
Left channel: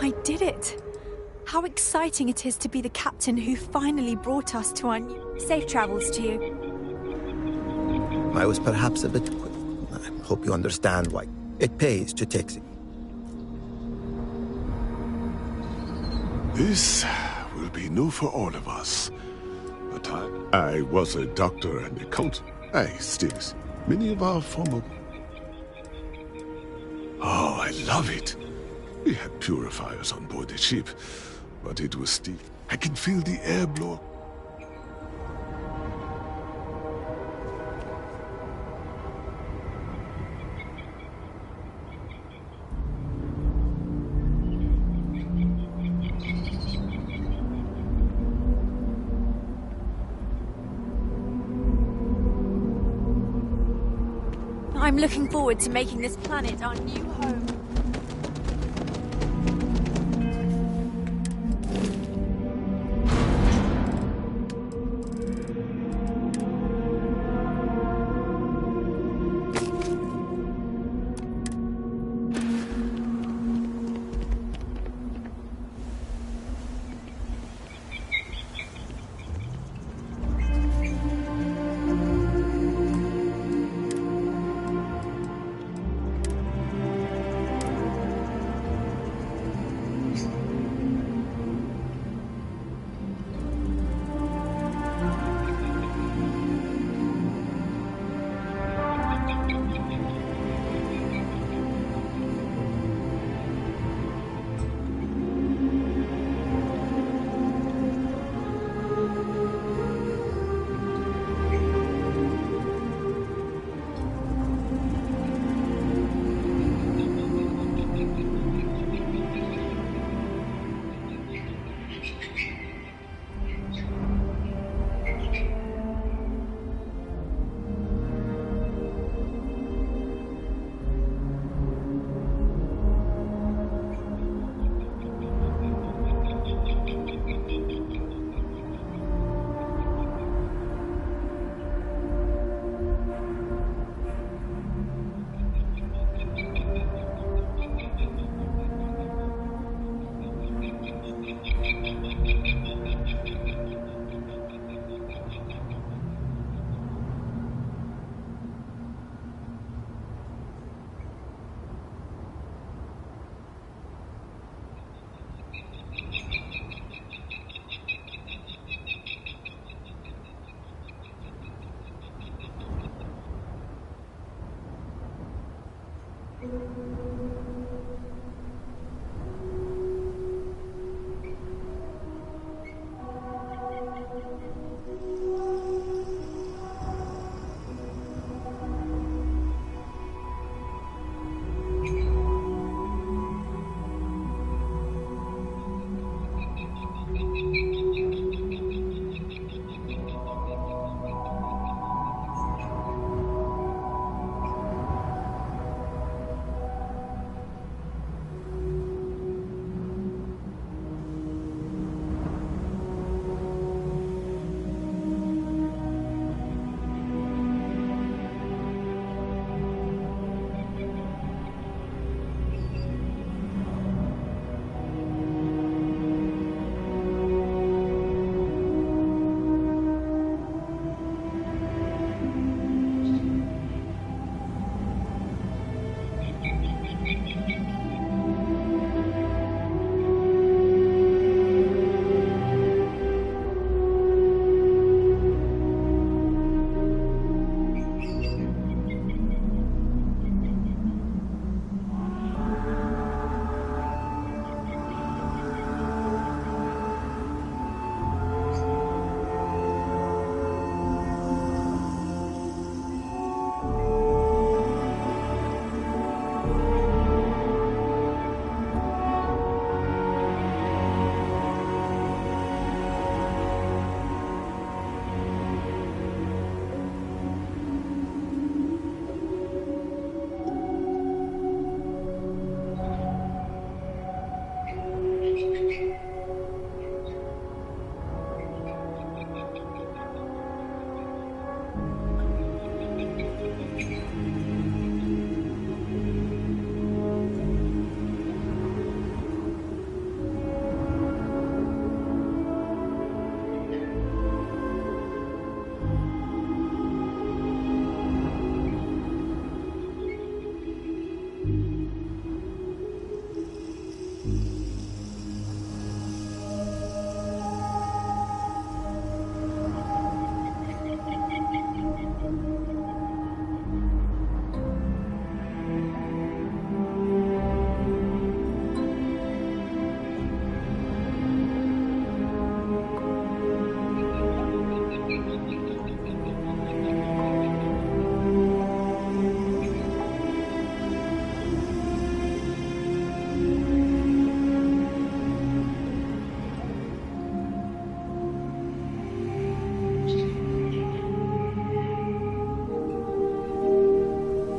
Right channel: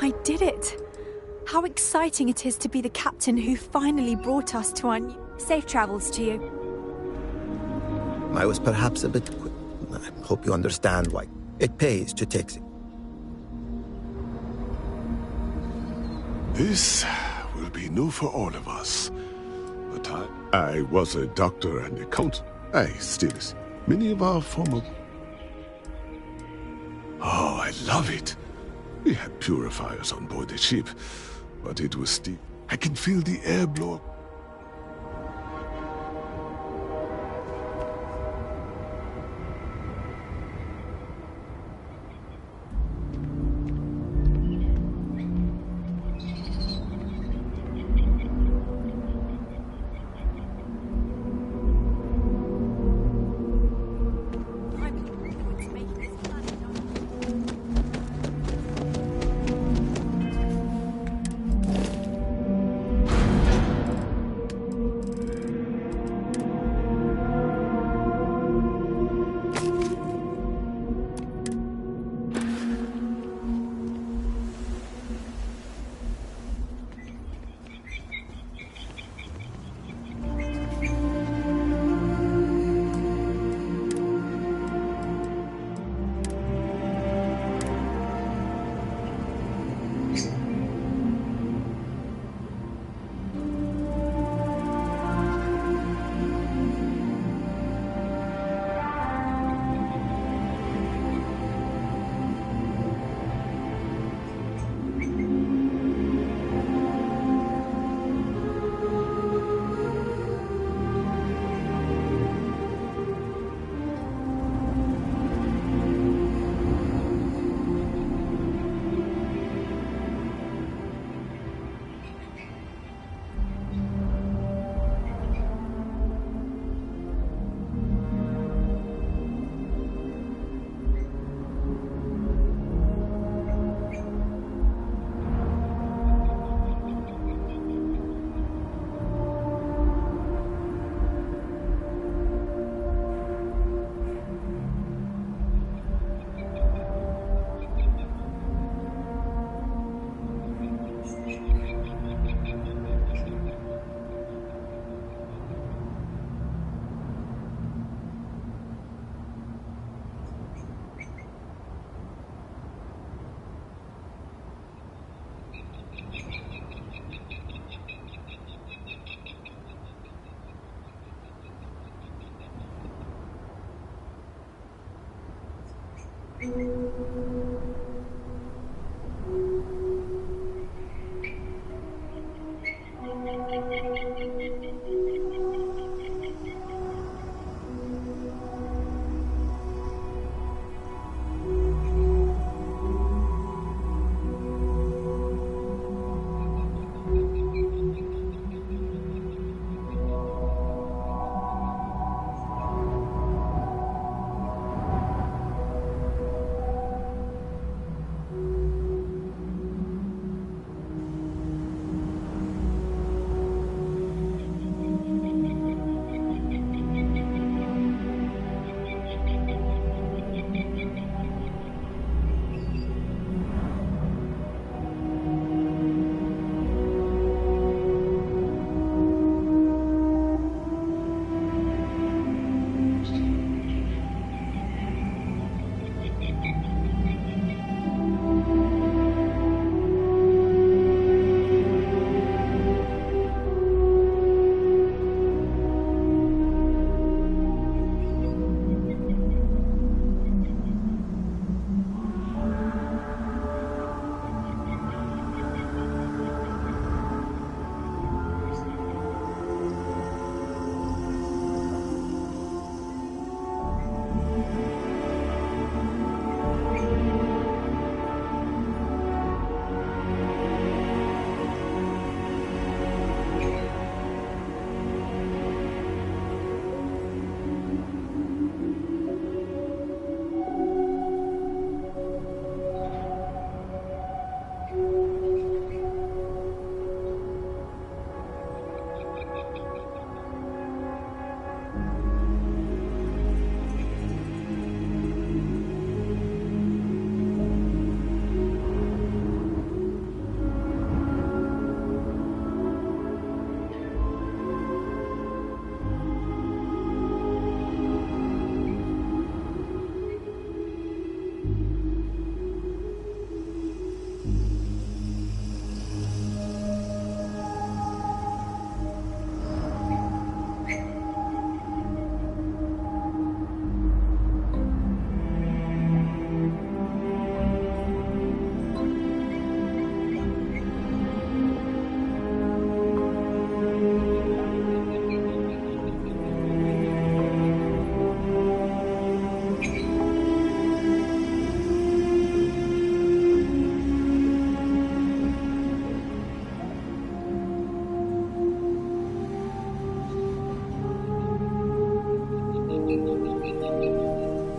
I did it! How exciting it is to be the captain who finally brought us to our new... Safe travels to you. I was perhaps a bit quick. I hope you understand why it pays to take it. This will be new for all of us. But I was a doctor and accountant. I still is. Many of our former... Oh, I love it. We had purifiers on board the ship, but it was steep. I can feel the air blow. I'm looking forward to making this planet our new home.